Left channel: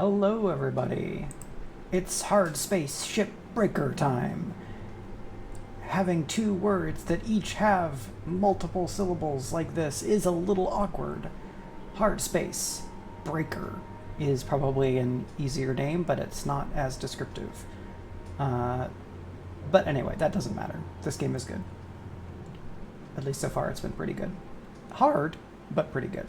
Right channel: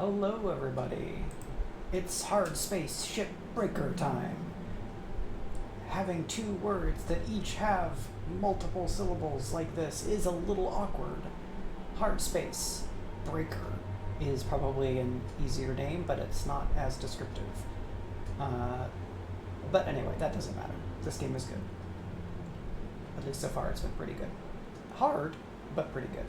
Hello everybody, it's Hardspace Shipbreaker time. Having two words that each have multiple syllables like this is a little awkward. Hardspace Breaker is probably an easier name, but it's not as descriptive. But anyway, that doesn't matter. This game is good. At least so far it's been pretty good. Hard, but pretty good.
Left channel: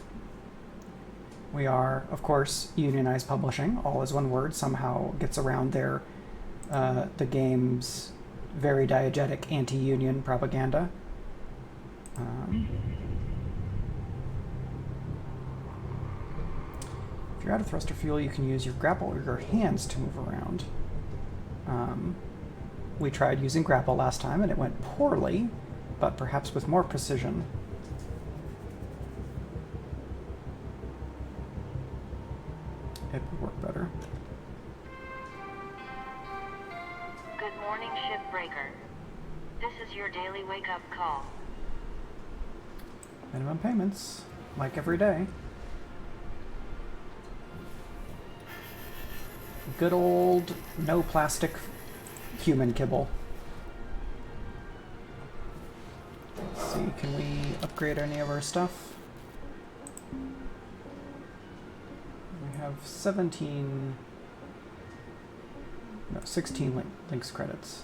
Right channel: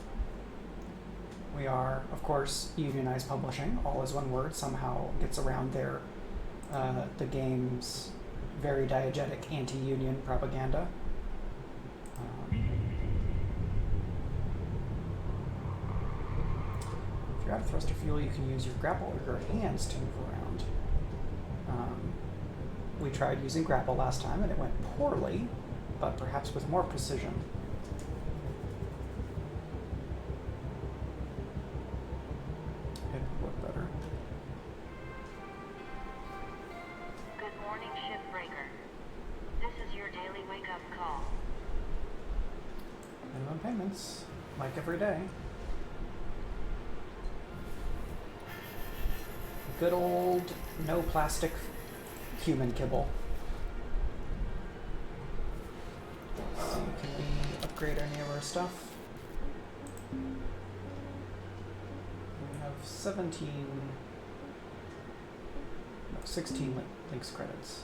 We are, of course, Unionized Publishing. All is one word. Somehow gets around their the game's very diegetic anti-union propaganda. If you're out of thruster fuel, you can use your grapple or your hands to move around. We tried using grapple last time, and it went poorly, but perhaps with more precision. It would work better. Good morning, Shipbreaker. This is your daily wake-up call. Minimum payments, like every day. Good old no plastic human kibble. Let's see, can we upgrade any of our stuff? We have 16 links credits.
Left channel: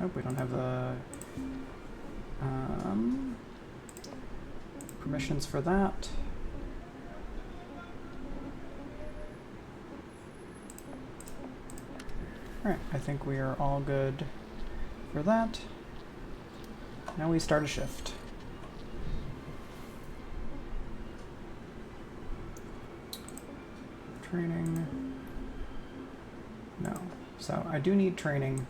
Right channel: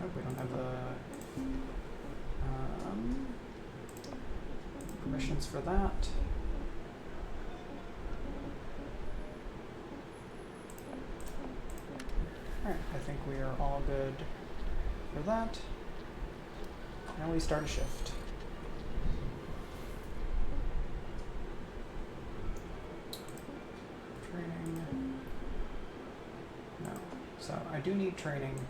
Nope, we don't have the permissions for that. Alright, I think we are all good for that. Now we start a shift. Training. No. So I do need training,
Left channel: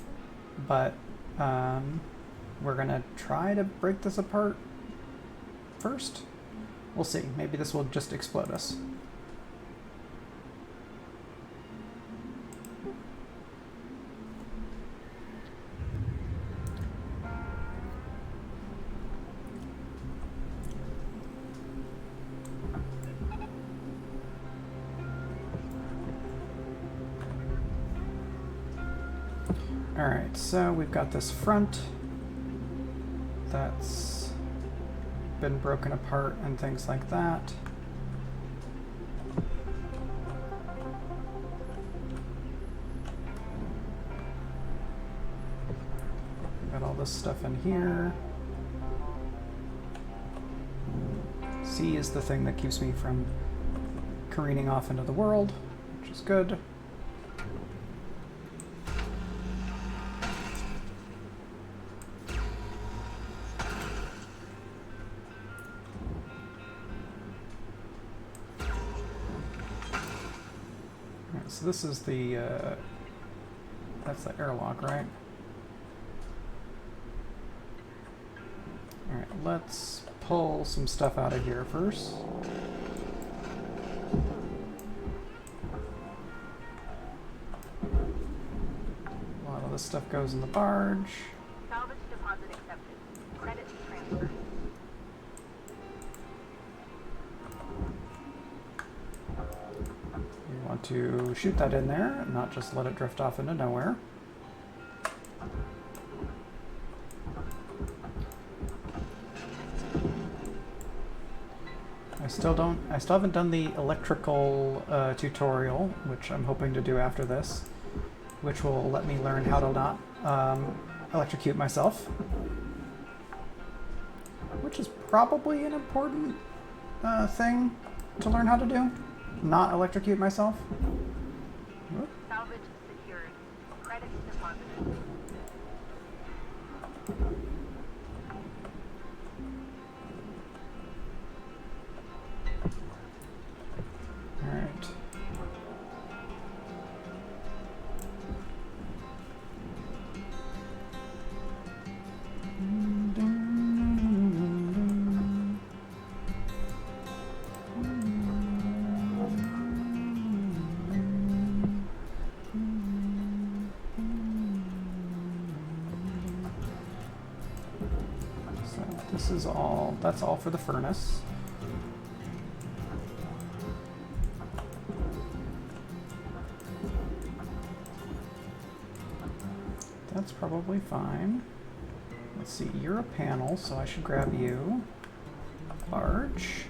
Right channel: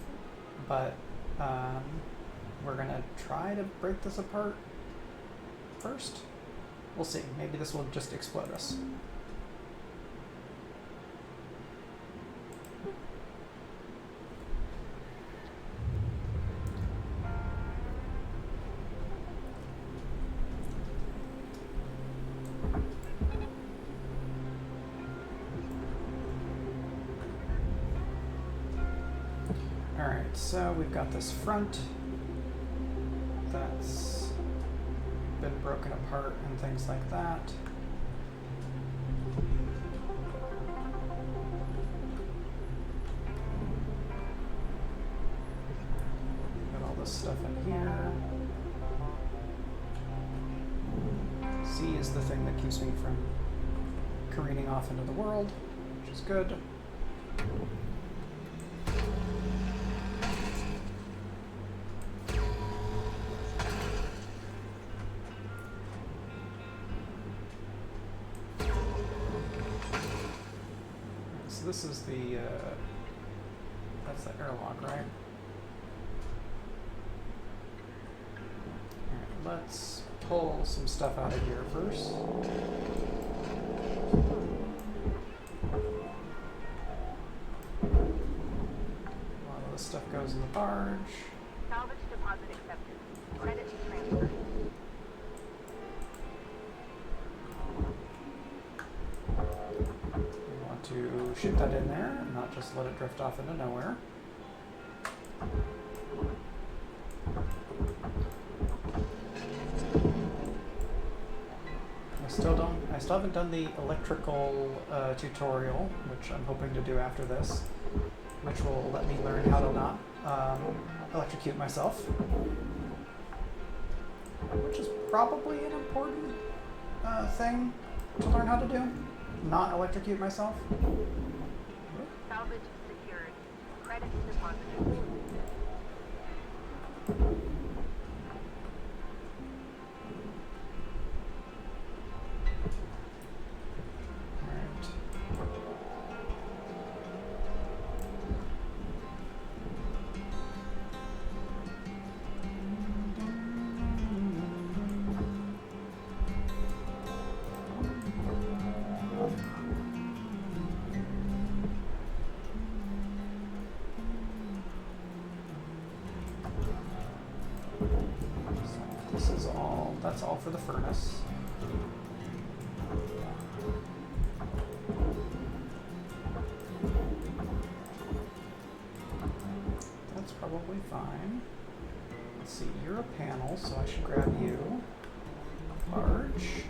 but we're gonna try to break this apart first. We'll see. Maybe this will just explode us. Alright, so we've got this front that's been broken apart and things like that. Got all this stuff in here. C is the thing that keeps me from careening off into the world, which is good. So this is the, that's the airlock, right? Alright, let's pull some stuff out of here first. A lot of this stuff goes in the barge. Salvage deposit accepted. Credit transfer. To shoot that in there and not just let it drift off into nowhere. I still haven't done the electrical tutorial, which I'm hoping to do after this, which will let me learn how to not electrocute myself, which is probably an important thing to learn how to do. Not electrocute myself. Salvage secured. Credits deposited. Alright. This is all, that's all for the furnace. that's probably fine. Let's see, you're a panel, so I should grab you. Large.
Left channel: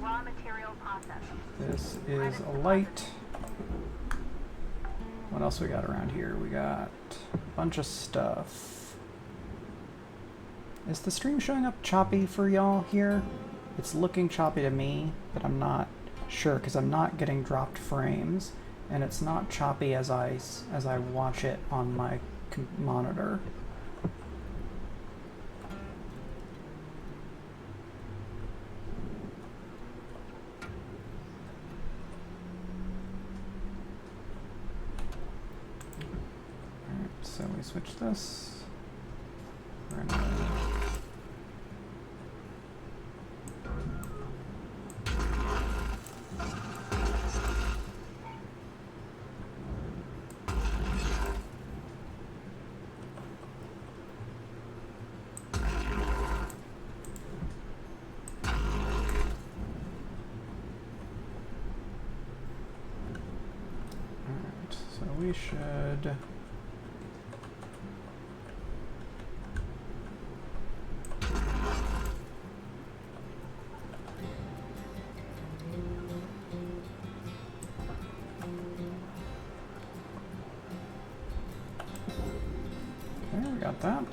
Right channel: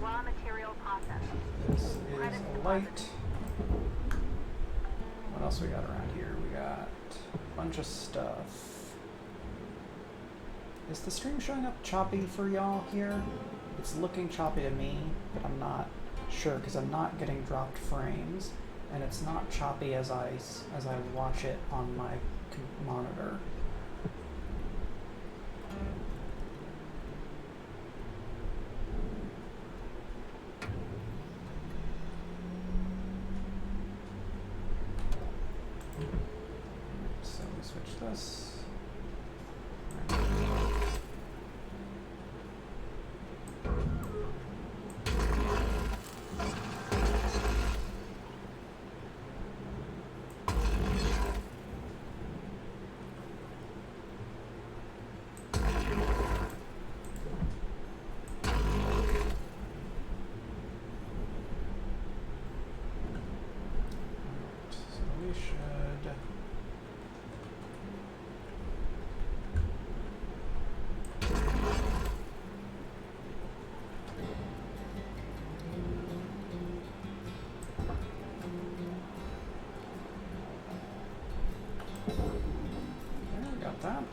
Raw material process. This is a light. What else we got around here? We got a bunch of stuff. Is the stream showing up choppy for y'all here? It's looking choppy to me, but I'm not sure because I'm not getting dropped frames, and it's not choppy as I watch it on my monitor. So we switch this. So we should. That.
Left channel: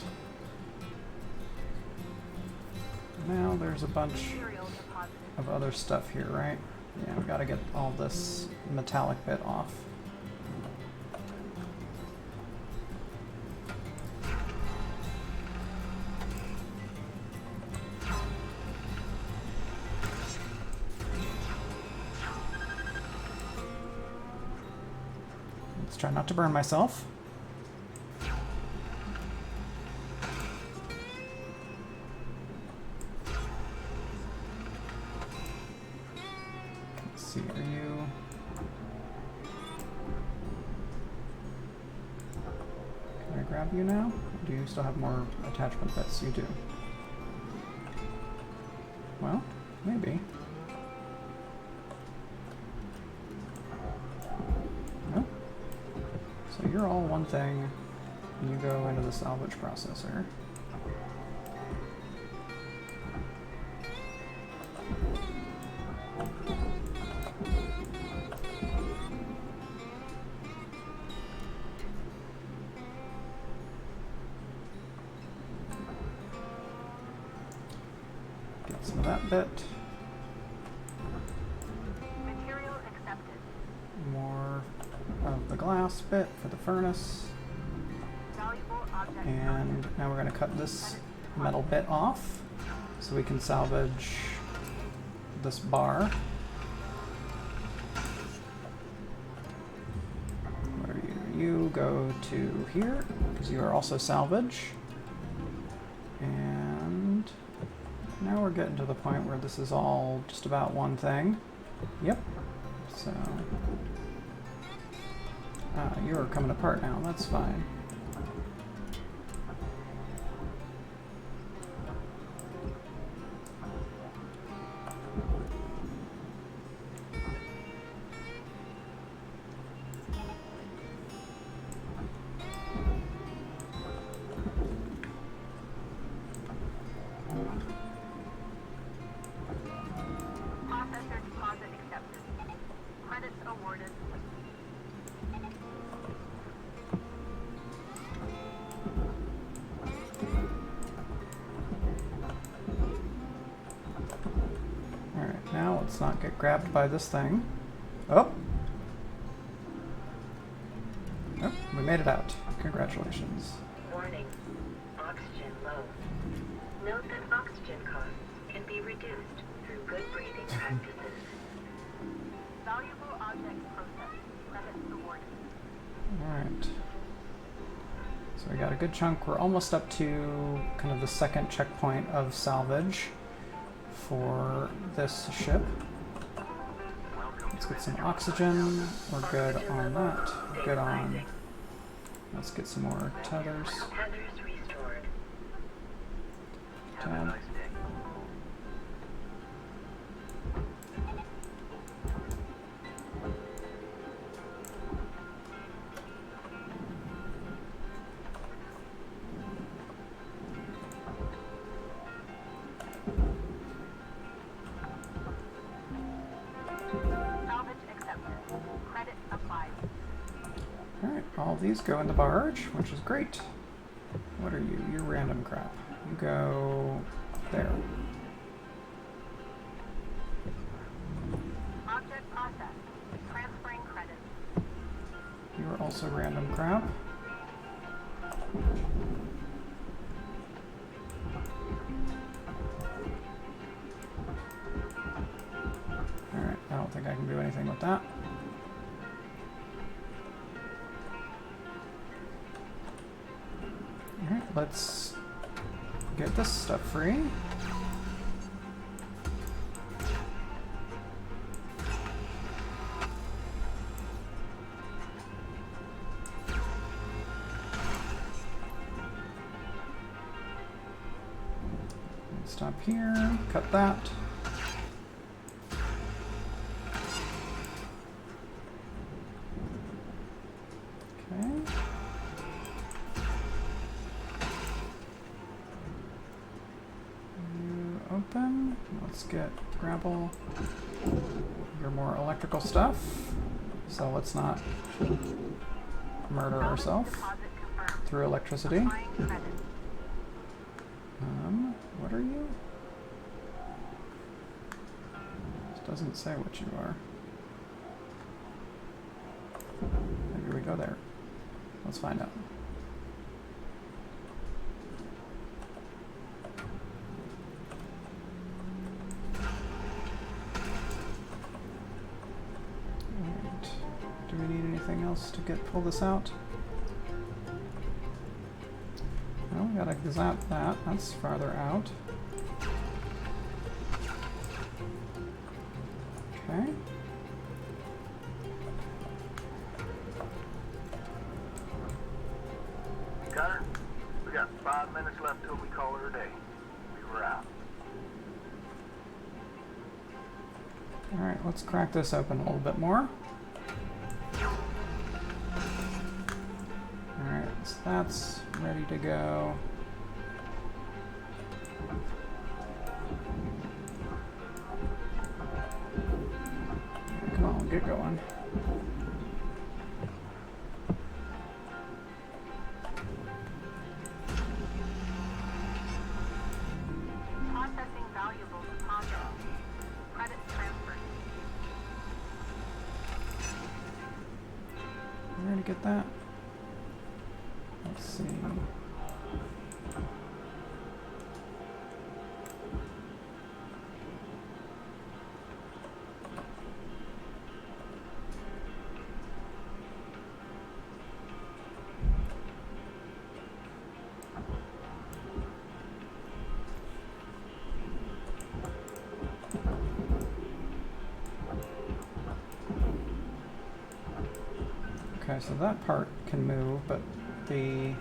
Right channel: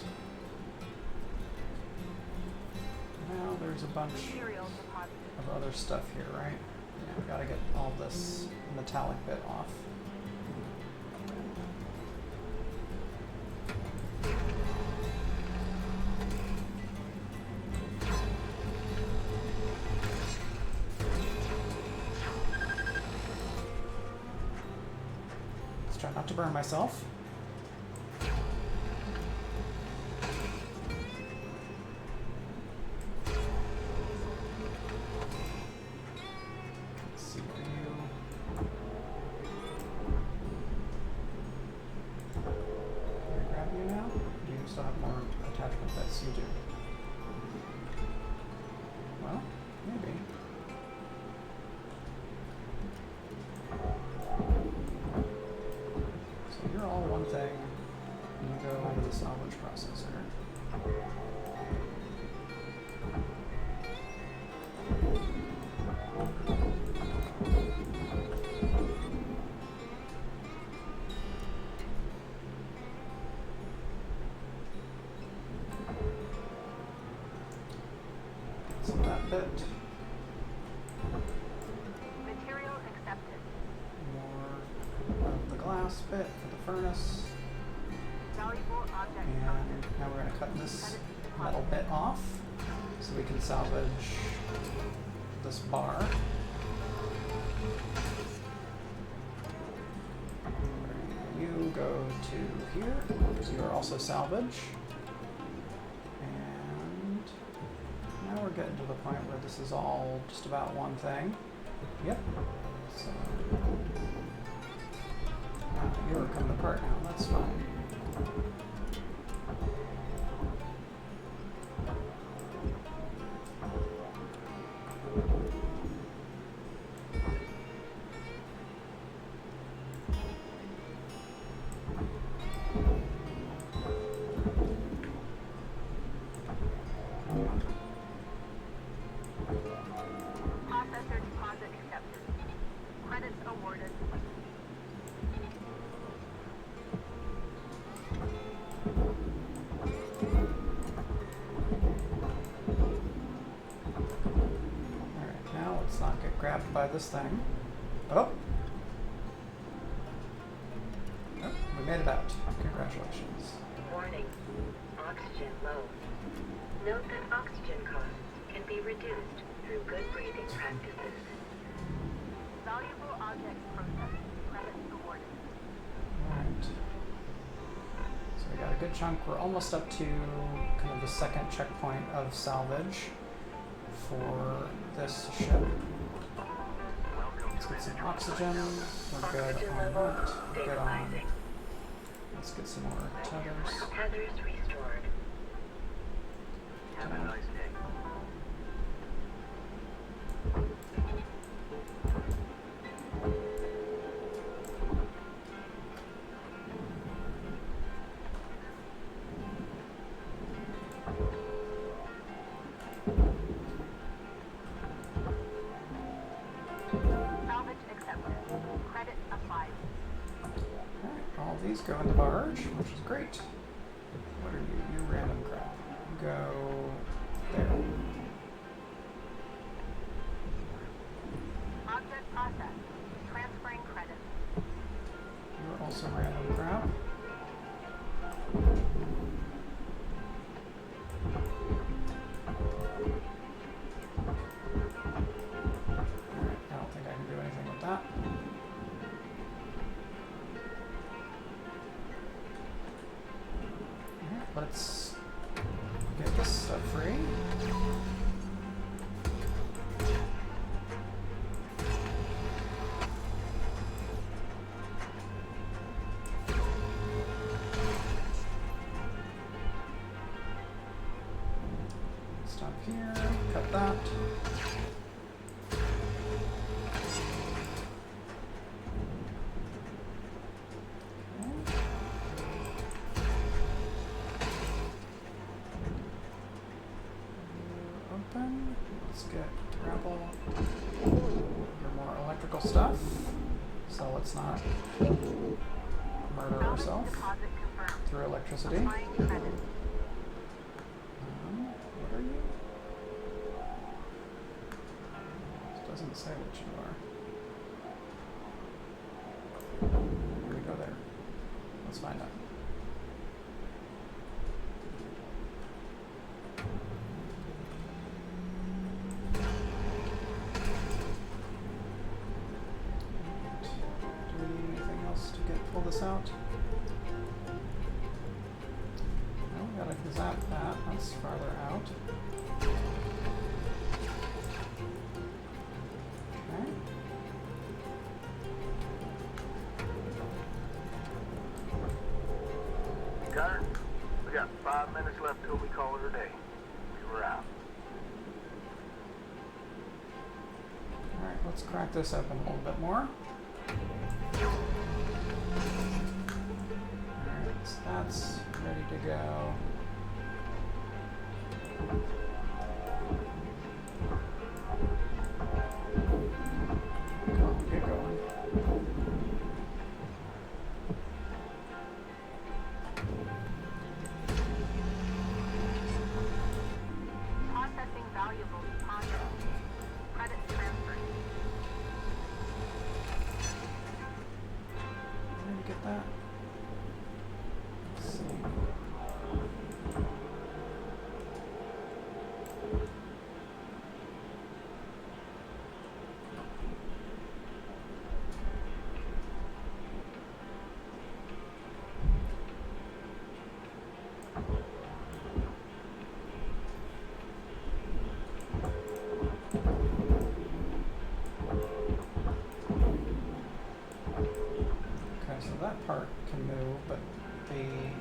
Now there's a bunch of other stuff here, right? Yeah, we gotta get all this metallic bit off. Let's try not to burn myself. You now? Do you still have more attachment bits? You do. Well, maybe. Oh. So you're all one thing, and you go into the salvage processor. Some of that bit. Material accepted. More of the glass bit for the furnace. Valuable object. And now we're going to cut this metal bit off so we can salvage this bar. Where you go to here because you are also salvage. Now we're getting to the point where this is all just about one thing. Yep. So, you're coming apart now. That's fine. Let's not get grabbed by this thing. Oh! Oh, we made it out. Congratulations. Warning. Oxygen low. Note that oxygen costs can be reduced through good breathing practices. Valuable object processed. Credits awarded. Alright. So we got a good chunk. We're almost up to kind of the second checkpoint of salvage for this ship. Let's get some oxygen. We're good on that. Good on. Let's get some more tethers. Tethers restored. 10. Have a nice day. Alright, all these go in the barge, which is great. What are you? You're random crap. You go there. Object processed. Transferring credits. You are also random crap. Alright, I don't think I can do anything with that. Alright, let's get this stuff free. Stop here, cut that. Okay. You open. Let's get grapple your more electrical stuff. So let's not murder ourselves Deposit confirmed. through electricity. Applying credits. What are you? It doesn't say what you are. Maybe we go there. Let's find out. Alright. Do we need anything else to pull this out? No, we gotta zap that. That's farther out. Okay. Gunner, we got 5 minutes left till we call it a day. We were out. Alright, let's crack this open a little bit more. Alright, so that's ready to go. Come on, get going. Processing valuable deposit. Credits transferred. Ready to get that? Let's see. Okay, so that part can move, but the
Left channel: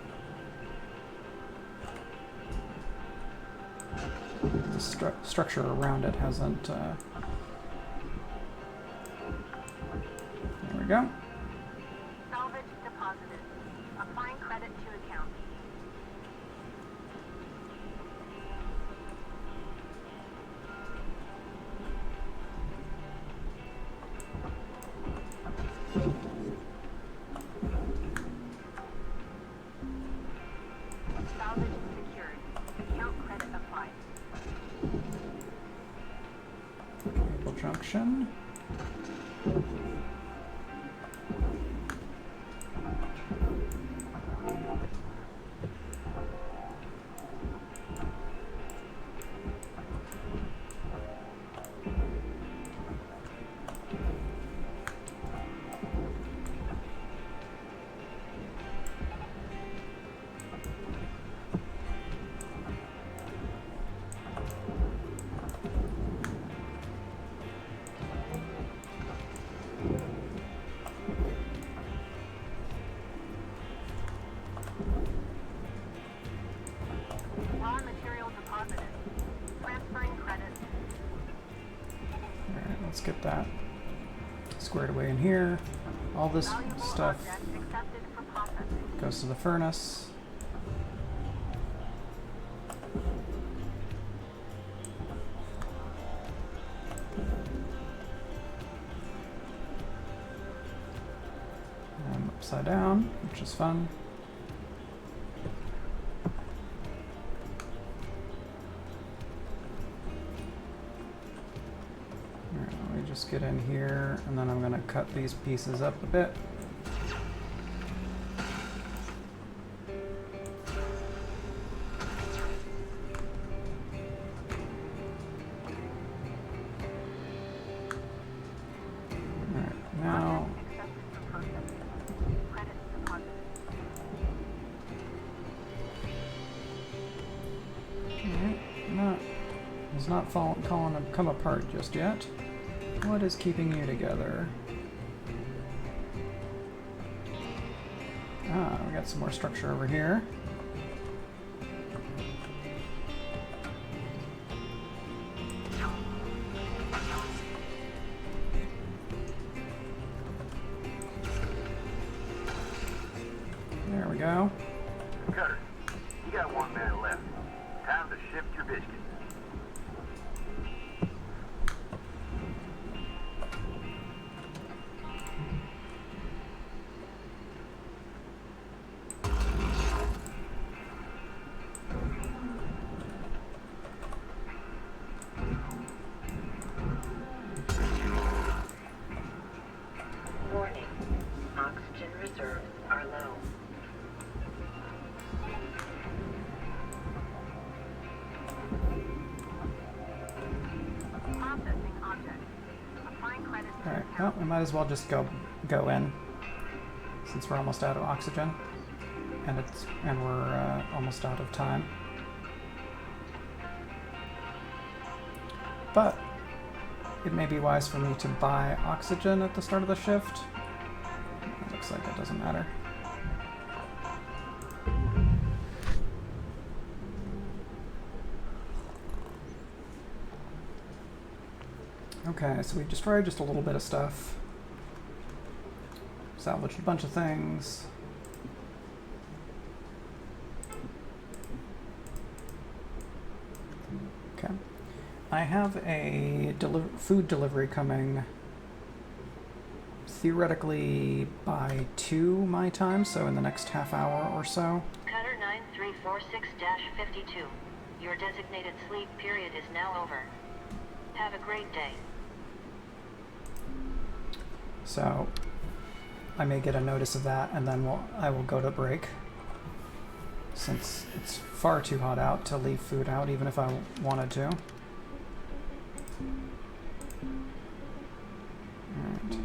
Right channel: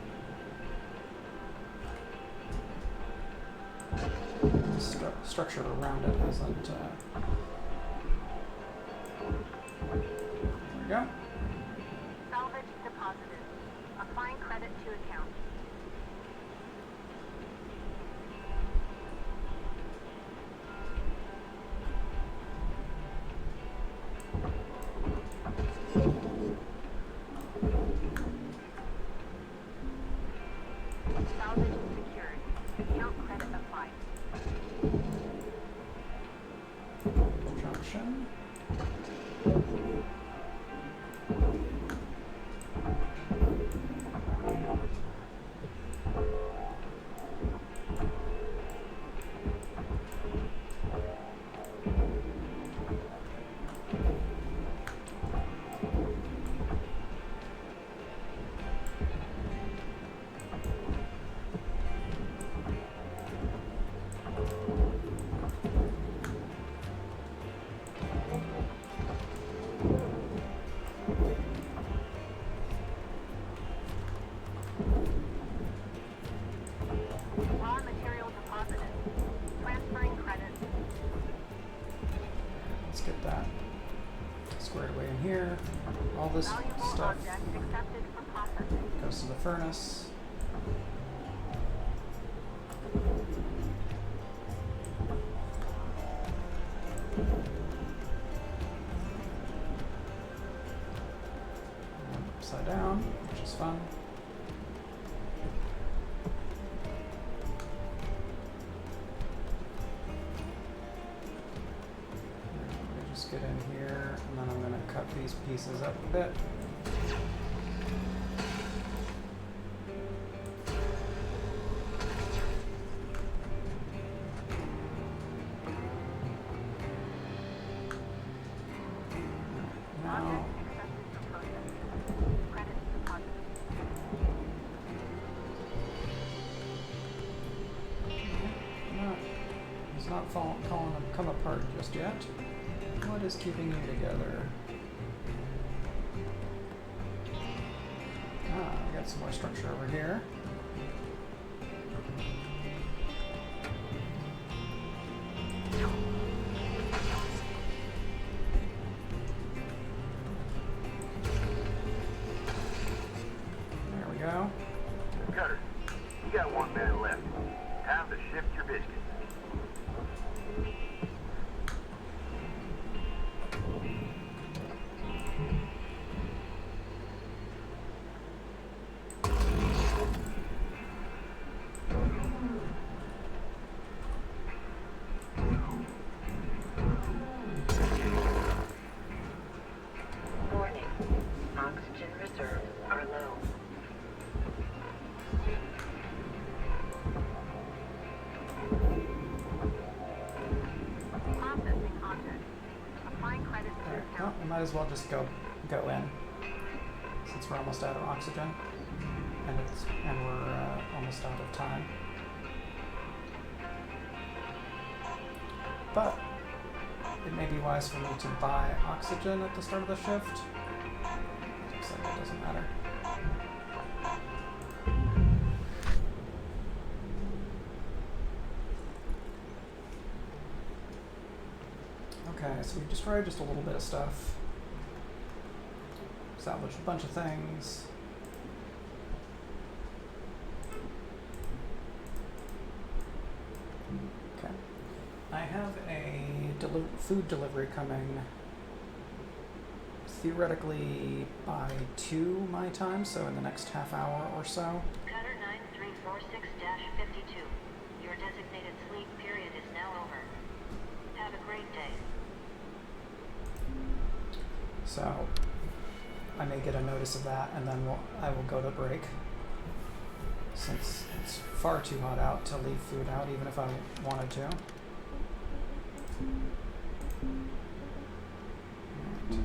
structure around it hasn't. There we go. Salvage deposited. Applying credit to account. Salvage secured. Account credit applied. Junction. Raw material deposited. Transferring credits. Alright, let's get that squared away in here. All this Valuable stuff object accepted for processing. goes to the furnace. upside down, which is fun. Alright, let me just get in here, and then I'm going to cut these pieces up a bit. Come apart just yet. What is keeping you together? Ah, we got some more structure over here. There we go. Cutter, you got 1 minute left. Time to shift your biscuits. Well, we might as well just go in, since we're almost out of oxygen, and we're almost out of time. But it may be wise for me to buy oxygen at the start of the shift. It looks like it doesn't matter. Okay, so we destroyed just a little bit of stuff. Salvaged a bunch of things. Okay. I have a food delivery coming theoretically by 2 my time, so in the next half hour or so. Cutter 9346-52. Your designated sleep period is now over. Have a great day. So I may get a notice of that, and then I will go to break, since it's far too hot out to leave food out, even if I wanted to. Alright.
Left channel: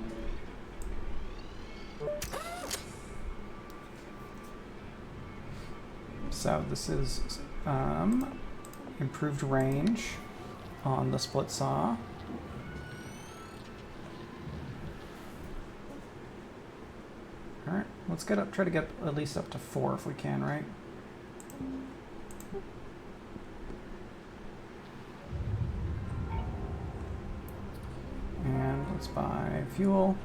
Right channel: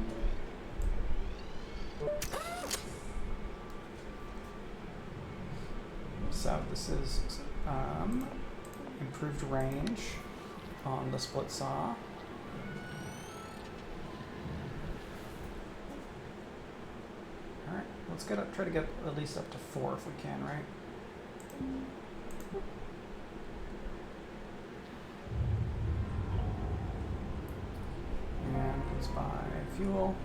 So this is improved range on the split saw. Alright, let's try to get at least up to 4 if we can, right? And let's buy fuel.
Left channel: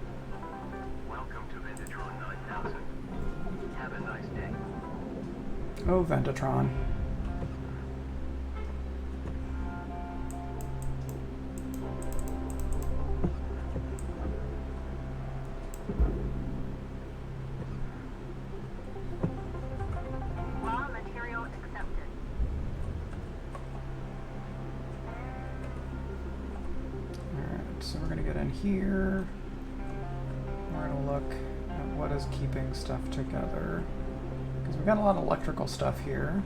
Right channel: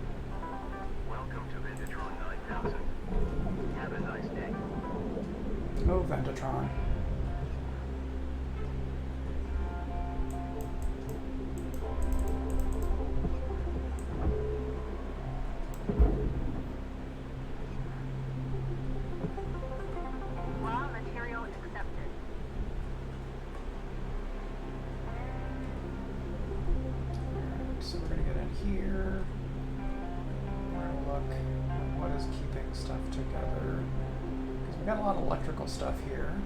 Welcome to Ventatron 9000. Have a nice day. Oh, Ventatron. Raw material accepted. Alright, so we're going to get in here. We're going to look at what is keeping stuff together. Because we've got a lot of electrical stuff here.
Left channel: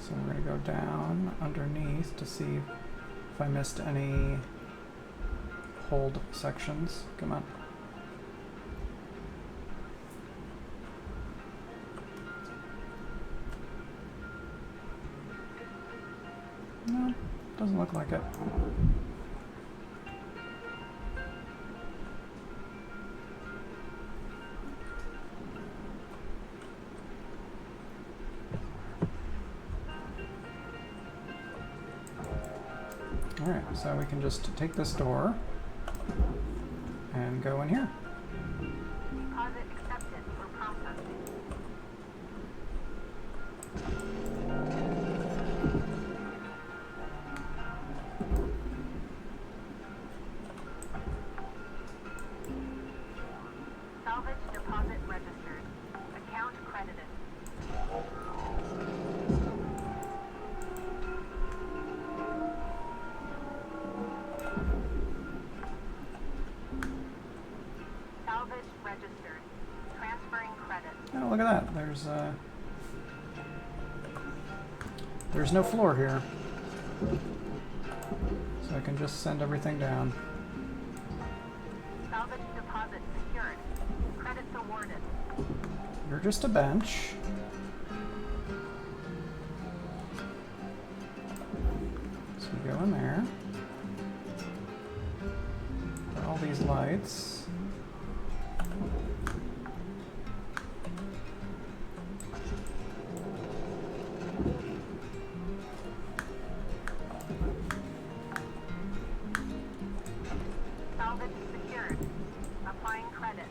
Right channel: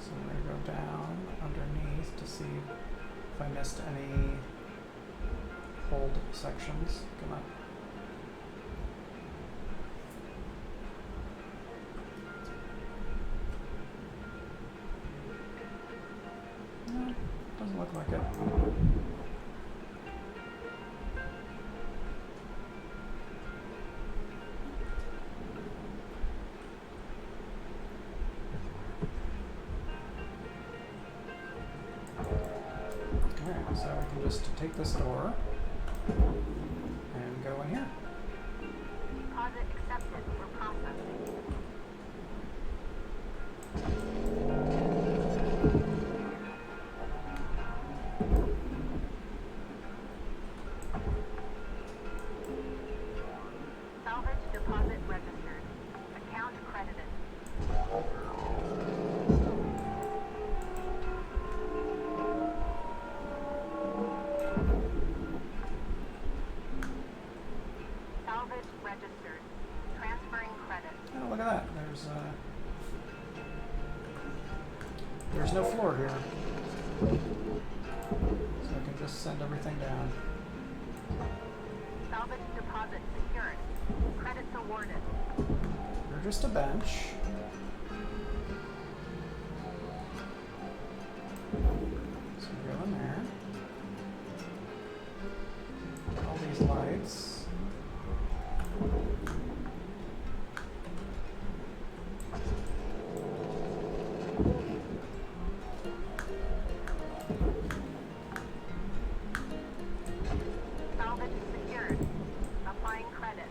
So we're going to go down underneath to see if I missed any hold sections. Come on. No, doesn't look like it. Alright, so we can just take this door and go in here. Deposit accepted for processing. there's no floor here. So I can just send everything down. Salvage deposit secured. Credits awarded. You're just a bench. So you go in there. All these lights. Salvage secured. Applying credit.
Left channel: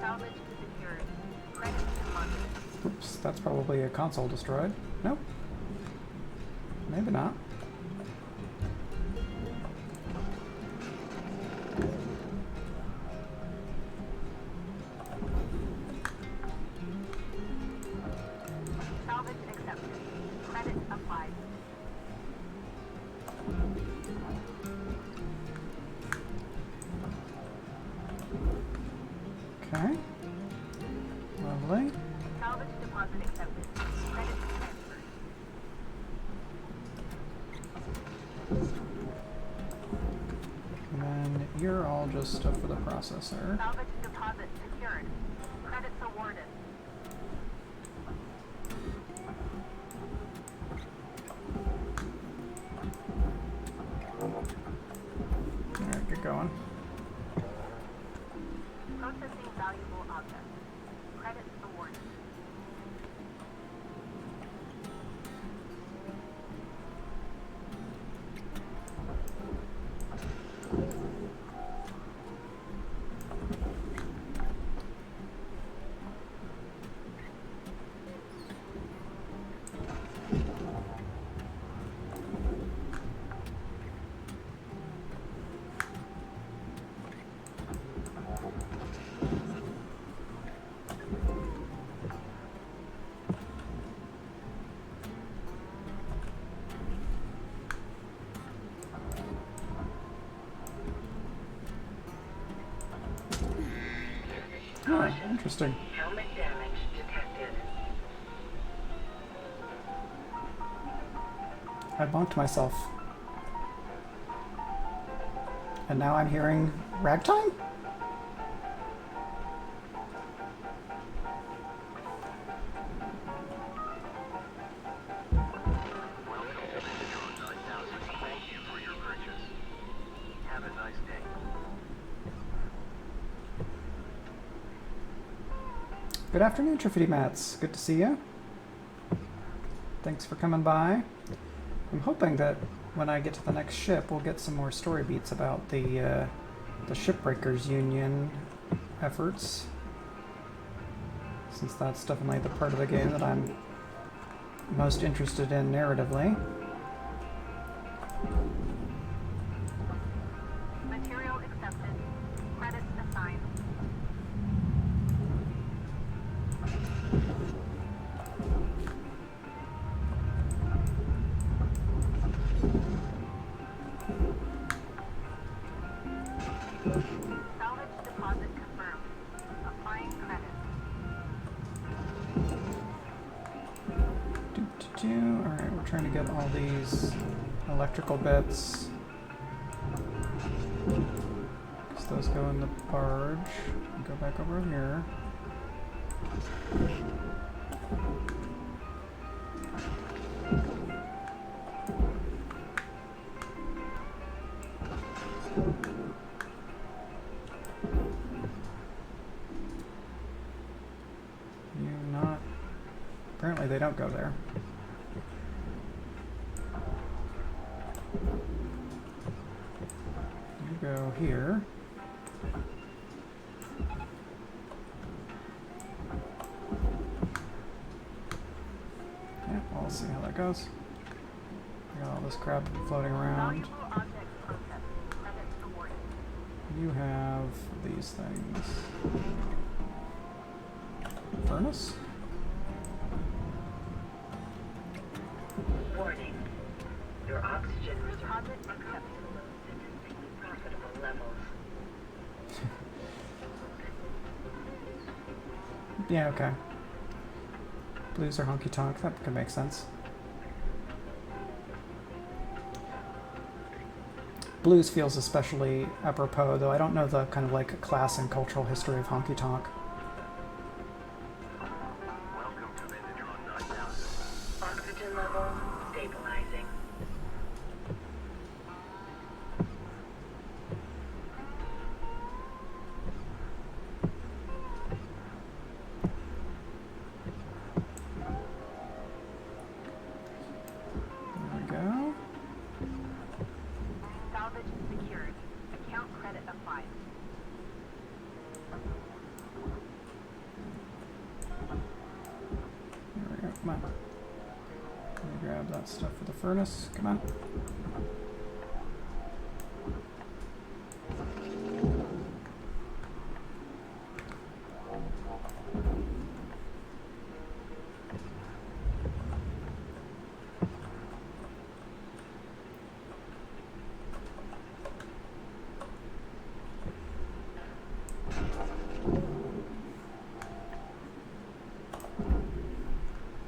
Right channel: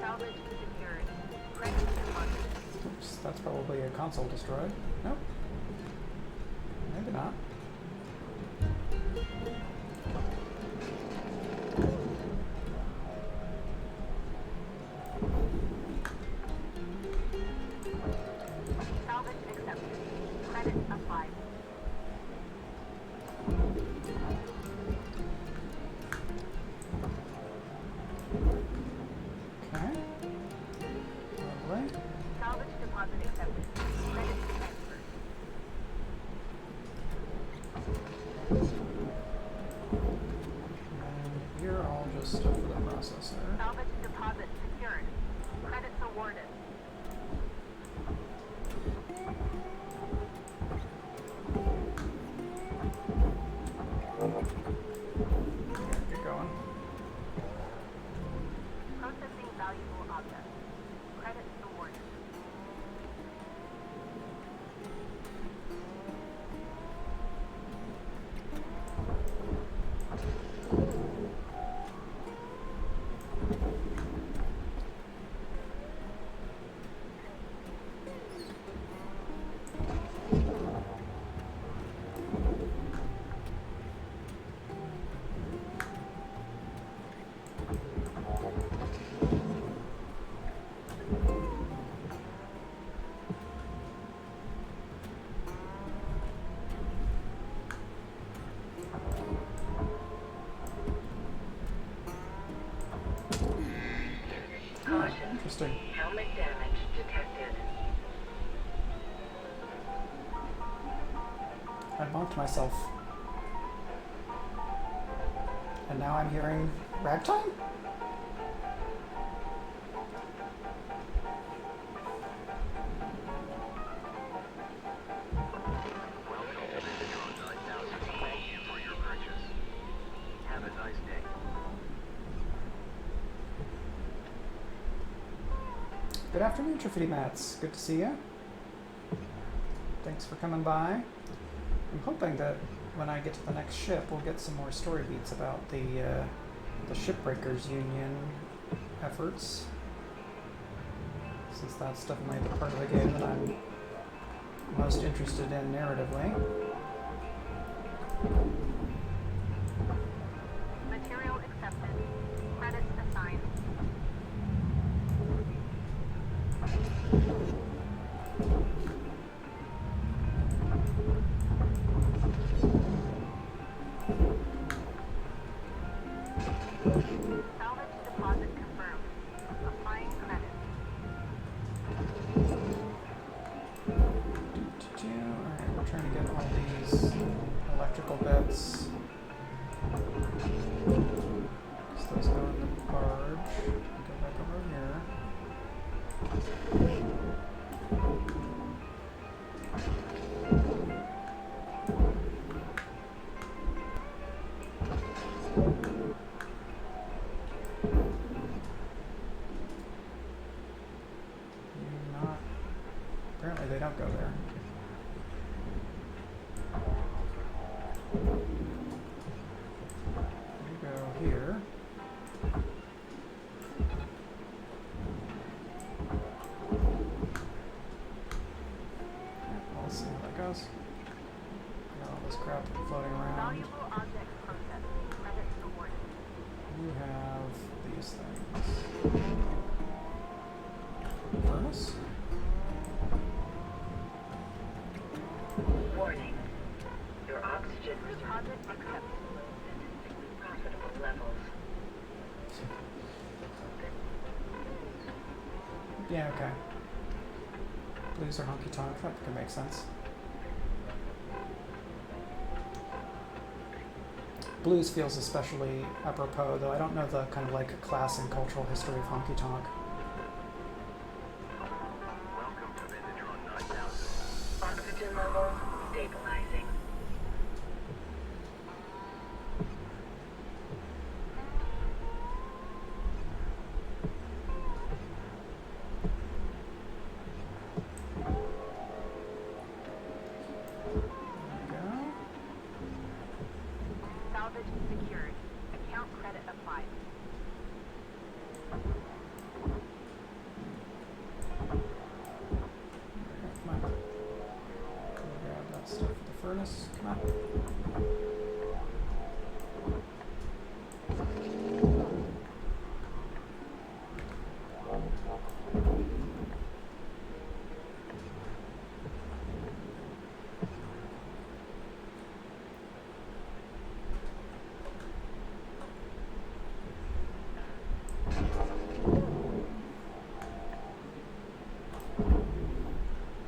Salvage secured. Credit deposited. Oops, that's probably a console destroyed. Nope. Maybe not. Salvage accepted. Credit applied. Okay. Lovely. Salvage deposit accepted. Credit transferred. And then you're all just stuff for the processor. Salvage deposit secured. Credits awarded. Yeah, get going. Processing valuable objects. Credits awarded. Oh, interesting. Helmet damage detected. I bumped myself. And now I'm hearing ragtime? Welcome to Megatron 9000. Thank you for your purchase. Have a nice day. Good afternoon, Triffity Mats. Good to see you. Thanks for coming by. I'm hoping that when I get to the next ship, we'll get some more story beats about the Shipbreakers Union efforts, since that's definitely the part of the game that I'm most interested in narratively. Material accepted. Credits assigned. Salvage deposit confirmed. Applying credit. Alright, we're trying to get all these electrical bits. Because those go in the barge. Go back over here. You not. Apparently they don't go there. You go here. Yeah, we'll see how that goes. Got all this crap floating around. Valuable objects processed. Credits awarded. You have these things. Furnace? Warning. Your Deposit accepted. Statistically profitable levels. Yeah, okay. Blues are honky tonk. That could make sense. Blues feels especially apropos, though I don't know the kind of like class and cultural history of honky tonk. Welcome to Vendatron 9000. Oxygen levels stabilizing. There we go. Salvage secured. Account credit applied. There we go. Come on. Let me grab that stuff for the furnace. Come on.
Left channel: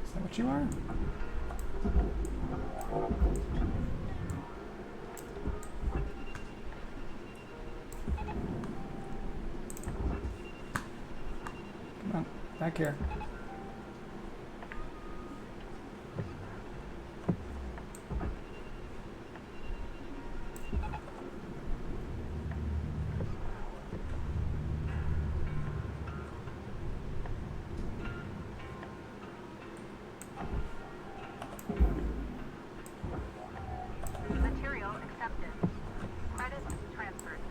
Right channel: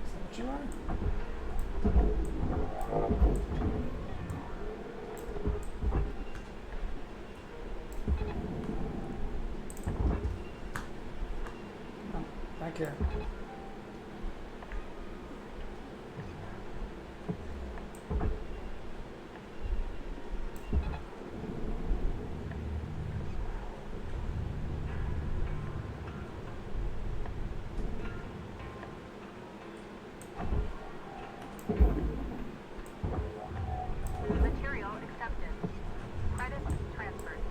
Is that what you are? Come on, back here. Material accepted. Credits transferred.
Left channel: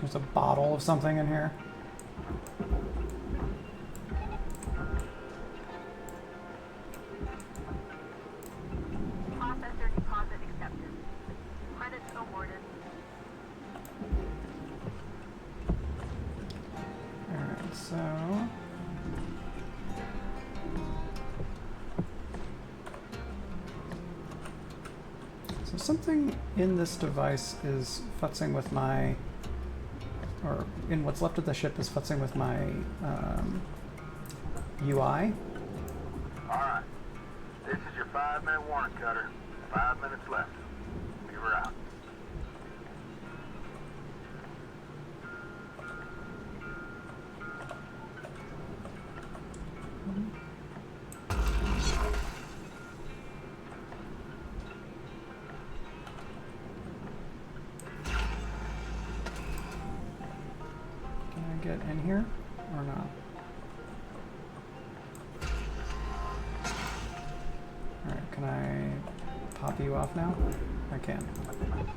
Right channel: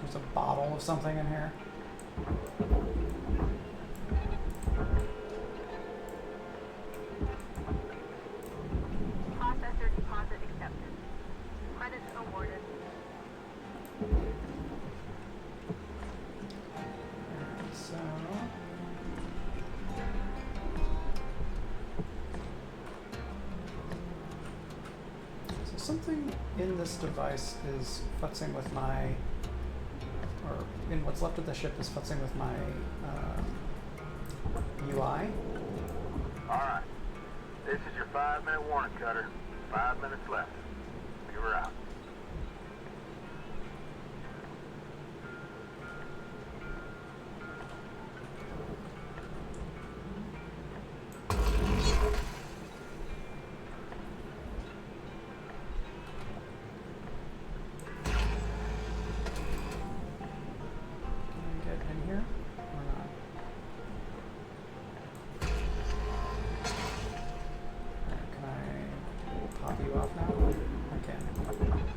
There's a bottle of something in here. Processor deposit accepted. Credits awarded. Alright, so something in this device is futzing with my, or in what's left of the ship is futzing with my UI. Alright. This is your 5-minute warning, Cutter. 5 minutes left. We were out. Can I get in here or not? Alright, can I pop you off now? I can. Alright.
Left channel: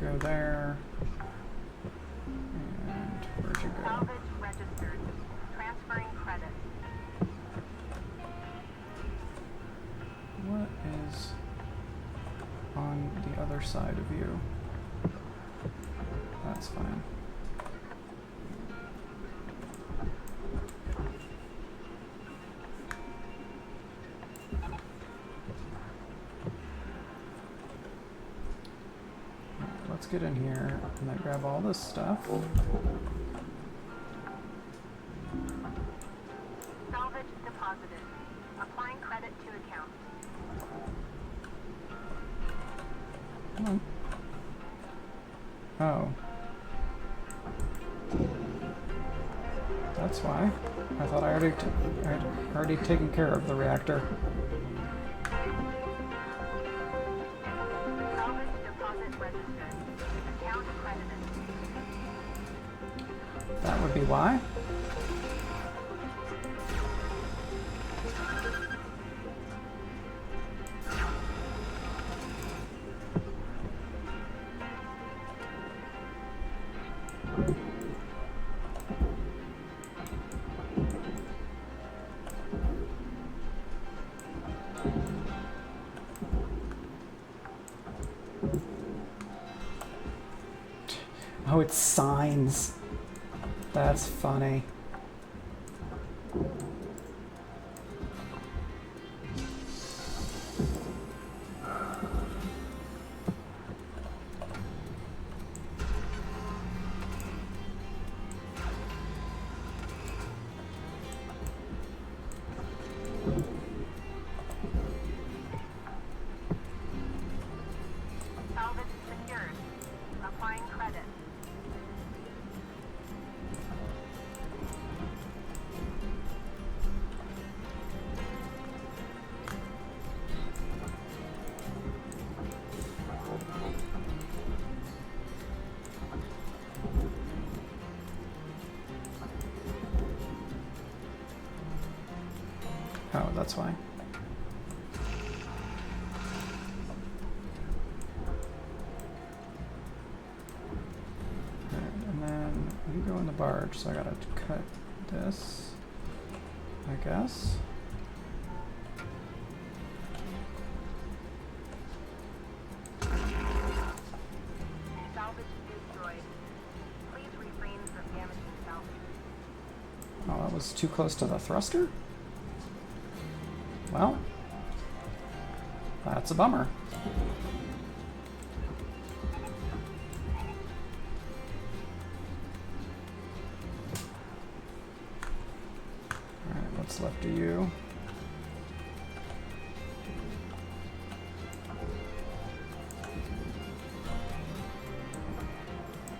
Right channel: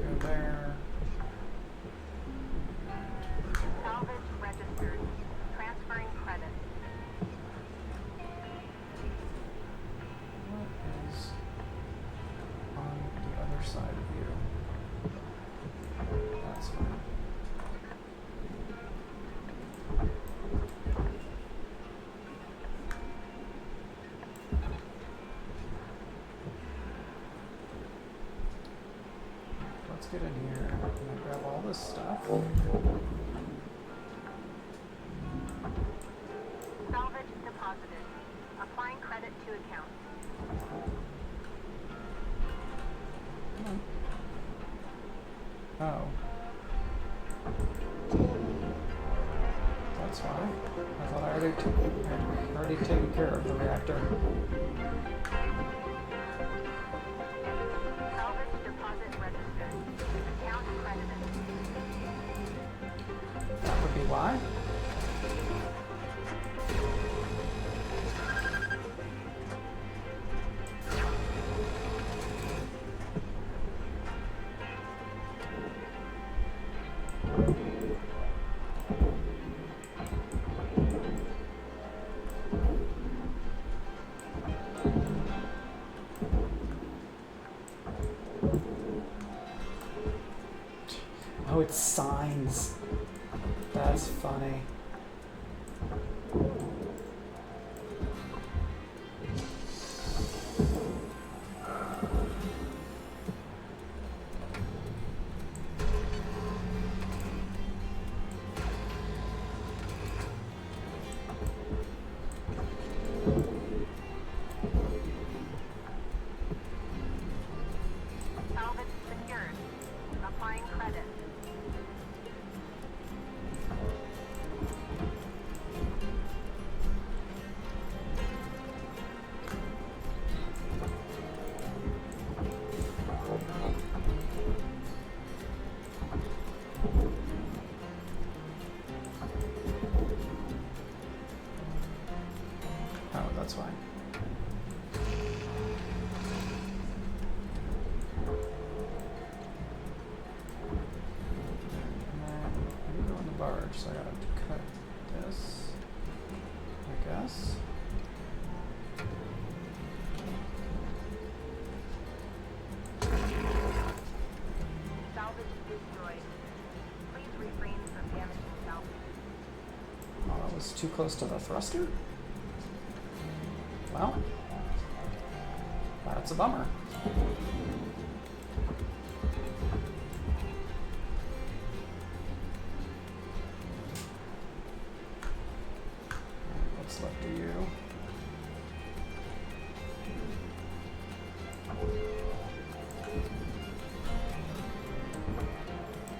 Go there. And where'd you go? Salvage registered. Transferring credit. What is on the other side of you? That's fine. Let's get in here and I grab all this stuff. Salvage deposited. Applying credit to account. Come on. Oh. That's why. I thought I had already taken care of the reactor. Salvage deposit registered. Account credited. That would be why. Oh, it's signs. That's funny. Salvage secured. Applying credit. Oh, that's why. And then we go in the barge, so I gotta cut this, I guess. Salvage destroyed. Please refrain from damaging salvage. Oh, that was too close to the thruster? Well, that's a bummer. Alright, what's left of you?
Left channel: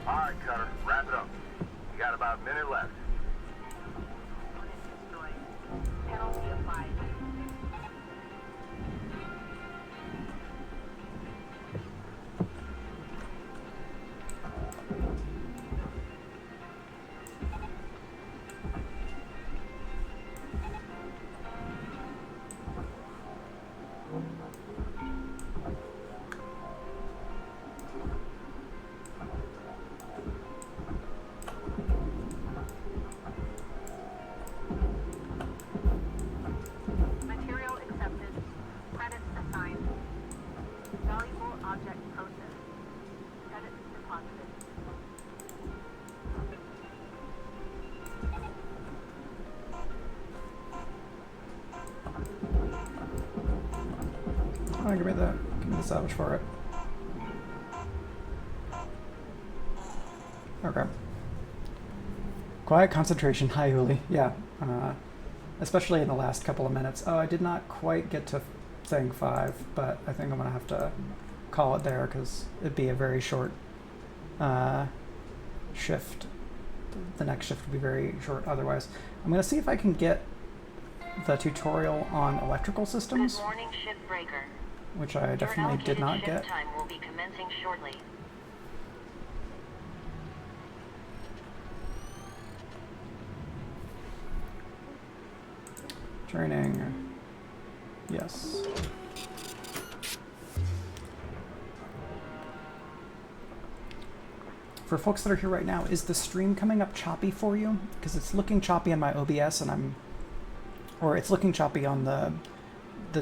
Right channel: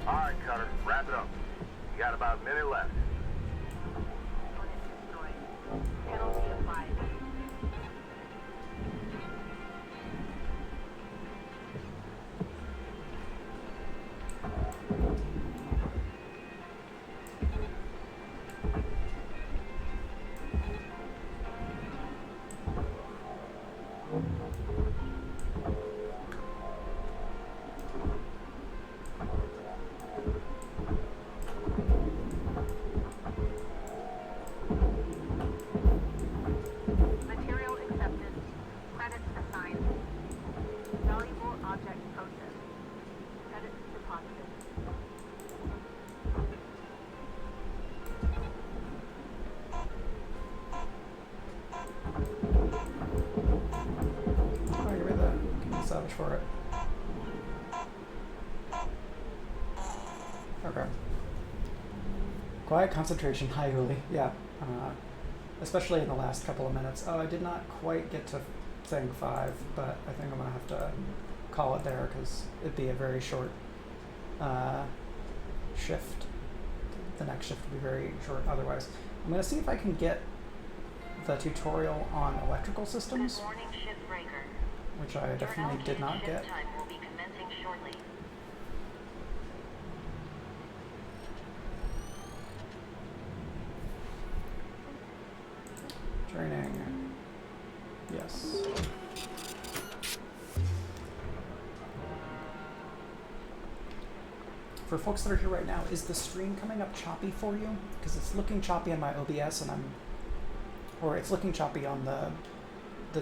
All right, Cutter, wrap it up. You got about a minute left. Unit destroyed. Penalty applied. Material accepted. Credits assigned. Valuable object processed. Credits deposited. Oh, give me the salvage for it. Okay. Quiet concentration. Hi, Huli. Yeah. Especially in the last couple of minutes. Oh, I did not quite get to thing 5, but I think I'm going to have to call it there because it'd be a very short shift. The next shift would be very short otherwise. I'm going to see if I can get the tutorial on electrical systems, Good morning, Shipbreaker. which I Your definitely did allocated not ship get. time will be commencing shortly. Training. Yes. For folks that are here right now, is the stream coming up choppy for you? Because it's looking choppy on my OBS and or it's looking choppy on the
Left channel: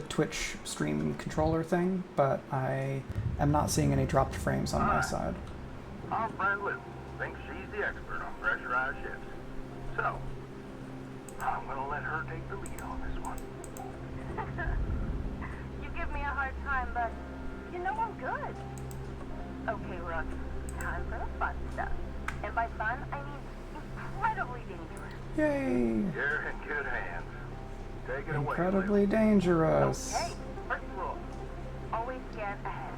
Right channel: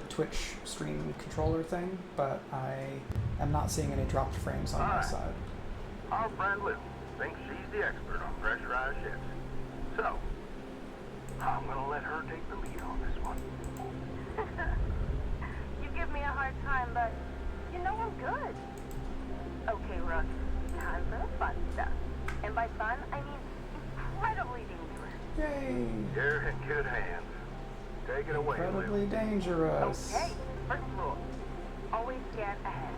Twitch stream controller thing, but I am not seeing any dropped frames on my side. Our friend Liz thinks she's the expert on pressurized ships. So, I'm gonna let her take the lead on this one. You give me a hard time, but you know I'm good. Okay, Rook, time for the fun stuff. And by fun, I mean incredibly dangerous. Yay! You're in good hands. Take it away, Incredibly dangerous. Okay, first rule. Always scan ahead.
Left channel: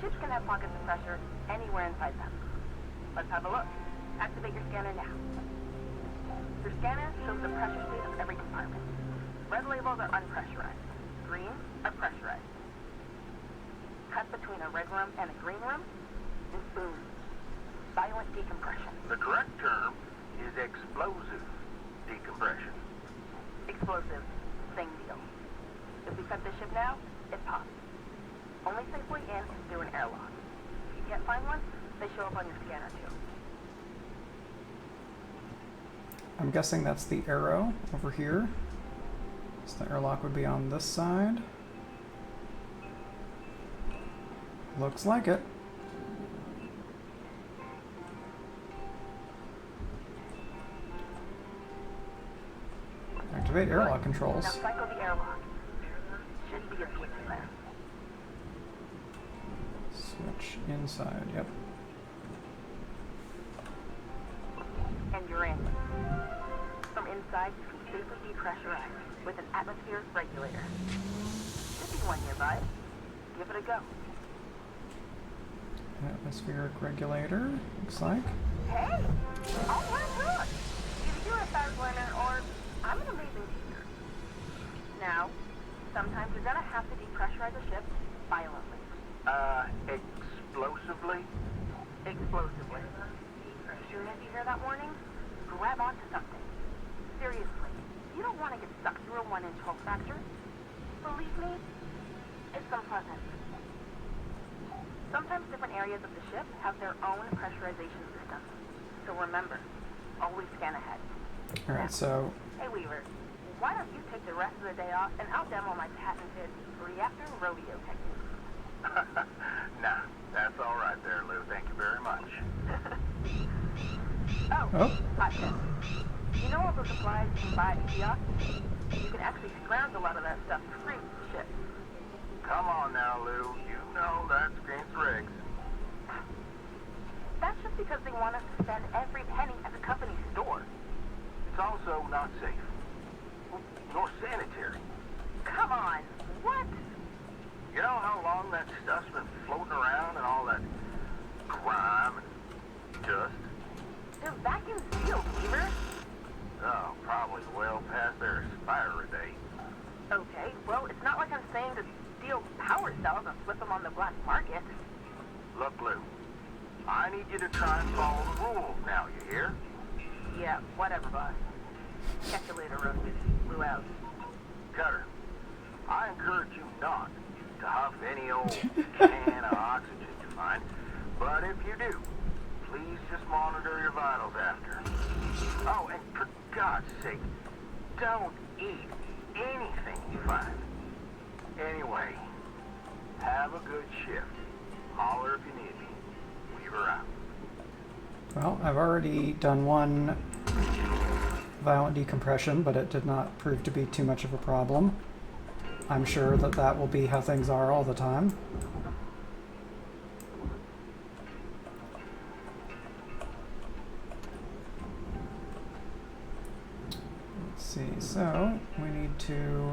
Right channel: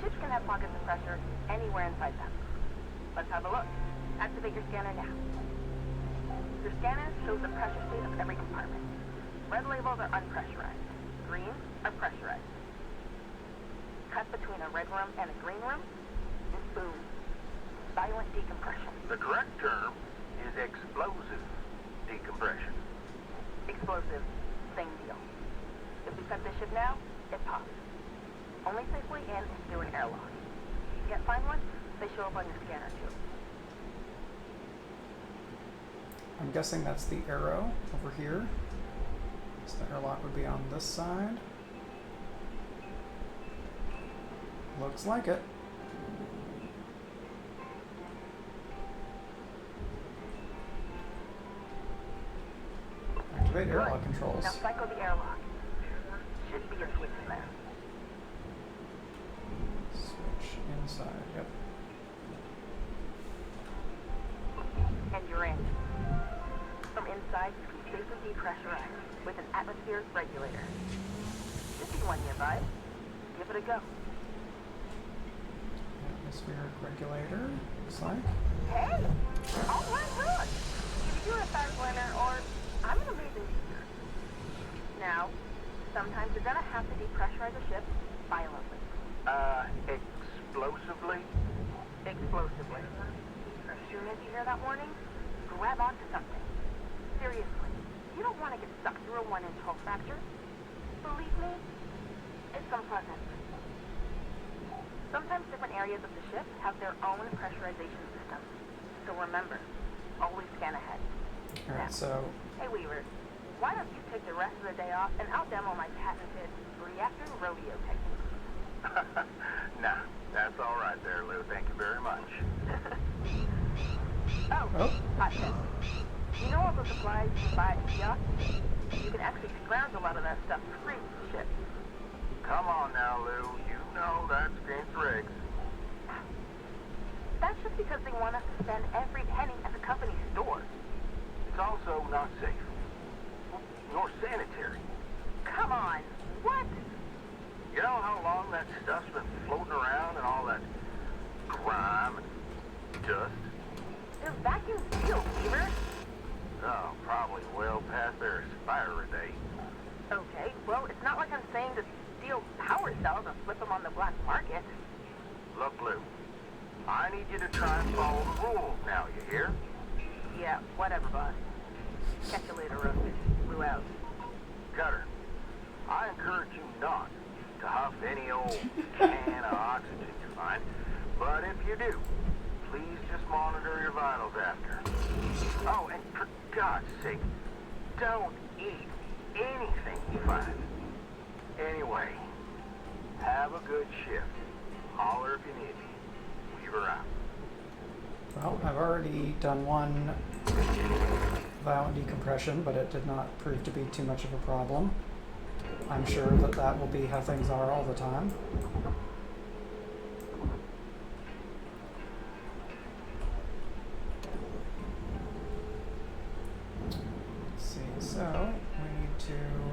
Ships can have pockets of pressure anywhere inside them. Let's have a look. Activate your scanner now. Your scanner shows the pressure state of every compartment. Red labels are unpressurized. Green are pressurized. Cut between a red room and a green room, and boom, silent decompression. The correct term is explosive decompression. Explosive, same deal. If we cut this ship now, it pops. Only safely in is through an airlock. If you can't find one, they show up on your scanner too. I'm guessing that's the arrow over here. So the airlock would be on this side. Looks like it. Activate airlock controls. Now cycle the airlock. Should be a switch in there. Switch inside, yep. And you're in. From inside, you can safely depressurize with an atmosphere regulator. Should be one nearby. Give it a go. Atmospheric regulator, looks like. Hey! All right, good. Either you're a fast learner or I'm an amazing teacher. Now, sometimes you're gonna have to depressurize a ship violently. Explosively? Explosively. As soon as you hear that warning, grab onto something. Seriously, you don't want to get stuck through a 1-inch hull fracture. Believe me, it's unpleasant. Sometimes different areas of the ship have their own pressurization systems. So remember, always scan ahead. Alright, so Hey Weaver, why don't you take the rest of the day off and I'll demo my patented reactor rodeo technique. Nah, that's all right there, Lou. Thank you very much. Oh, hot tip. You know all the supplies you can buy at kiosks? You can actually scrounge a lot of that stuff free with the ship. Come on now, Lou. You know that's against regs. That's just because they want us to spend every penny at the company's store. It's also not safe. Nor sanitary. Come on, what? You know how long that stuff's been floating around and all that grime and dust? They're vacuum sealed, Weaver. Oh, probably well past their expiry date. Okay, well, it's not like I'm saying to steal power cells and flip them on the black market. Look, Lou, I need you to try and follow the rules now, you hear? Yeah, whatever, boss. Catch you later, Roasted. Lou out. Cutter, I encourage you not to huff any old can of oxygen you find, but if you do, please just monitor your vitals after. Oh, and for God's sake, don't eat anything you find. Anyway, have a good shift. Holler if you need me. Weaver out. well, I've already done one violent decompression, but it did not prove to be too much of a problem. I'm sure that that will be how things are all the time. Let's see, so we need to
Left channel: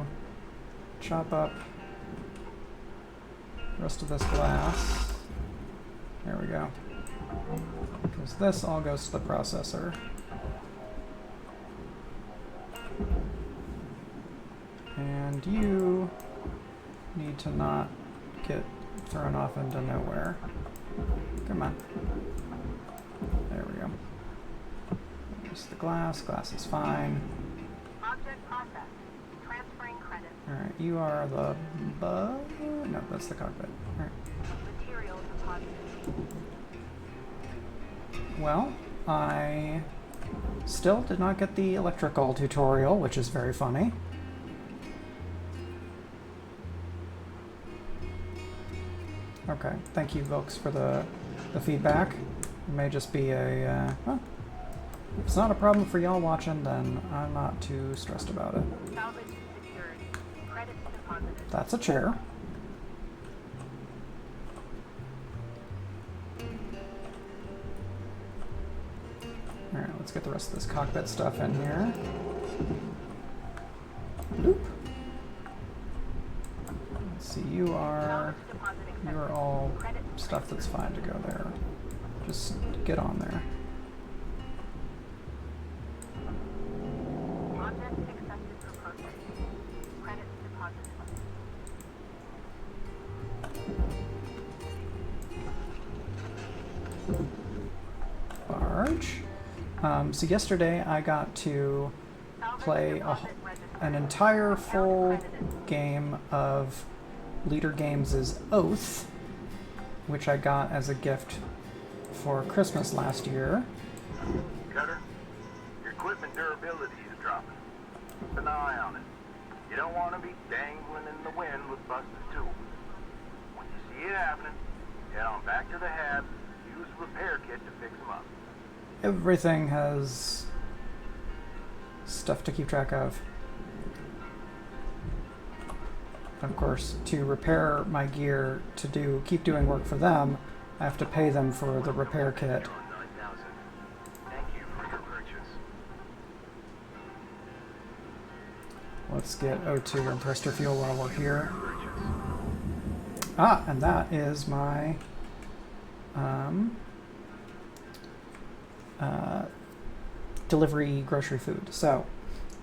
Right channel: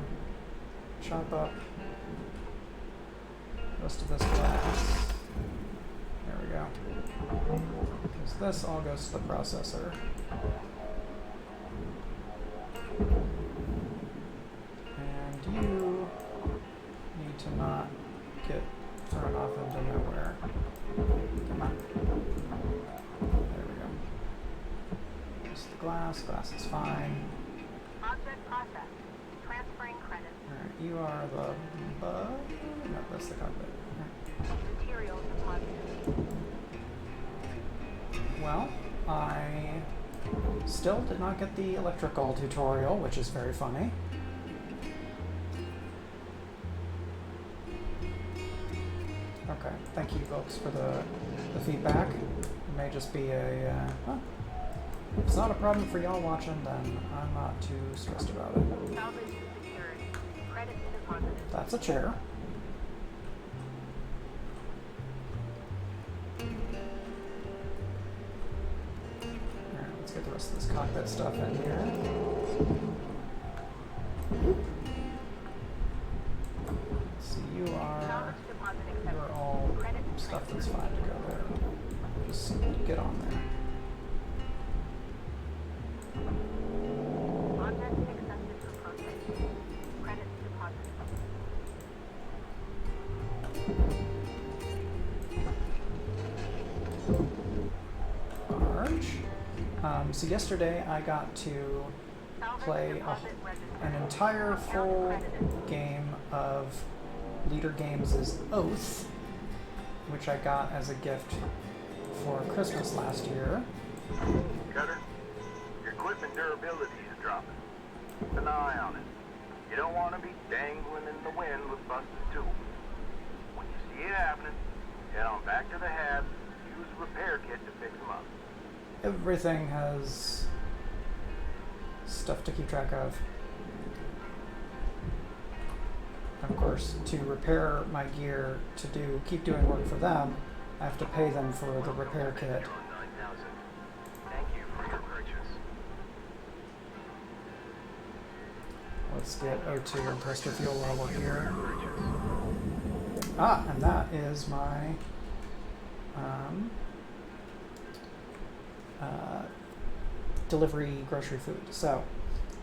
chop up the rest of this glass. There we go. Because this all goes to the processor. And you need to not get thrown off into nowhere. Come on. There we go. There's the glass. Glass is fine. Object processed. Transferring credits. Alright, you are the no, that's the cockpit. Alright. Materials deposited. Well, I still did not get the electrical tutorial, which is very funny. Okay, thank you, folks, for the feedback. It may just be a, well, if it's not a problem for y'all watching, then I'm not too stressed about it. Salvage secured. Credits deposited. That's a chair. Alright, let's get the rest of this cockpit stuff in here. Oop. Let's see, you are all stuff that's fine to go there. Just get on there. Object accepted for processing. Credits deposited. Barge. So yesterday I got to play an entire full game of Leader Games' Oath, which I got as a gift for Christmas last year. Cutter, your equipment durability is dropping. Keep an eye on it. You don't want to be dangling in the wind with busted tools. When you see it happening, head on back to the hab, use a repair kit to fix them up. Everything has stuff to keep track of. of course, to repair my gear to keep doing work for them, I have to pay them for the repair kit. Thank you for your purchase. Let's get O2 and pressure fuel while we're here. Ah, and that is my delivery grocery food. So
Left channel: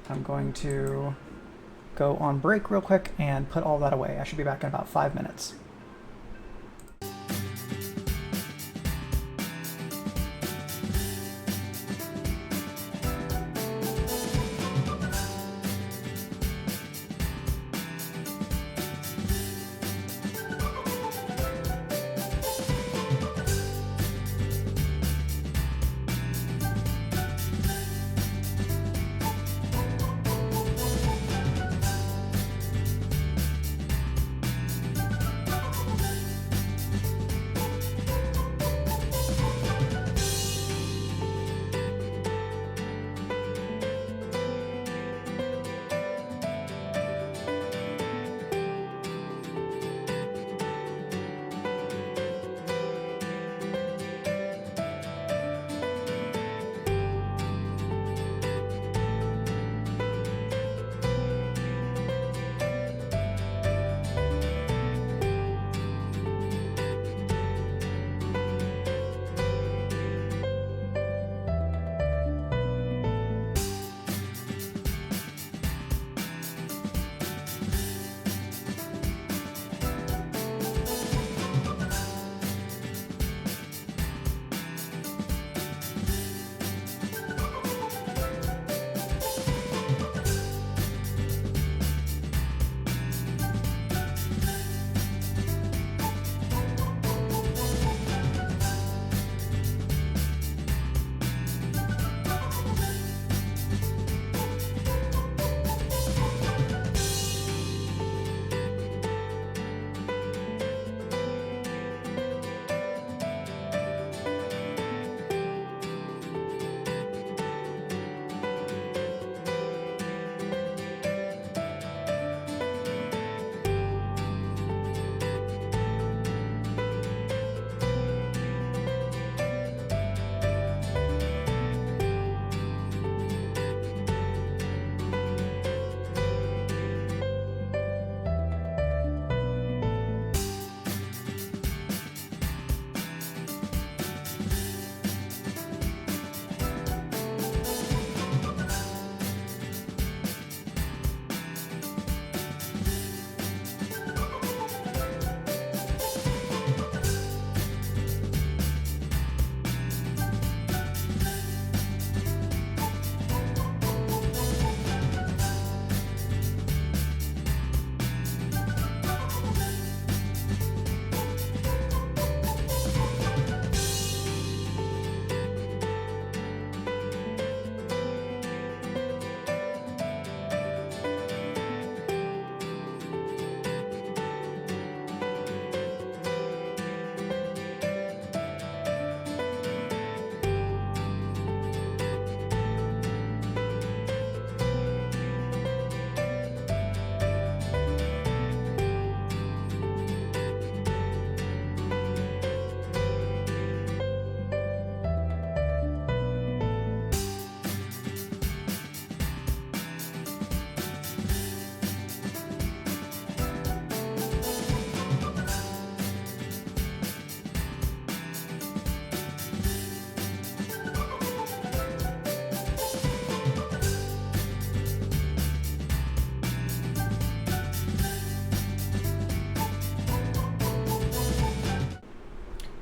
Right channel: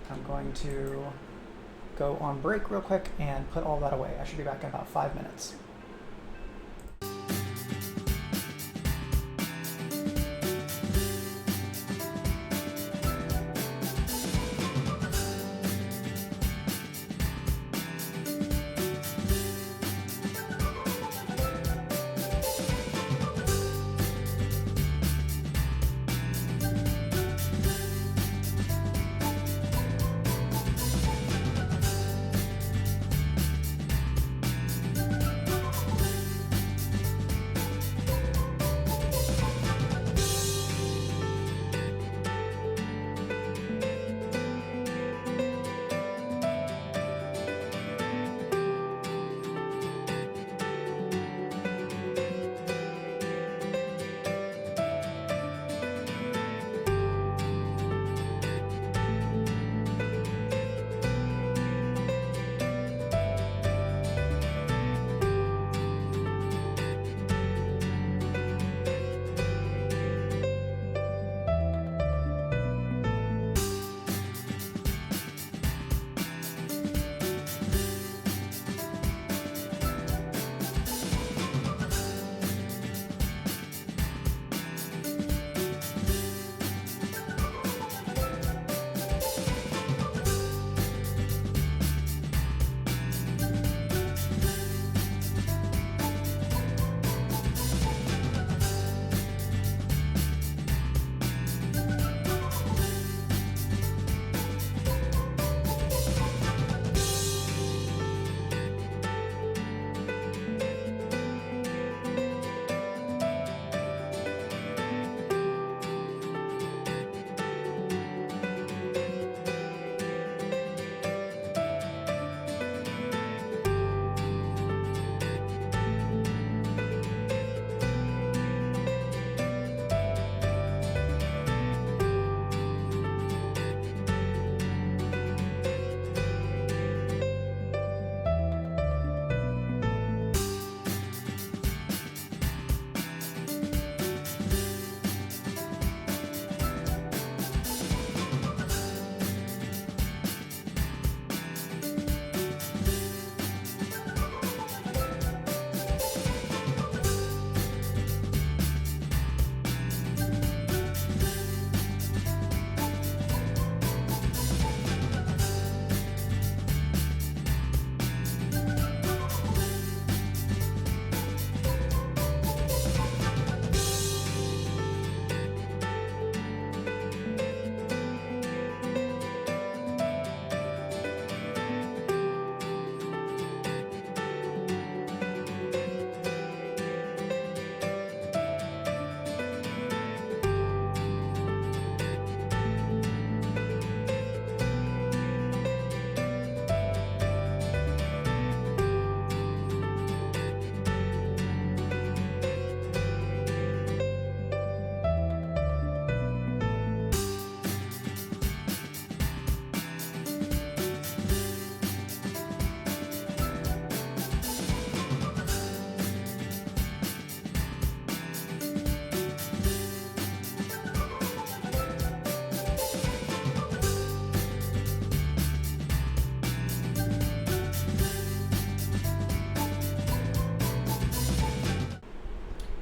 I'm going to go on break real quick and put all that away. I should be back in about 5 minutes.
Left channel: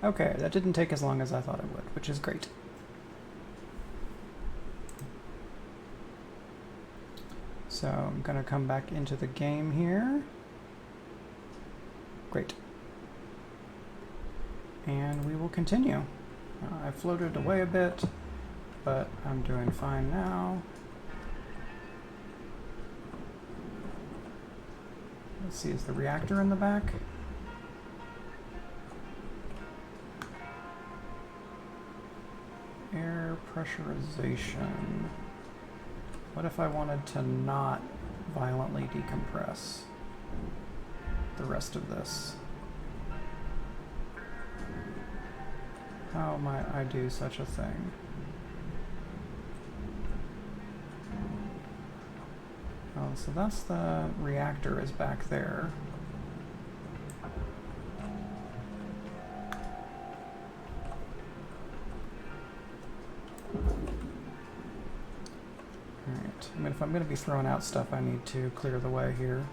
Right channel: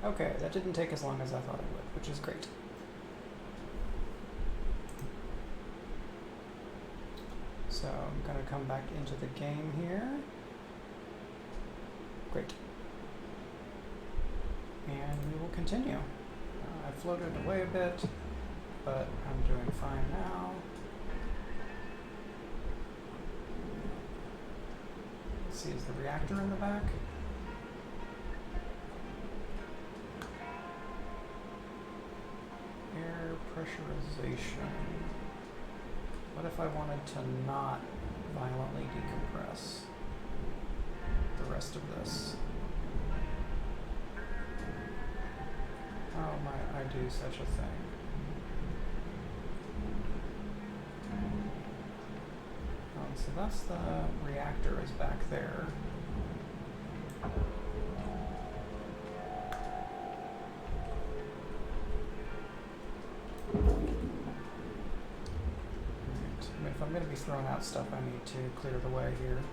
Okay, that didn't take as long as I thought it would, which is great. So I'm going to come back into the game here. Great. And we will continue. I floated away a bit, but I'm doing fine now. Let's see, is the reactor in the back? Air pressurization. What if I wanted to not violently decompress? the rest of this. How might I do such a thing? Oh, so that's the reactor is back there. Alright, I mean, if I'm going to be throwing out stuff, I need to clear the way here.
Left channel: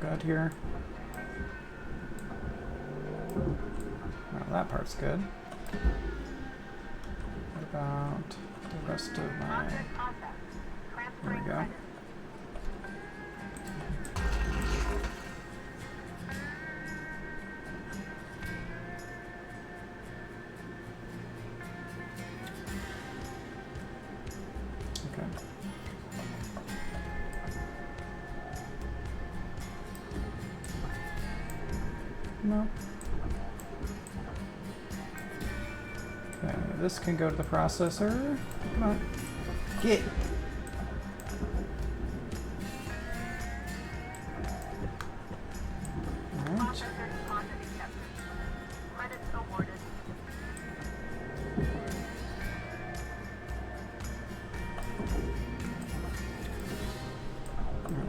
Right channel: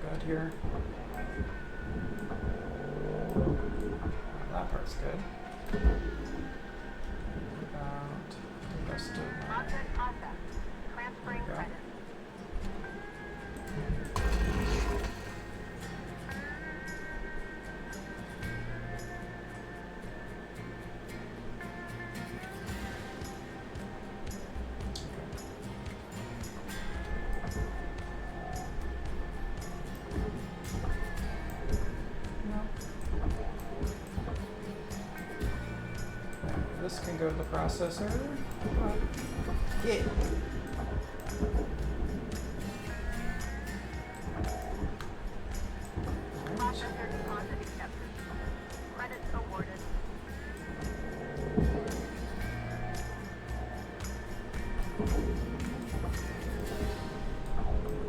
Good here. Oh, that part's good. What about the rest of my... There we go. No. Okay, this can go to the processor. Come on. Get. Alright. Credits awarded.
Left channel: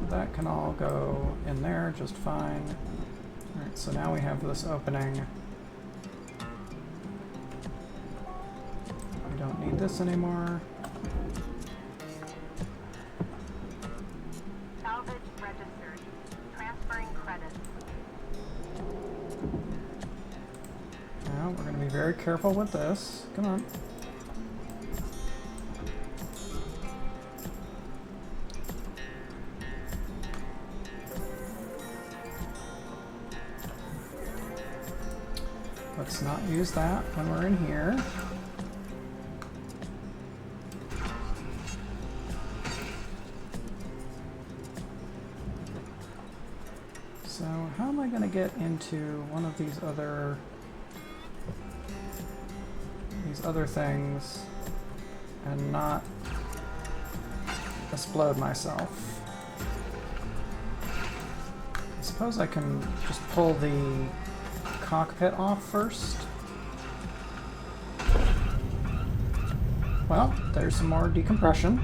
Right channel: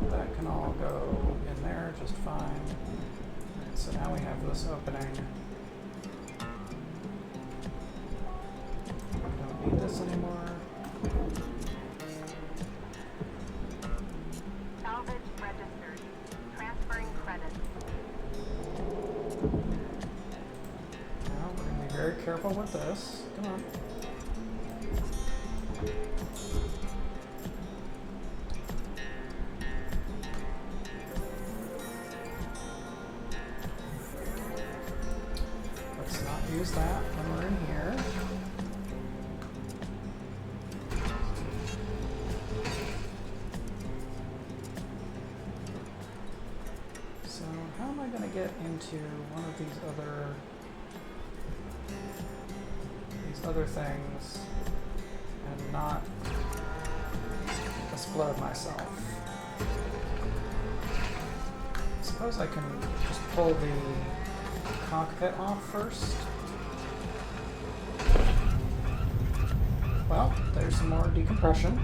That can all go in there just fine. Alright, so now we have this opening. We don't need this anymore. Salvage registered. Transferring credits. Now we're going to be very careful with this. Come on. Let's not use that when we're in here. So how am I going to get into one of these other things and not explode myself? I suppose I can just pull the cockpit off first. Well, there's some more decompression.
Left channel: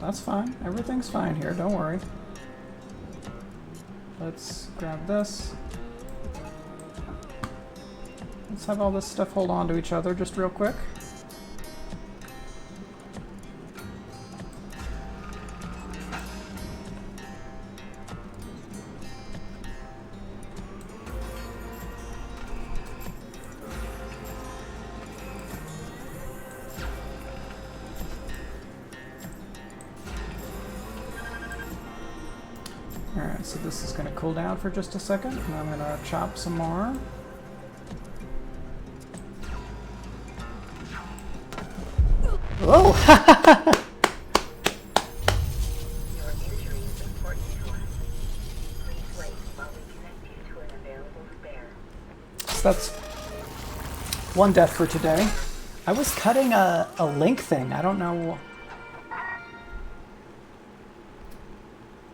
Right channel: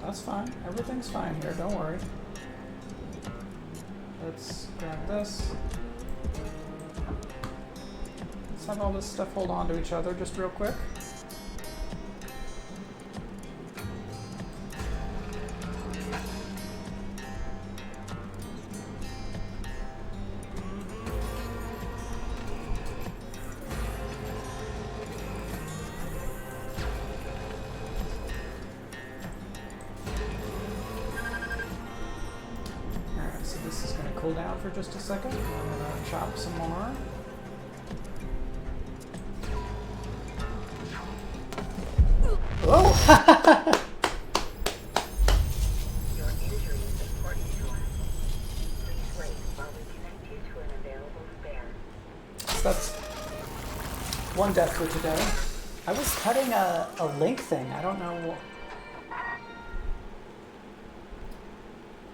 That's fine. Everything's fine here. Don't worry. Let's grab this. Let's have all this stuff hold on to each other just real quick. Alright, so this is going to cool down for just a second, and I'm going to chop some more. Oh! Your injury is important to us. Please wait while we connect you to an available spare. So that's one death for today. I was cutting a link thing. I don't know.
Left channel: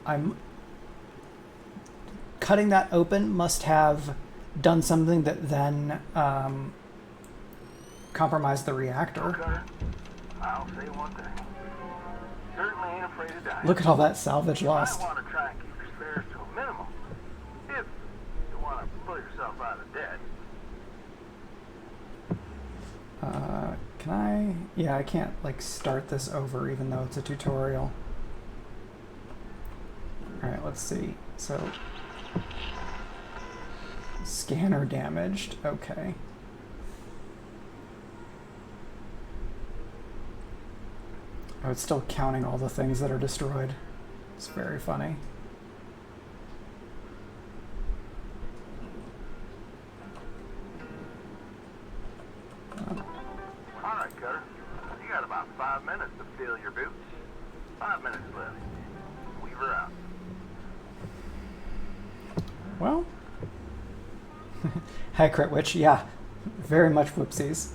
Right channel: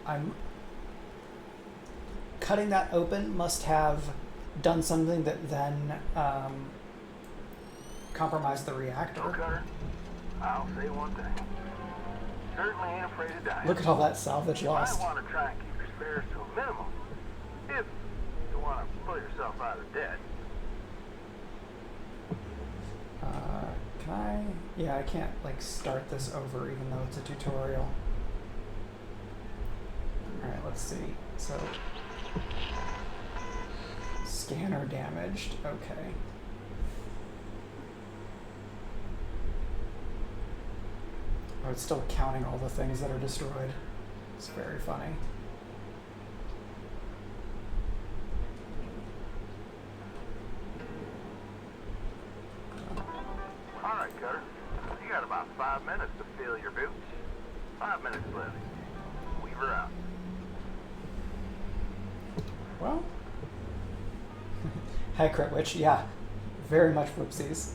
I'm cutting that open must have done something that then compromised the reactor. Cutter, I'll say one thing. Certainly ain't afraid of dying. Look at all that salvage I lost. want to try and keep your spares to a minimum. If you want to pull yourself out of debt. Can I? Yeah, I can't like start this over even though it's a tutorial. Alright, let's see. So, scanner damaged. Okay. Oh, it's still counting all the things that are destroyed. It's very funny. All right, Cutter. You got about 5 minutes to fill your boots. 5 minutes left. Weaver out. Well, Hi, Crit Witch. Yeah, very much whoopsies.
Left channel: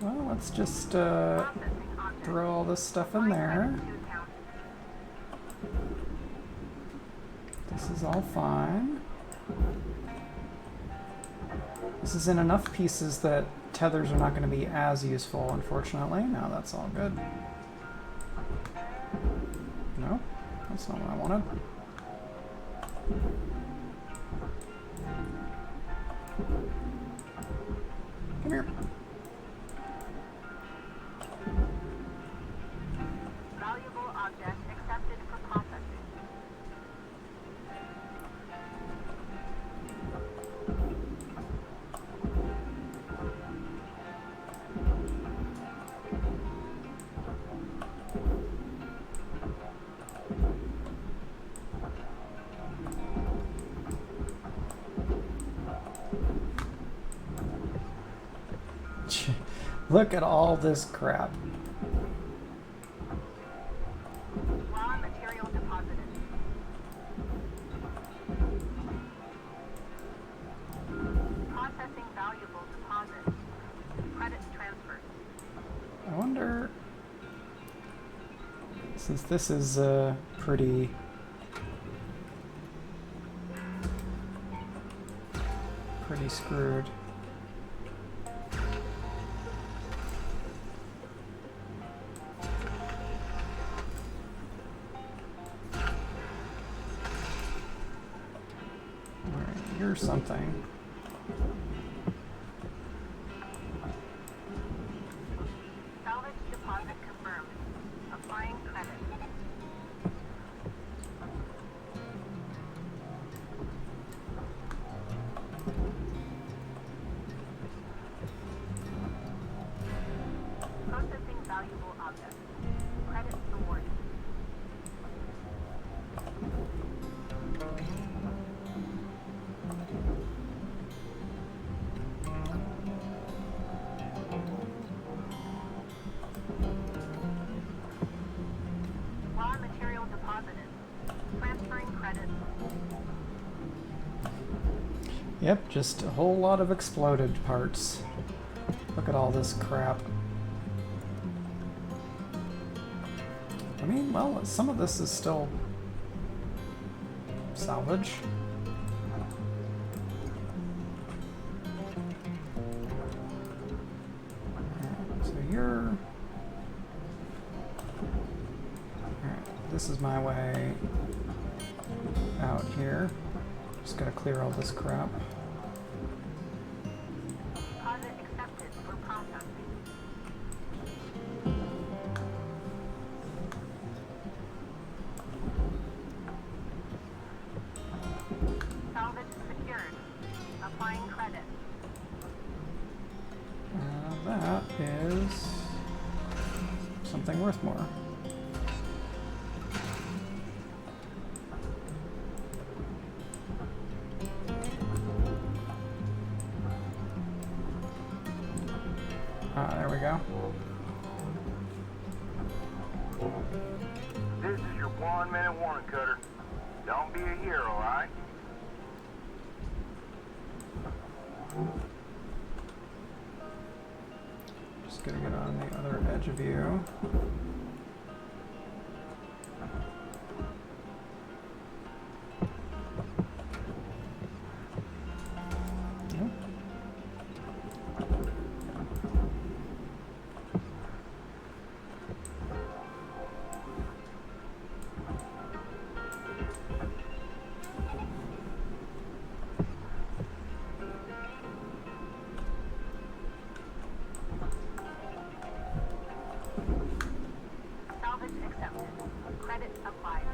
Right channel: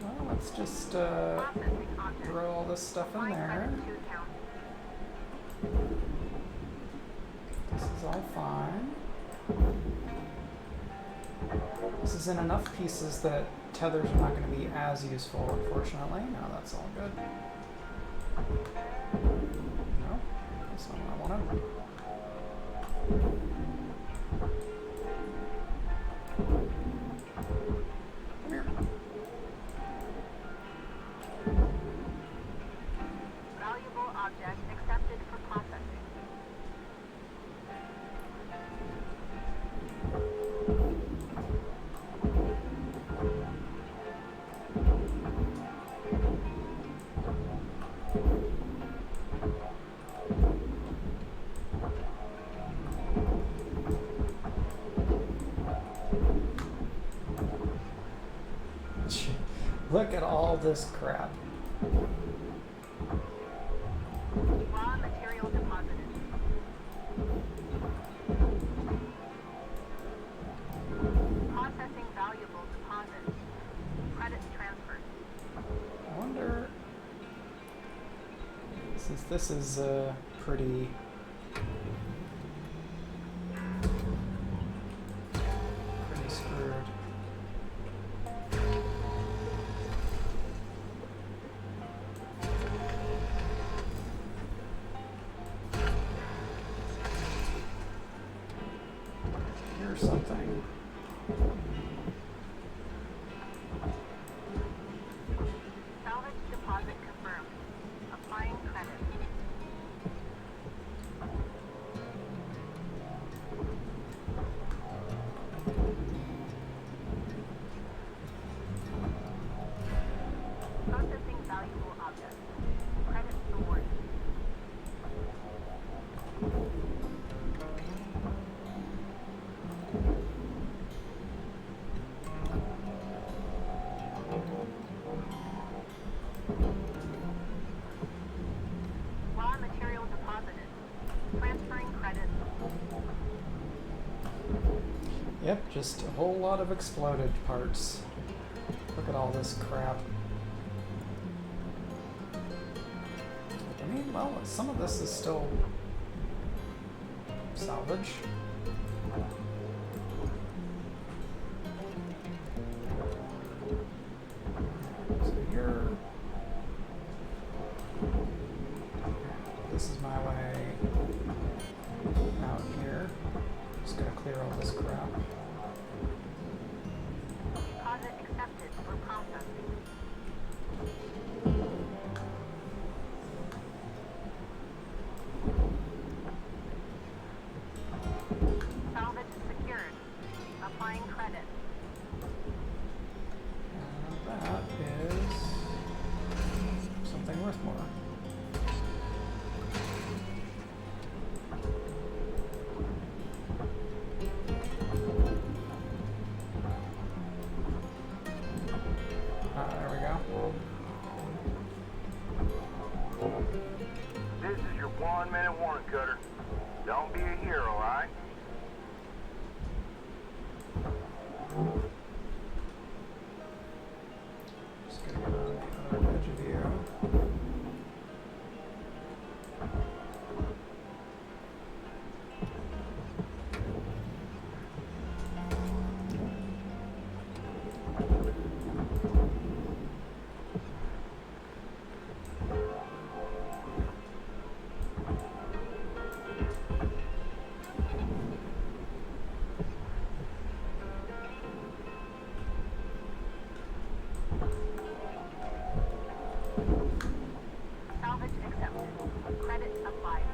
Well, let's just throw all this stuff in there. This is all fine. This is in enough pieces that tethers are not going to be as useful, unfortunately. No, that's all good. No, that's not what I wanted. Come here. Valuable object accepted for processing. Look at all this crap. Raw material deposited. Processing valuable deposits. Credits transferred. I wonder, since this is pretty screwed. Here's something. Salvage deposit confirmed. Applying credit. Processing valuable objects. Credit awarded. Raw material deposited. Transferring credit. Yep, just a whole lot of exploded parts. Look at all this crap. I mean, well, some of this is still salvage. So you're... This is my way out here. Just gotta clear all this crap. Deposit accepted for processing. Salvage secured. Applying credit. That is something worth more. There we go. This is your 1-minute warning, Cutter. Don't be a hero, alright? Just gonna get on the other edge of you. Salvage accepted. Credit applied.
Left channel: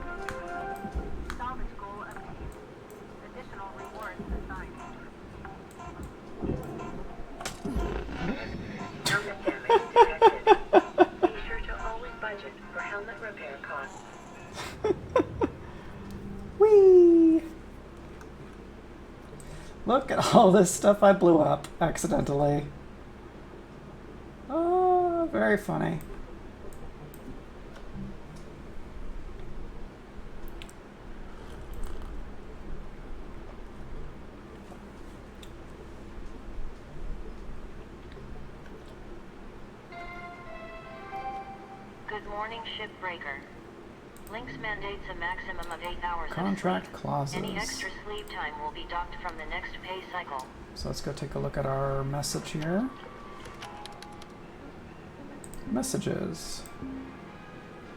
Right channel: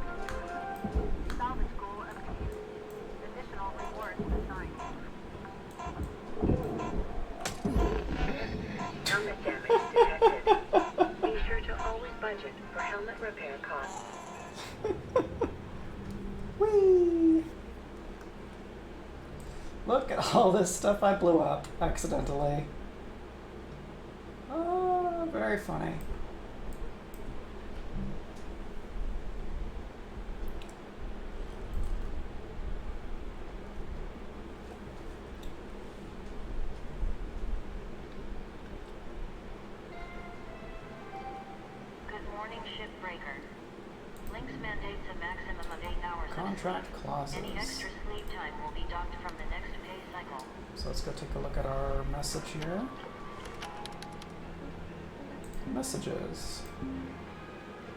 Salvage goal obtained. Additional rewards assigned. Helmet damage detected. Be sure to always budget for helmet repair costs. Whee! Look at all this stuff I blew up accidentally. Oh. Oh, very funny. Good morning, Shipbreaker. Lynx mandates a maximum of 8 hours Contract of sleep. clauses. Any extra sleep time will be docked from the next pay cycle. So let's go take a look at our message here. Messages.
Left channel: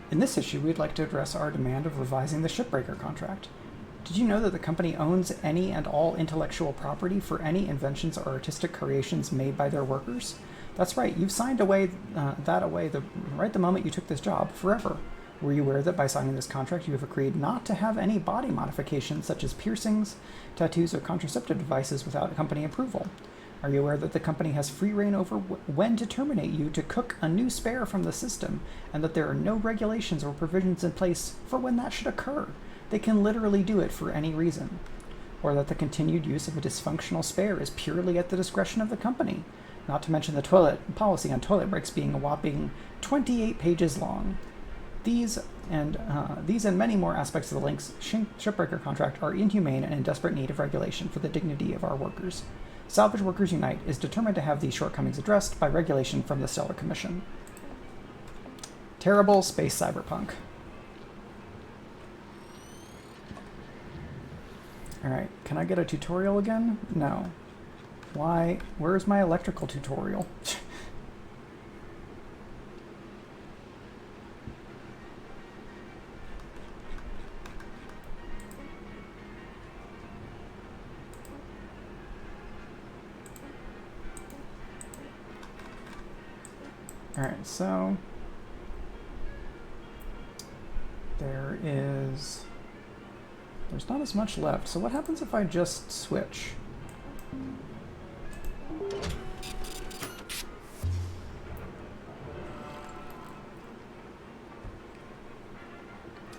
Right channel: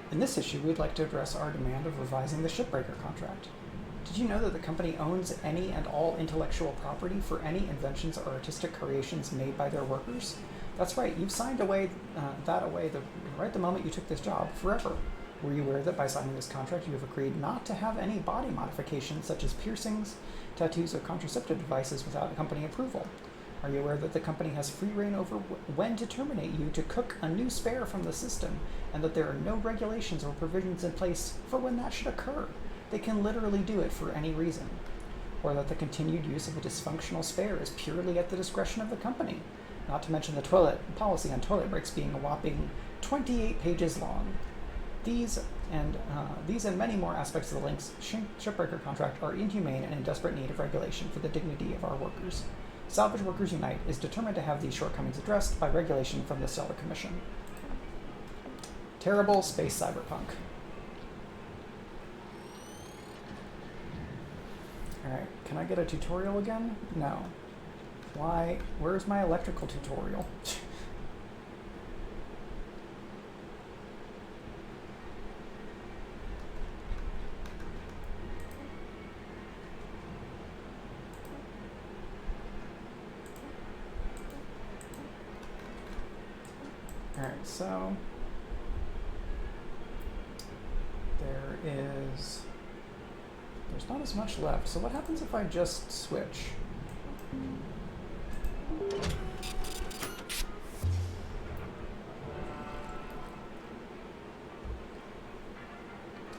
In this issue, we'd like to address our demand of revising the Shipbreaker contract. Did you know that the company owns any and all intellectual property for any inventions or artistic creations made by their workers? That's right, you've signed away right the moment you took this job, forever. Were you aware that by signing this contract you have agreed not to have any body modifications such as piercings, tattoos, or contraceptive devices without company approval? Are you aware that the company has free reign over when to terminate you to cook a new spare from the system, and that there are no regulations or provisions in place for when that should occur? They can literally do it for any reason. Or that the continued use of a dysfunctional spare is purely at the discretion of the company, not to mention the policy on toilet breaks being a whopping 28 pages long. These and many more aspects of the Lynx Shipbreaker contract are inhumane and in desperate need of regulation for the dignity of our workers. Salvage Workers Unite is determined to have these shortcomings addressed by regulation from the Stellar Commission. Terrible space cyberpunk. Alright, can I get a tutorial again? No. Why? Where's my electrical tutorial? Alright, so there's not as much left. So what happens if I just switch?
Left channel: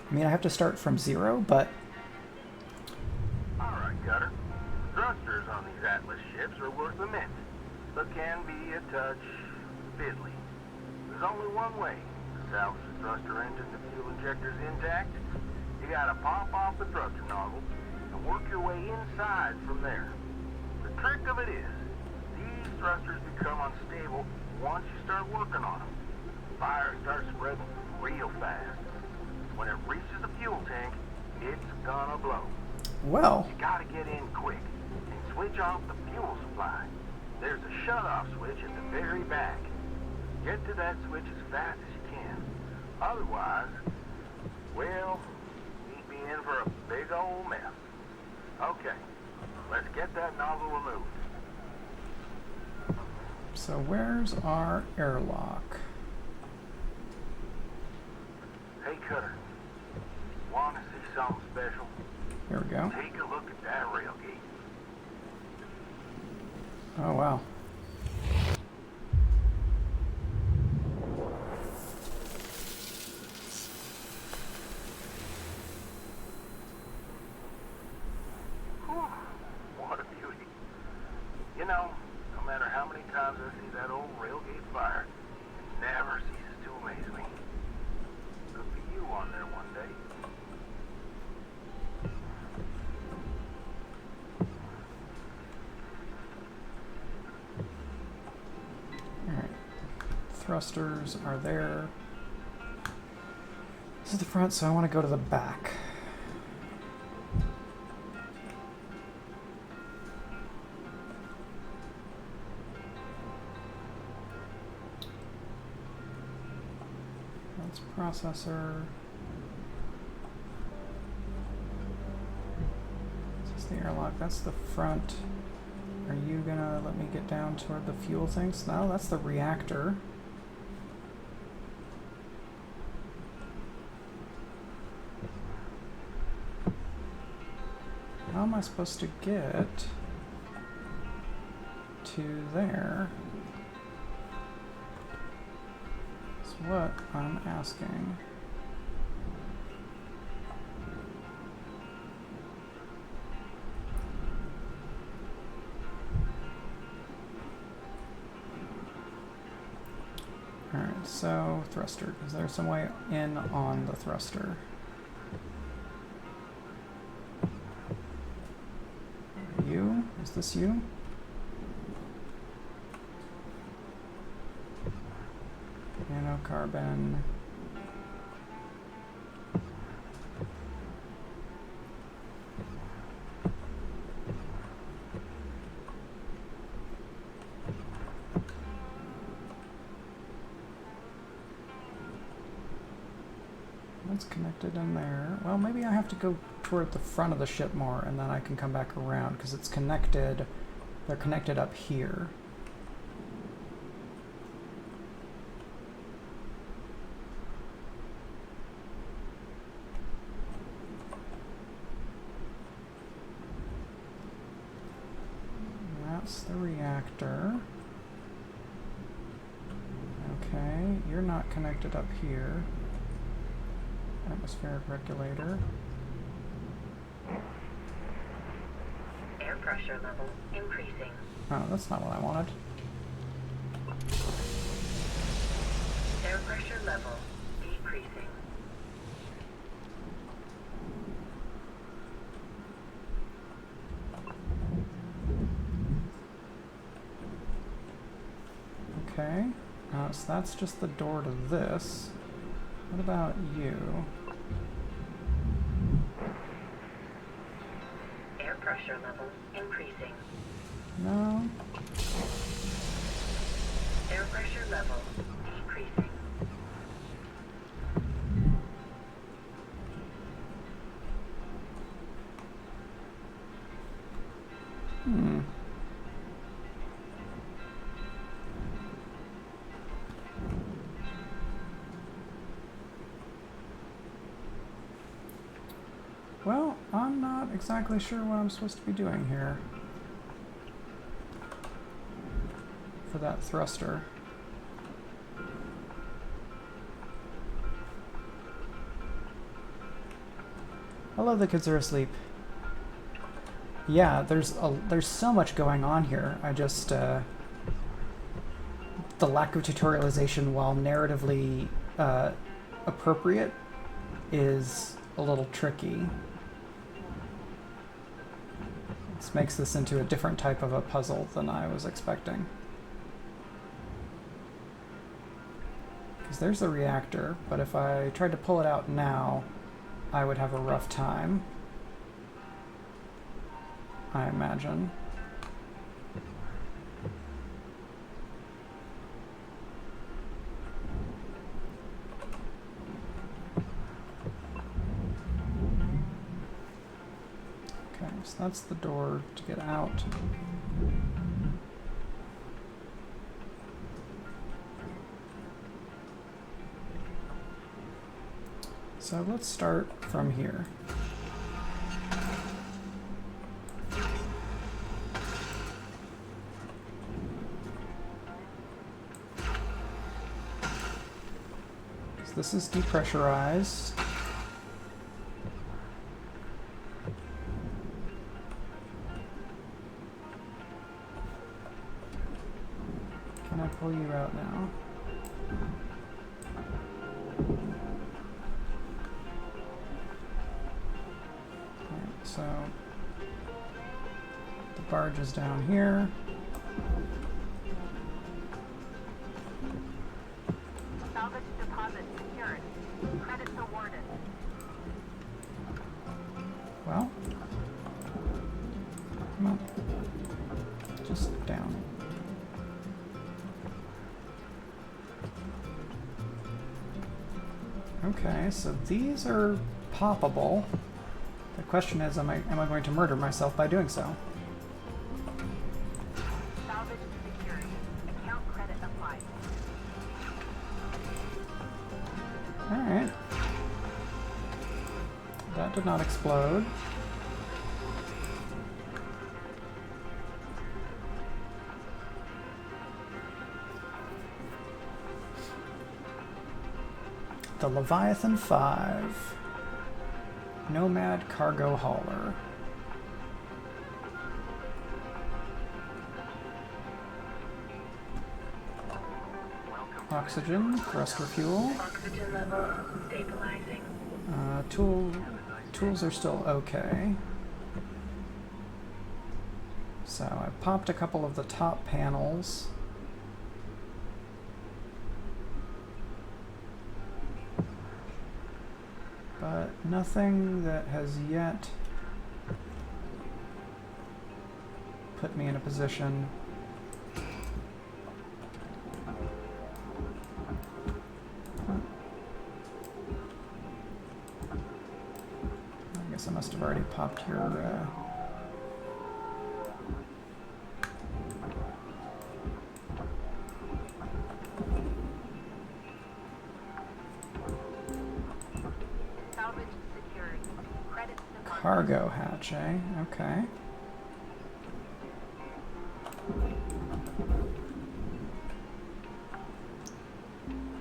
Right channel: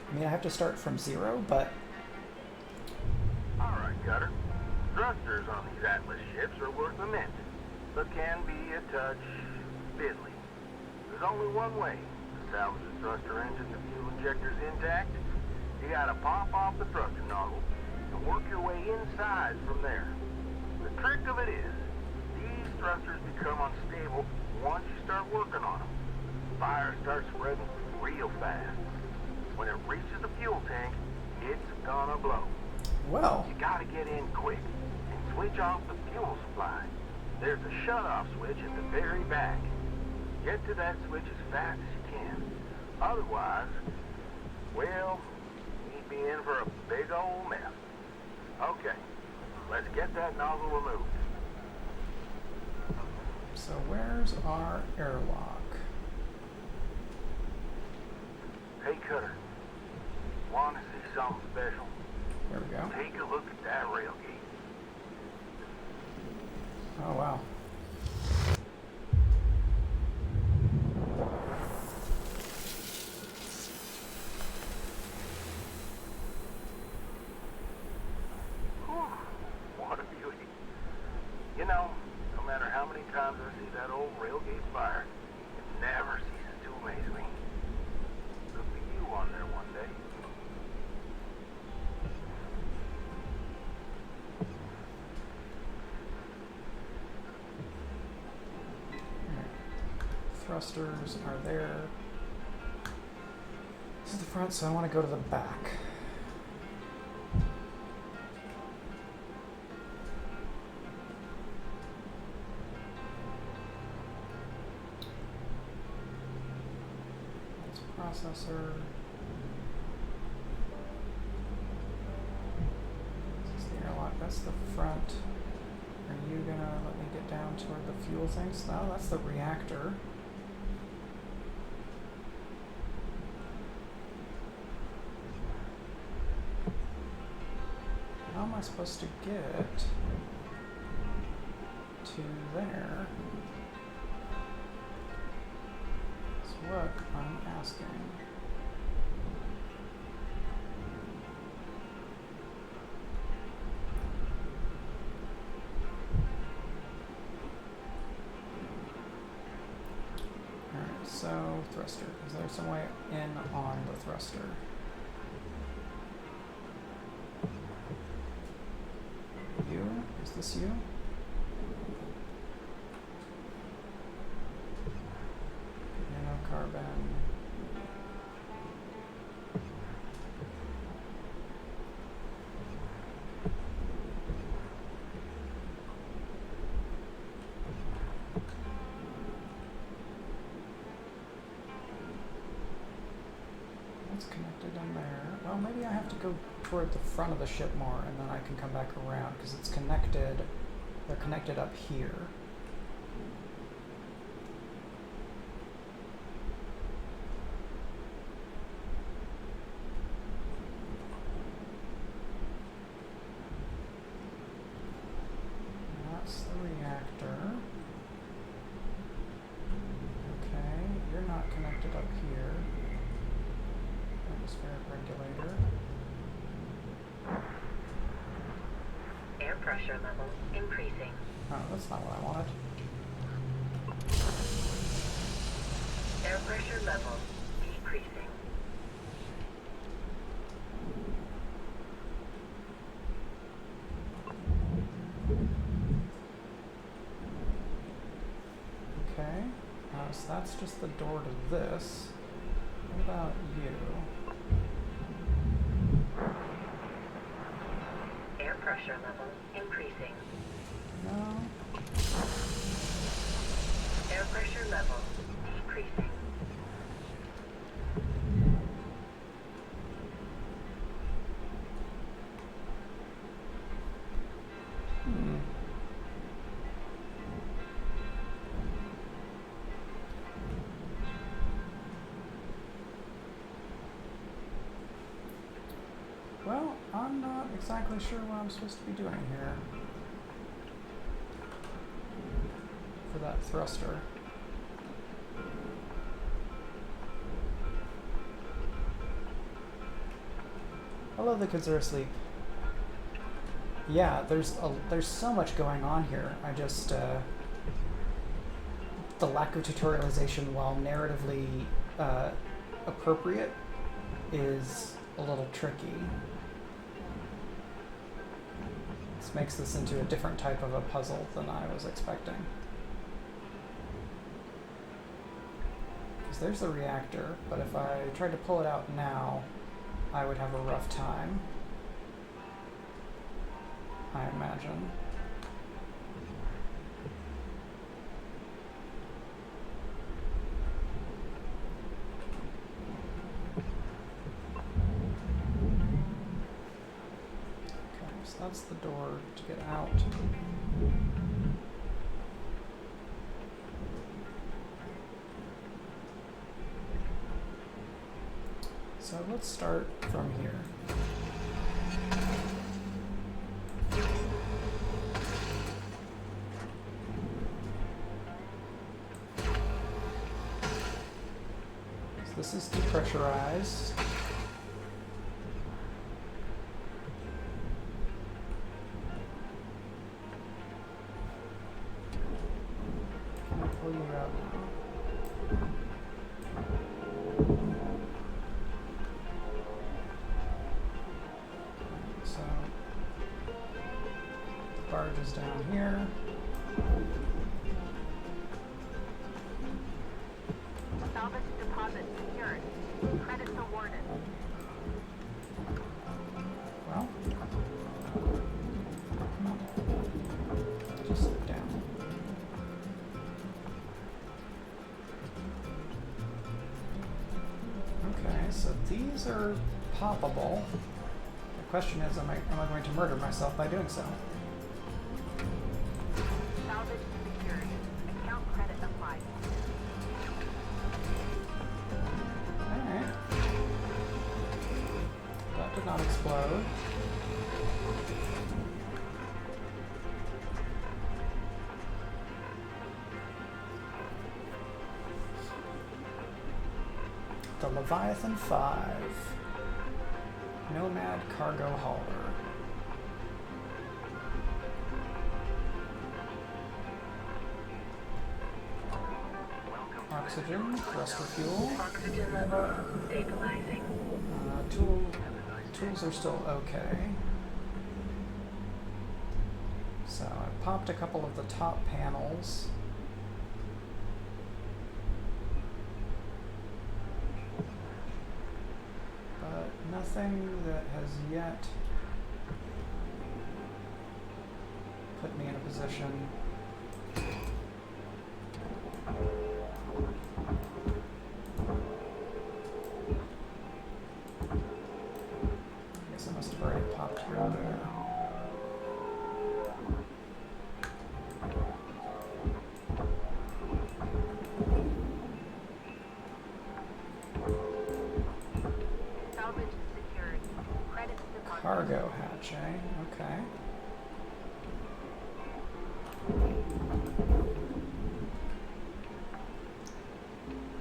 I mean, I have to start from 0, but... Alright, Cutter. Thrusters on these Atlas ships are worth a mint, but can be a touch fiddly. There's only one way to salvage the thruster engine and fuel injectors intact. You gotta pop off the thruster nozzle and work your way inside from there. The trick of it is, these thrusters become unstable once you start working on them. Fire starts spreading real fast. When it reaches the fuel tank, it's gonna blow. Well... You gotta get in quick and switch off the fuel supply. There's a shut-off switch at the very back. Get to that switch as fast as you can. Otherwise, well, we'd be in for a big old mess. Okay, let's get that nozzle removed. So where's our airlock? Hey, Cutter. Want to see something special? Here we go. Take a look at that rail gate. Oh, wow. What a beauty. You know, no matter how many times I see that old railgate fire, it never ceases to amaze me. Could be you on there one day. Alright. Thrusters are there. This is the front, so I want to go to the back. That's processor. This is the airlock. That's the front. Are you gonna let me get down toward the fuel things? No, that's the reactor. How am I supposed to get to there? That's what I'm asking. Alright. So, thruster. Is there some way in on the thruster? You? Is this you? Nanocarbon. That's connected in there. Well, maybe I have to go toward the front of the ship more, and then I can come back around, because it's connected. They're connected up here. That's the reactor. Okay, you're not connected up here. Atmospheric regulator. Air pressure level increasing. Oh, that's not what I wanted. Air pressure level decreasing. Okay, so that's just the door to this. What about you? Air pressure level increasing. No? Air pressure level decreasing. Hmm. Well, I'm not exactly sure what I'm supposed to be doing here for that thruster. Hello, the kids are asleep. Yeah, there's so much going on here. I just the lack of tutorialization, while narratively appropriate, is a little tricky. This makes this into a different type of a puzzle than I was expecting. Because there's the reactor, but if I tried to pull it out now, I would have a rough time, I imagine. Okay, so that's the door to get out. So let's start from here. So this is depressurized. Can I pull you out now? So the barge is down here. Salvage deposit secured. Credits awarded. Well, come on, just down. Okay, so these are poppable. The question is, am I going to murder myself by doing so? Salvage secured. Account credit applied. Alright. That did not explode. The Leviathan 5. Nomad Cargo Hauler. Welcome Oxygen, thruster fuel. Oxygen level stabilizing. Tools are still okay. So I popped a couple of the top panels. But nothing that has yet put me in a position I guess I must have already popped here and there. Salvage secured. Credits to Cargo hatch, eh? Okay.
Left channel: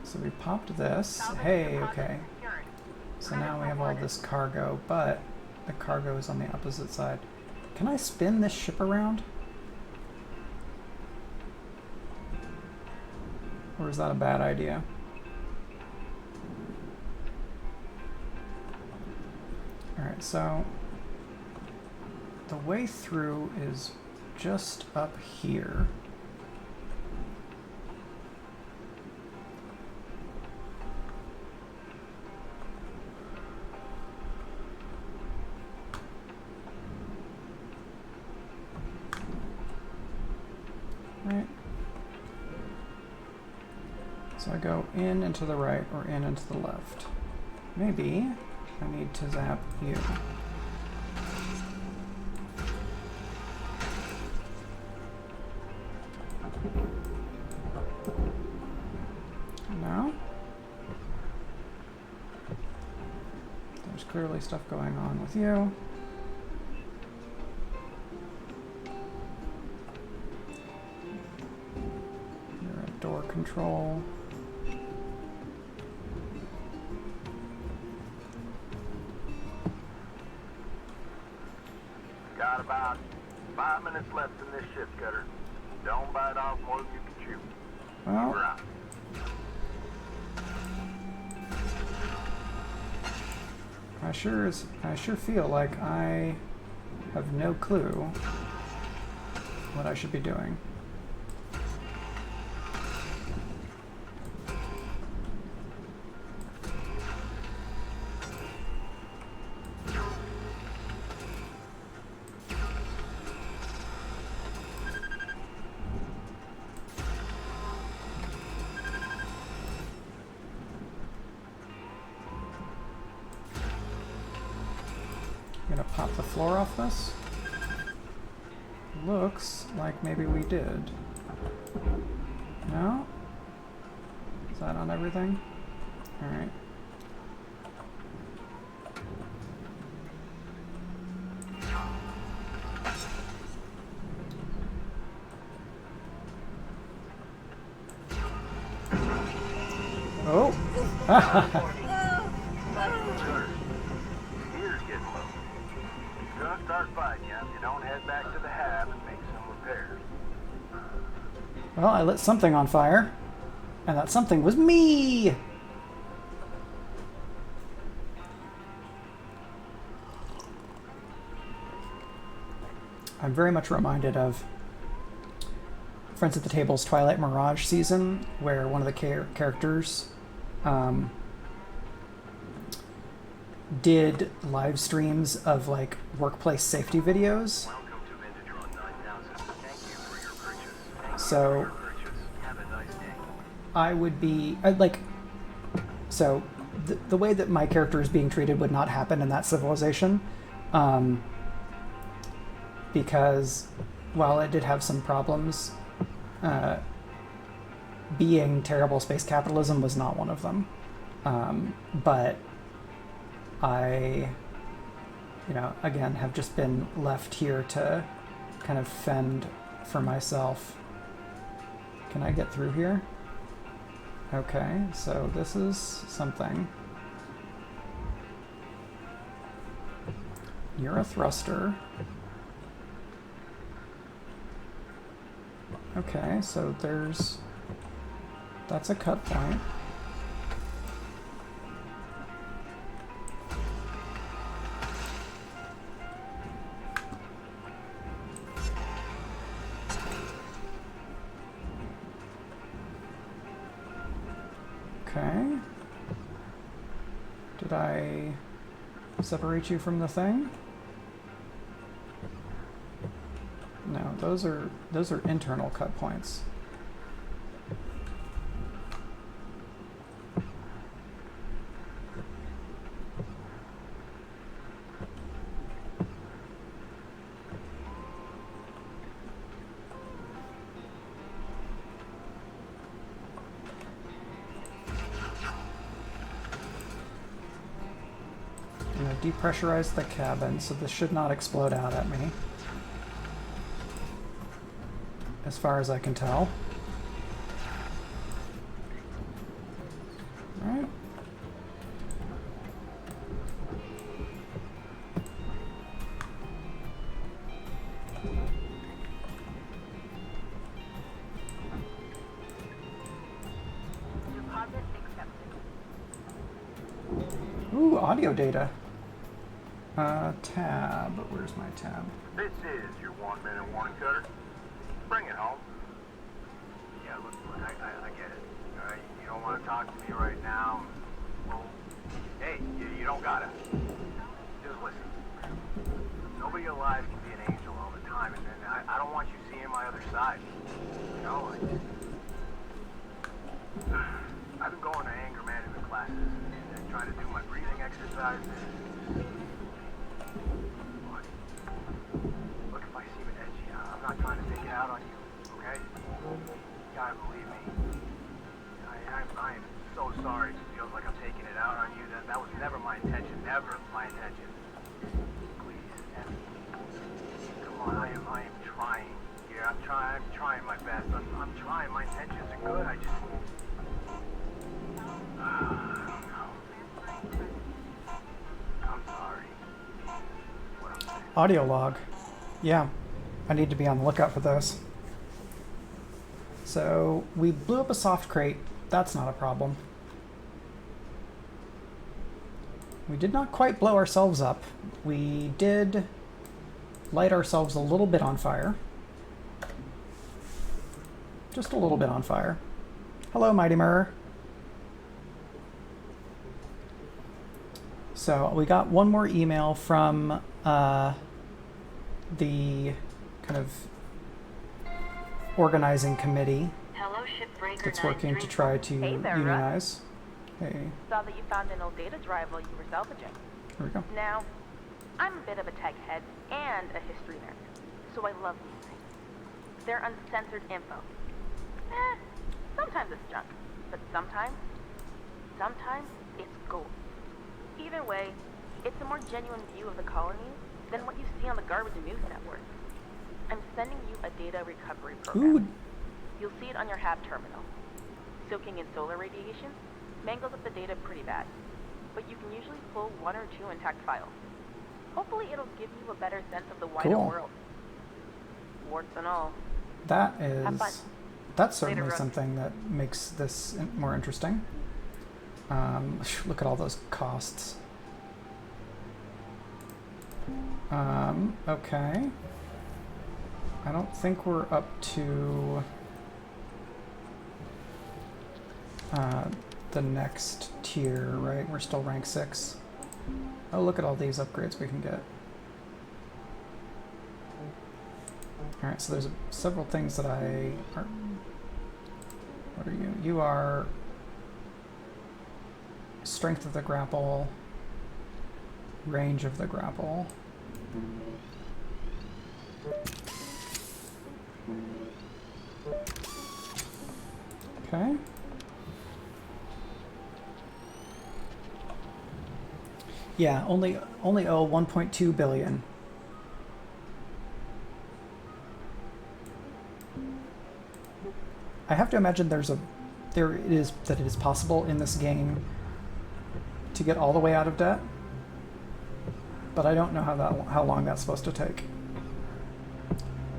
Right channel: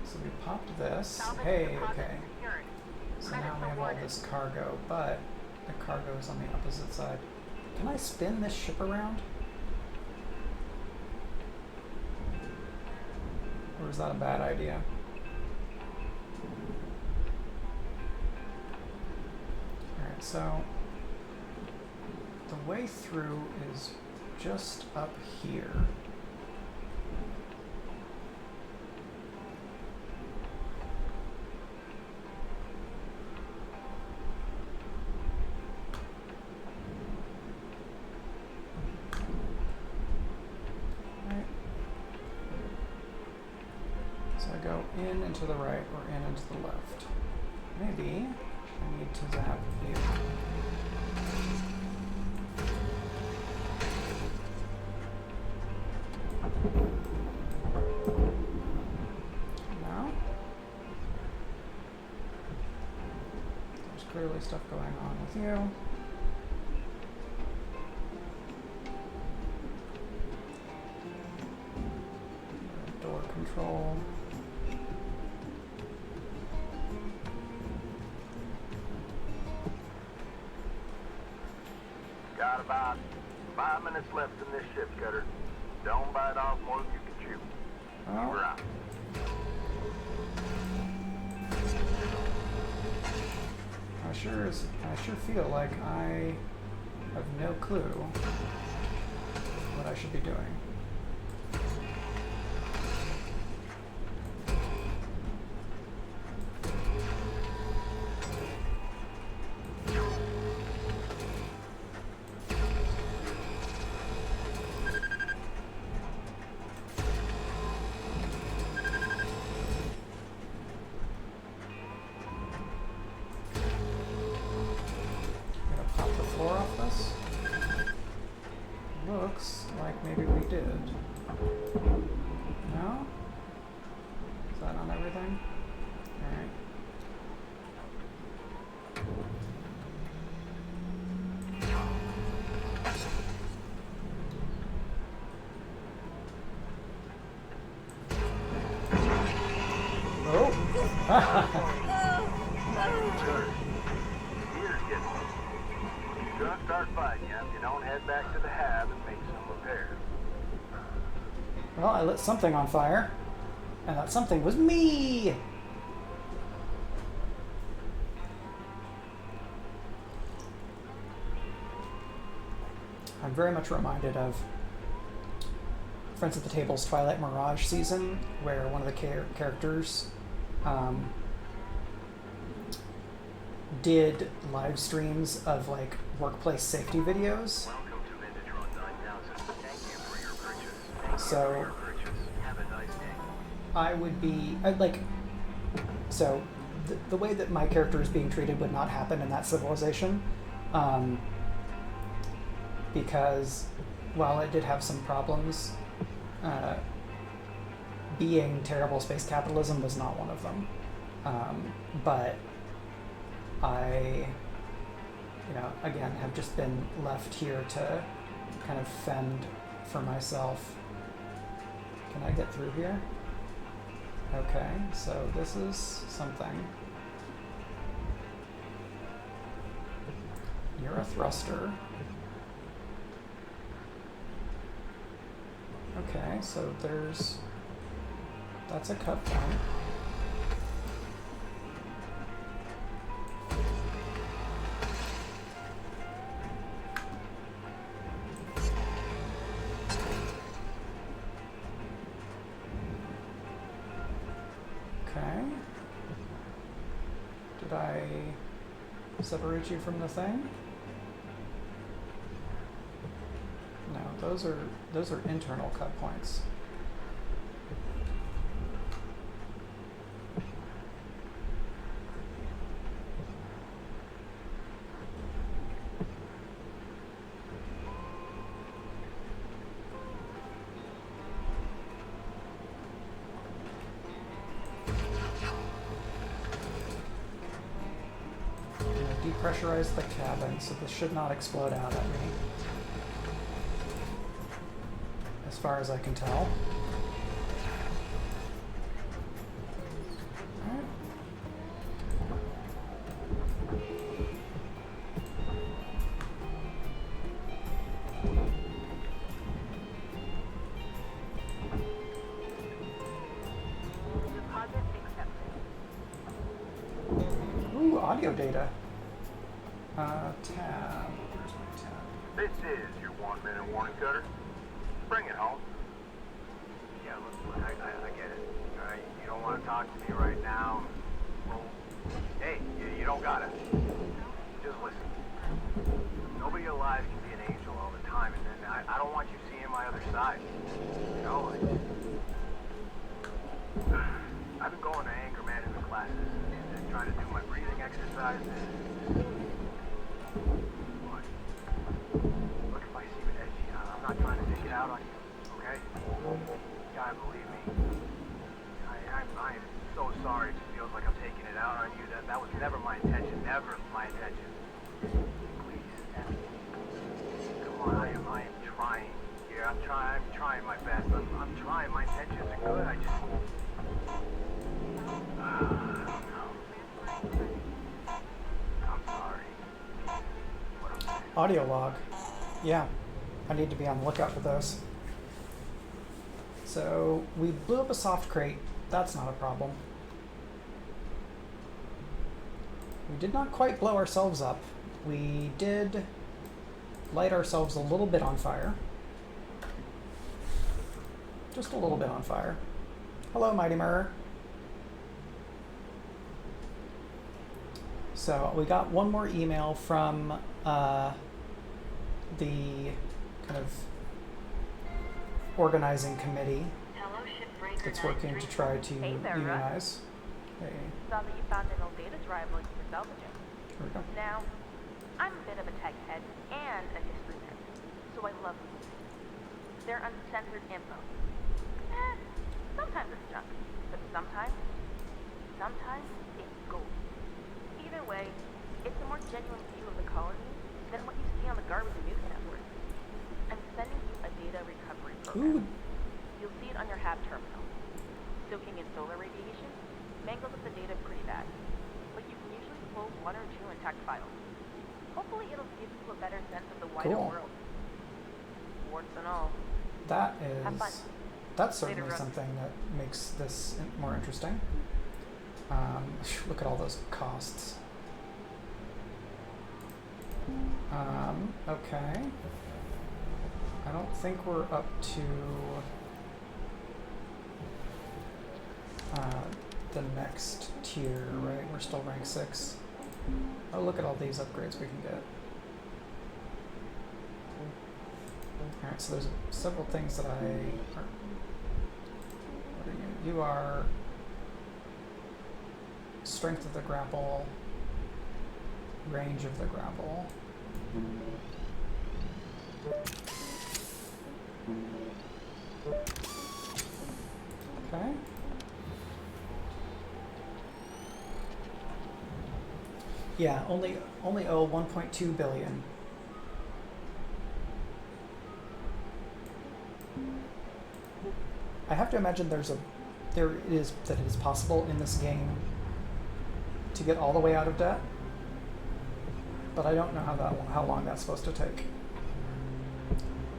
So we popped this. Hey, okay. So now we have all this cargo, but the cargo is on the opposite side. Can I spin this ship around? Or is that a bad idea? Alright, so the way through is just up here. Right. So I go in and to the right or in and to the left. Maybe I need to zap you. Now, there's clearly stuff going on with you. You're at door control. Got about 5 minutes left in this ship, Cutter. Don't bite off more than you can chew. Well, We're out. I sure feel like I have no clue what I should be doing. Gonna pop the floor off this. Looks like maybe we did. No? Is that on everything? Alright. Oh! Cutter, gear's getting low. You're gonna start fighting you if you don't head back to the hab and make some repairs. Well, I lit something on fire, and that something was me! I'm very much reminded of Friends at the Table's Twilight Mirage season, where one of the characters did live streams of like workplace safety videos. Welcome to Vintatron 9000. Thank you for your purchase. So Have a nice day. I would be so the way that my character is being treated would not happen in that civilization, because while it did have some problems, being terrible space capitalism was not one of them. But I, again, have just been left here to kind of fend for myself. Can I get through here? Okay, so this is something. You're a thruster. Okay, so there's That's a cut point. Okay. Did I separate you from the thing? No, those are internal cut points. Depressurize the cabin, so this should not explode out at me, as far as I can tell. All right. Deposit accepted. Ooh, audio data. Tab. Where's my tab? This is your 1 minute warning, Cutter. Bring it home. Yeah, look, I get it. All right, you don't want to talk to me right now. Well, hey, you don't gotta. Just listen. Nobody alive can be an angel all the time, and then I don't want you seeing my other side. You know, I've been going to anger management classes and trying to do my breathing exercises. What? Look, if I seem edgy, I'm not trying to take it out on you, okay? You gotta believe me. I am so sorry if it feels like I'm taking it out on you. That was never my intention. Never my intention. Please, Effie. Come on, I am trying. Yeah, I'm trying my best. I'm trying. My intentions are good. I just... I don't know. I'm sorry. What I'm saying. Audio log. Yeah, I need to be on the lookout for those. So we blew up a soft crate. That's not a problem. We did not quite blow ourselves up. We did light ourselves a little bit on fire. Just a little bit on fire. Hello, Mighty Mirror. So we got one more email from the kind of organizing committee Hello, Shipbreaker. that's working to try to Hey there, Russ. unionize. Hey, Saw that you found an old data drive while you were salvaging. here we go. Now, I'm a bit of a tech head and a history nerd, so I love these things. They're uncensored info. Sometimes it's junk, but sometimes it's gold. Either way, it's a more genuine view of the colony than what you see on the garbage news network. I'm sending you a data recovery program. Ooh, You'll see it on your HAB terminal. Soaking in solar radiation mangles up the data pretty bad, but you can usually pull 1 or 2 intact files. Hopefully it'll give you a better sense of the wider Cool. world. Warts and all. that Have fun. is, that's certainly Russ. something that makes this more interesting. Look at all those costs. Okay. I don't think we're up to the next tier, right? We're still rank 6. Oh, look at all these upgrades we can get. Alright, so there's several things that what are you? You are strength of the grapple, range of the grapple. Okay. Yeah, only owe 1.2 billion. I have to imagine that it is possible in this game to get all the way out of debt, but I don't know how long that's supposed to take.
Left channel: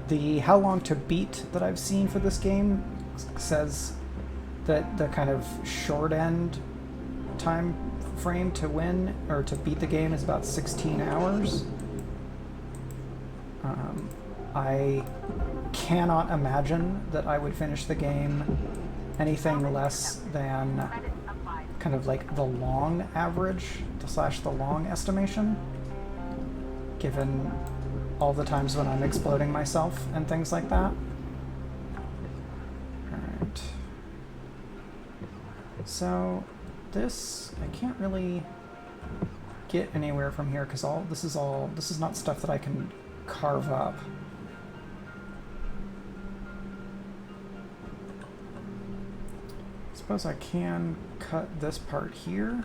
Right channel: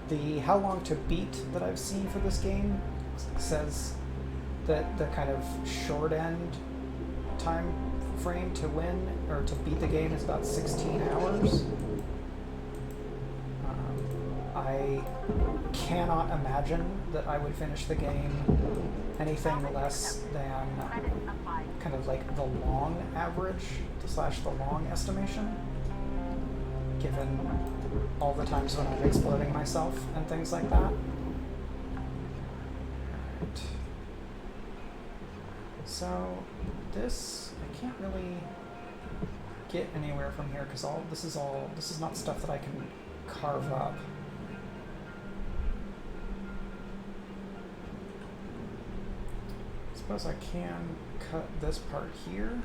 The how long to beat that I've seen for this game says that the kind of short end time frame to win or to beat the game is about 16 hours. I cannot imagine that I would finish the game anything less than kind of like the long average slash the long estimation, given all the times when I'm exploding myself and things like that. Alright. So this, I can't really get anywhere from here because this is not stuff that I can carve up. I suppose I can cut this part here.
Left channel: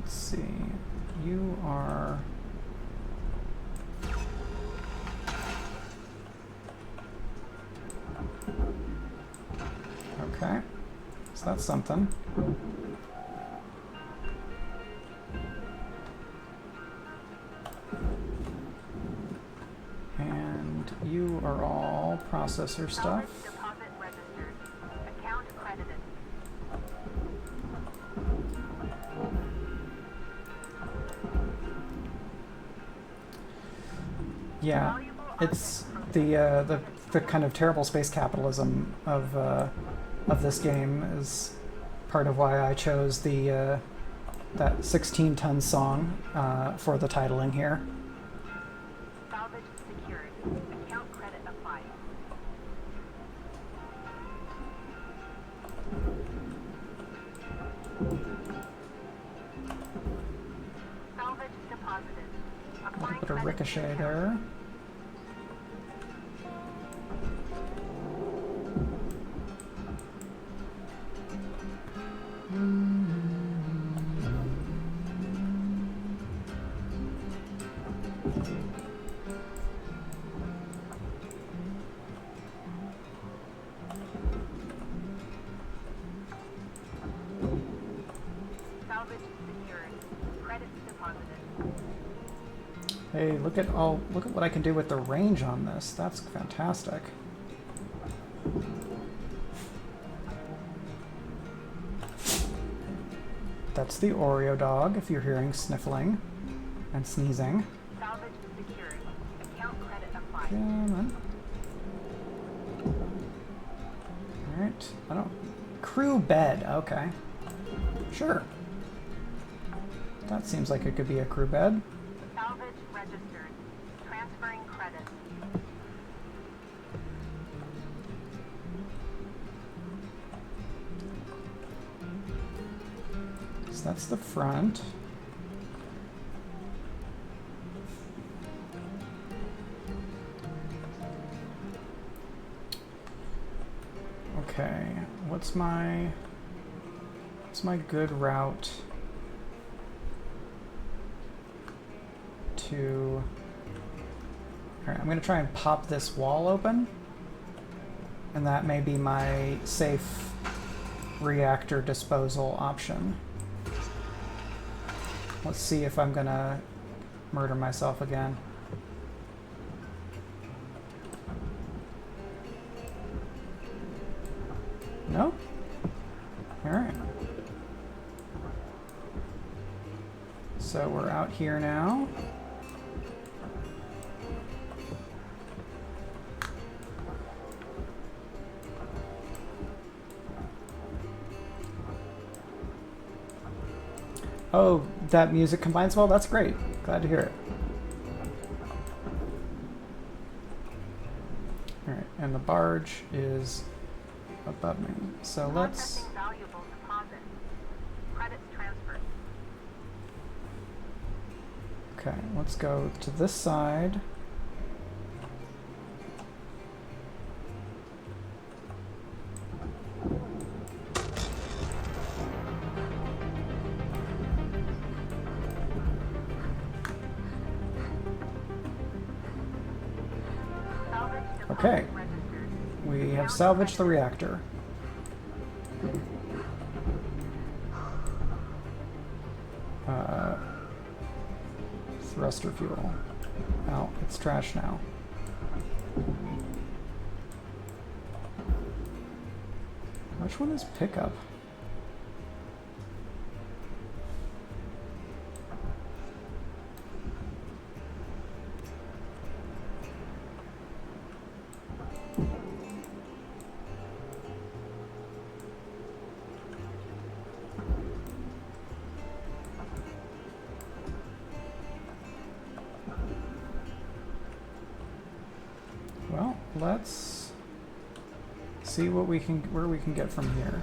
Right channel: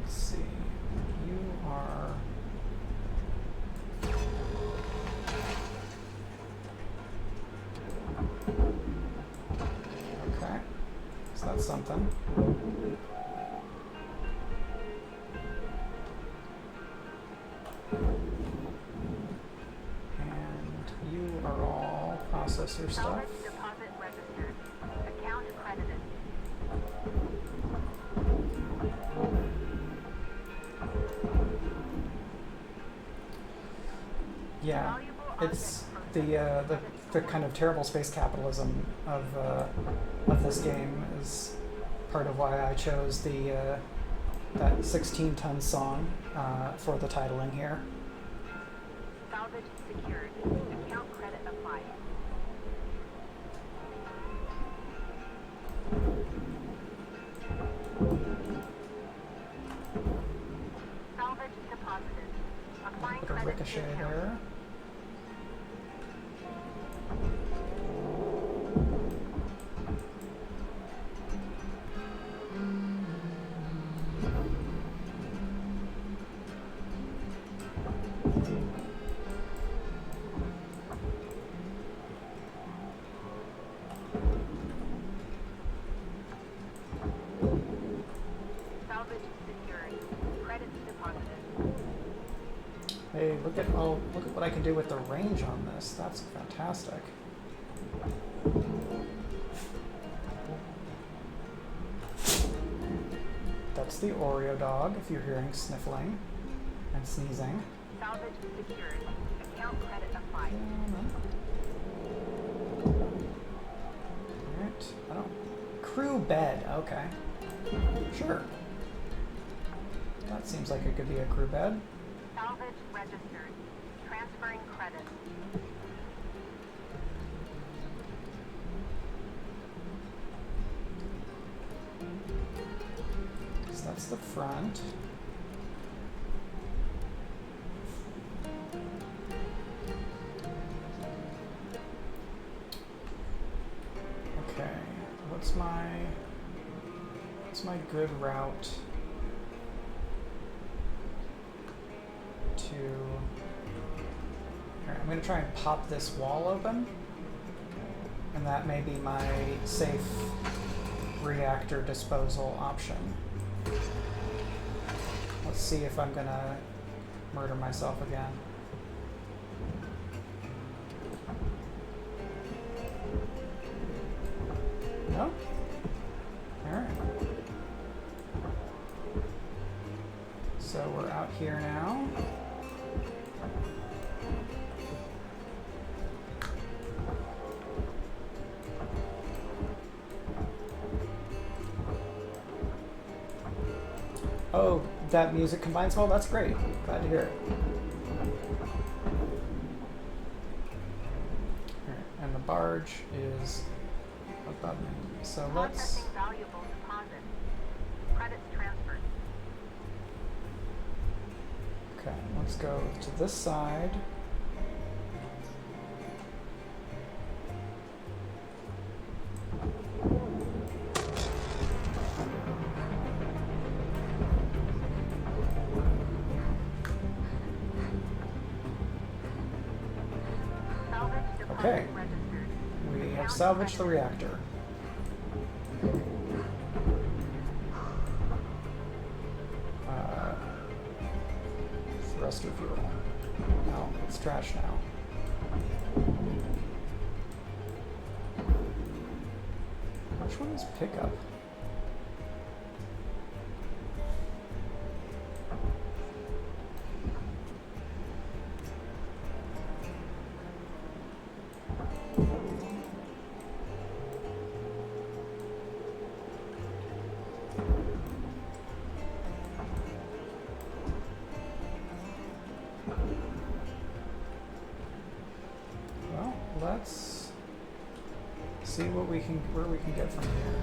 Let's see. You are... Okay. So that's something. And you are all processor stuff. Deposit registered. Account credited. Yeah, it's the kind of terrible space capitalism of this game is part of why I chose the that 16-ton song for the titling here. Salvage secured. Account credit applied. Salvage deposited. Applying Put a credit ricochet to account. there. Salvage secured. Credits deposited. Hey, look at what I can do with the range on this. That's fantastic. That's the Oreo dog, if you're hearing sniffling and sneezing. Salvage secured. Account credit applied. Alright, I don't... Crew bed, okay. Sure. That seems like it could be a crew bed. Salvage registered. Transferring credit. So that's the front. Okay, what's my good route to... Alright, I'm gonna try and pop this wall open, and that may be my safe reactor disposal option. Let's see if I'm gonna murder myself again. No? Alright. So we're out here now. Oh, that music combines well? That's great. Glad to hear it. Alright, and the barge is above me. So let's... Processing valuable deposit. Credits transferred. Okay, let's go to this side. Salvage deposit Okay. registered. We have salvaged the reactor. Thruster fuel. No, it's trash now. Which one is pickup? Well, let's see what we can, where we can get from here.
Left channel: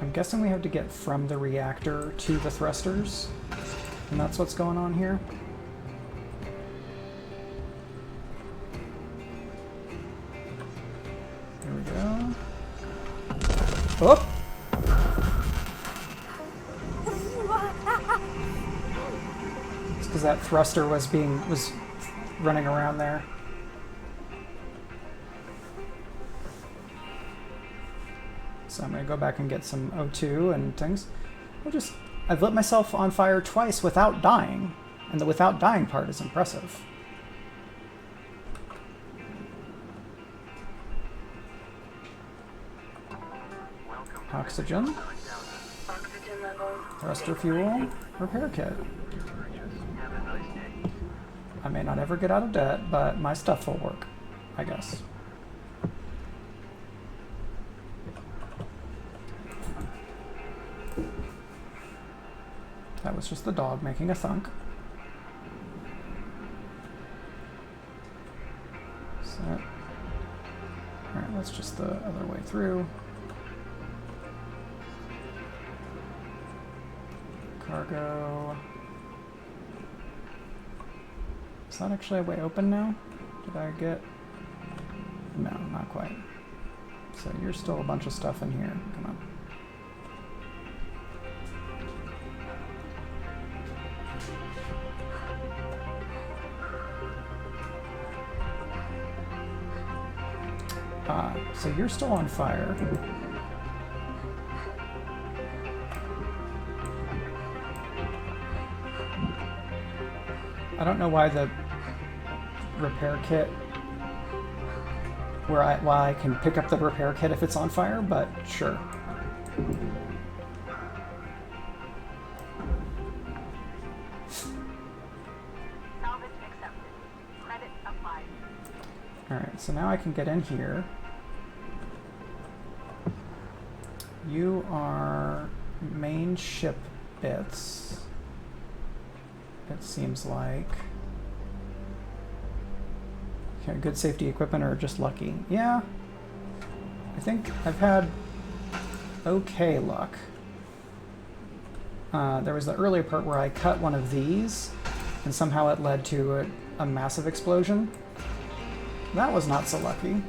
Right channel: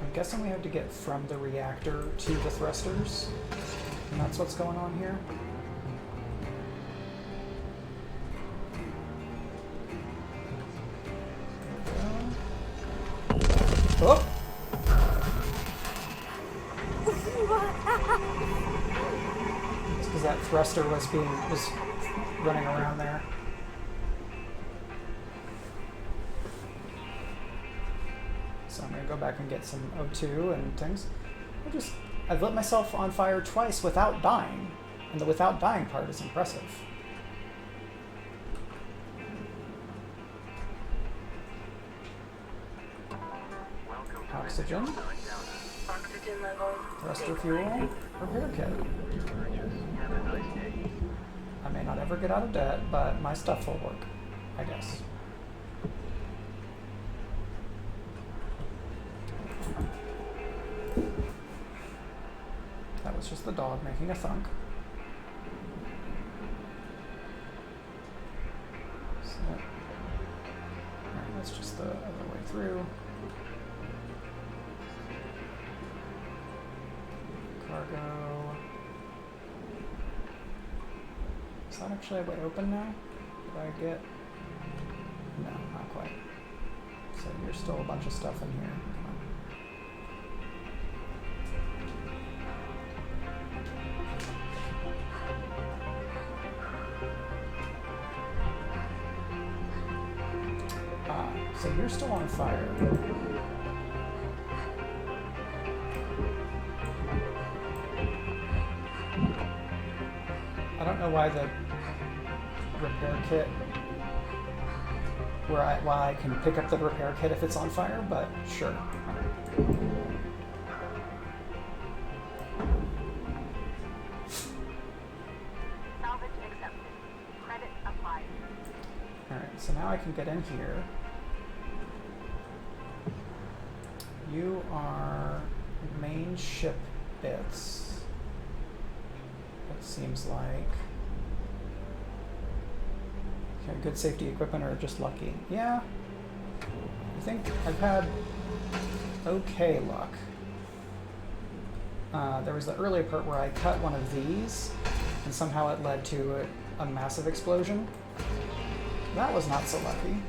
I'm guessing we have to get from the reactor to the thrusters, and that's what's going on here. There we go. Oh! It's because that thruster was running around there. So I'm gonna go back and get some O2 and things. I've lit myself on fire twice without dying, and the without dying part is impressive. Oxygen, Oxygen levels. thruster fuel, repair kit. I may not ever get out of debt, but my stuff will work, I guess. That was just the dog making a thunk. Set. Alright, that's just the other way through. Cargo. Is that actually a way open now? Did I get... No, not quite. So you're still a bunch of stuff in here. Come on. So you're still on fire. I don't know why the repair kit, why I can pick up the repair kit if it's on fire, but sure. Salvage accepted. Credit applied. Alright, so now I can get in here. You are main ship bits, it seems like. Okay, good safety equipment or just lucky? Yeah, I think I've had okay luck. There was the earlier part where I cut one of these and somehow it led to a massive explosion. That was not so lucky.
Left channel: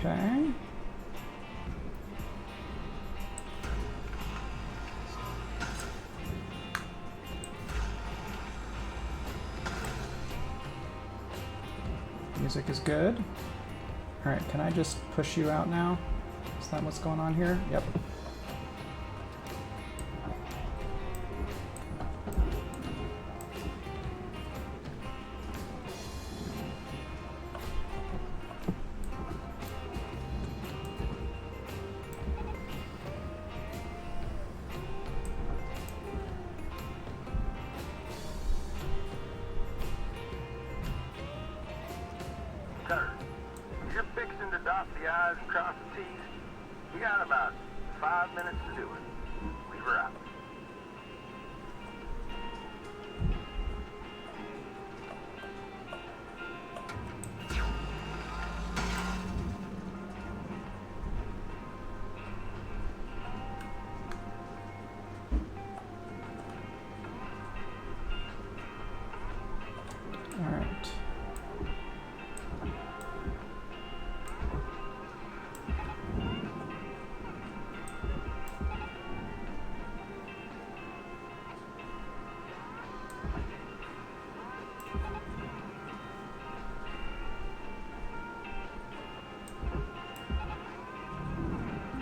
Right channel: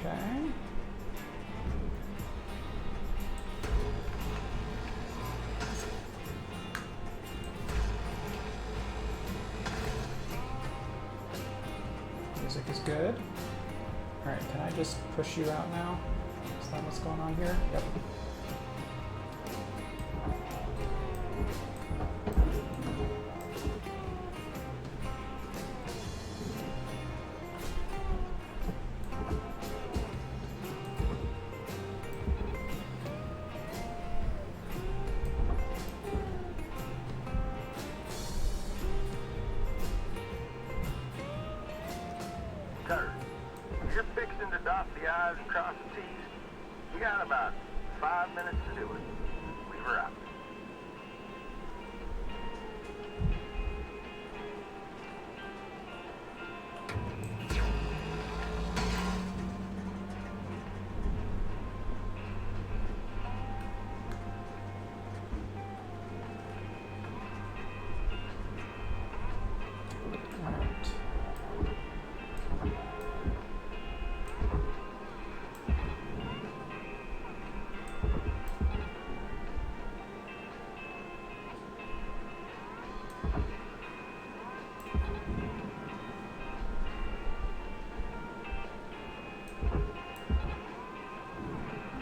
Okay. Music is good. Alright, can I just push you out now? Is that what's going on here? Yep. Cutter, you're fixing to dot the I's and cross the T's. You got about 5 minutes to do it. Leave her out.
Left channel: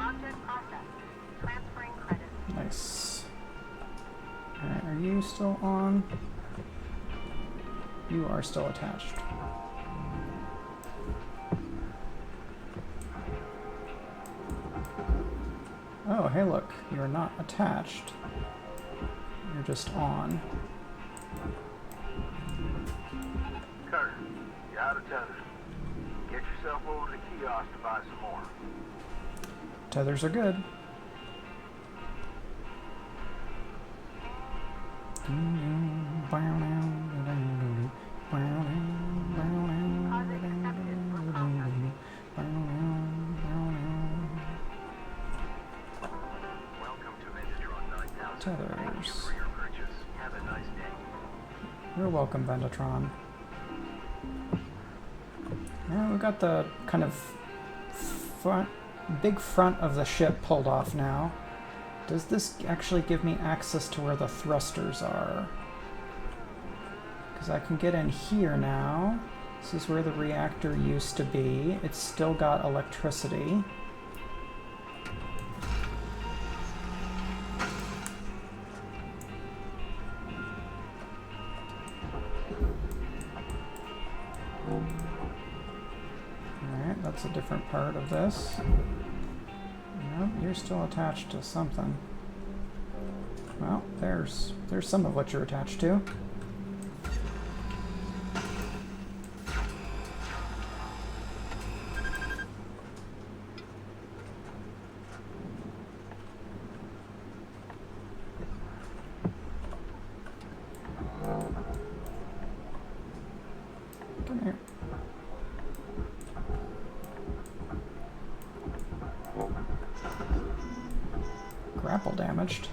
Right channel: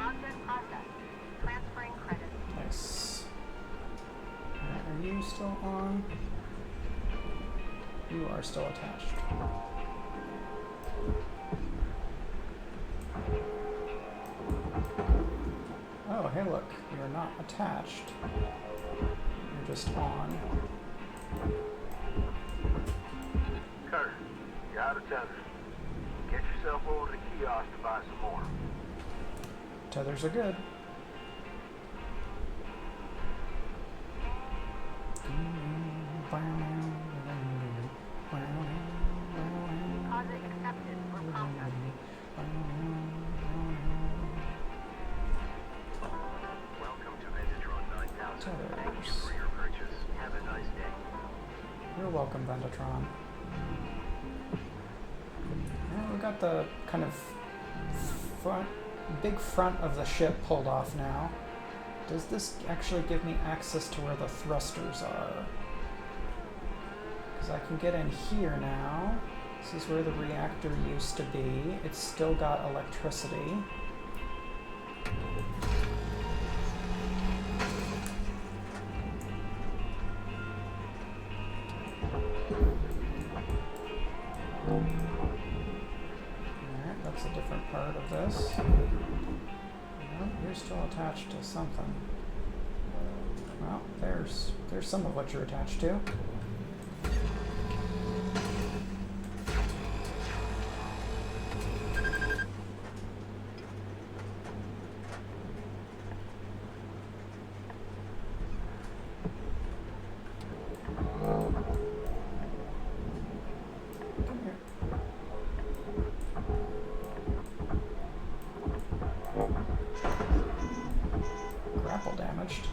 Object processed. Transferring credits. Nice. Alright, are you still on? You are still attached. Oh, hey look, you're not attached. You're just on. Cutter, you're out of tether. Get yourself over to the kiosk to buy some more. Tethers are good. Deposit accepted for processing. Welcome to Vintatron 9000. Tethers. For your purchase. Have a nice day. You're welcome, Ventatron. Well, we got the kind of big front of the ship pulled off now. Does this actually give me access to where the thrusters are? Because I can get in here now. This is where the reactor used to be. It's still got electricity. Alright, that's a different part of this. Nope, you're still attached to something. Well, there's some of what you're attached to. Come here. Grapple damaged.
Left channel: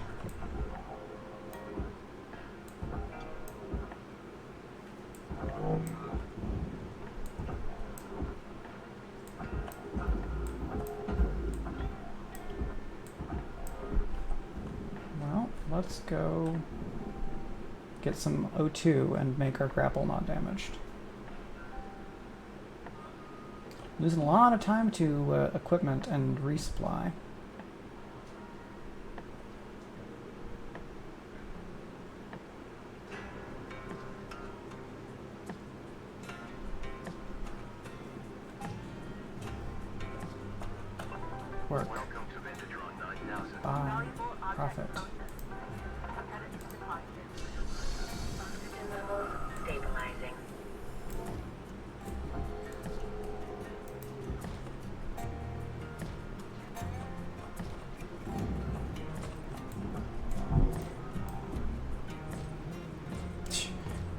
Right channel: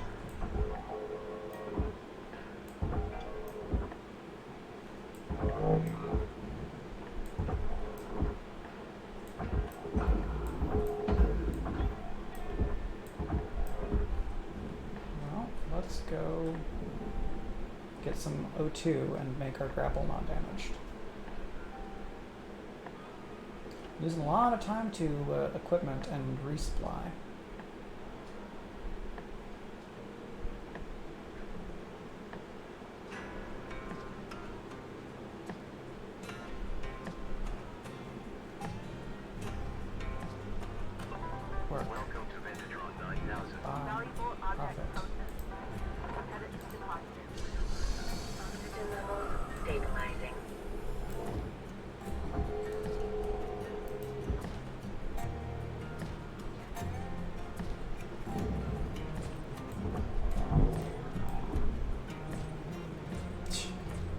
Well, let's go get some O2 and make our grapple not damaged. Losing a lot of time to equipment and resupply. Work. Welcome to Vintatron 9000. Buy. Valuable object Profit. processed. Credits deposited. Oxygen levels stabilizing.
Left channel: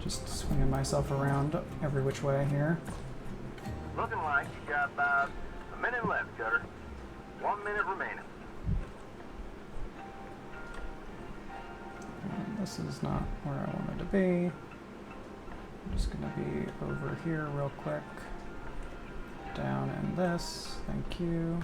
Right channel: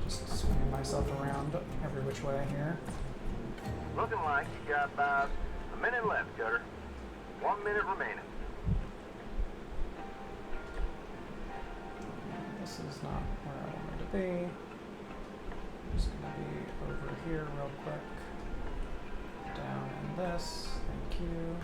Just swinging myself around every which way here. Looking like you got about a minute left, Cutter. 1 minute remaining. And this is not where I wanted to be. I'm just gonna be over here real quick. Down in this. Thank you.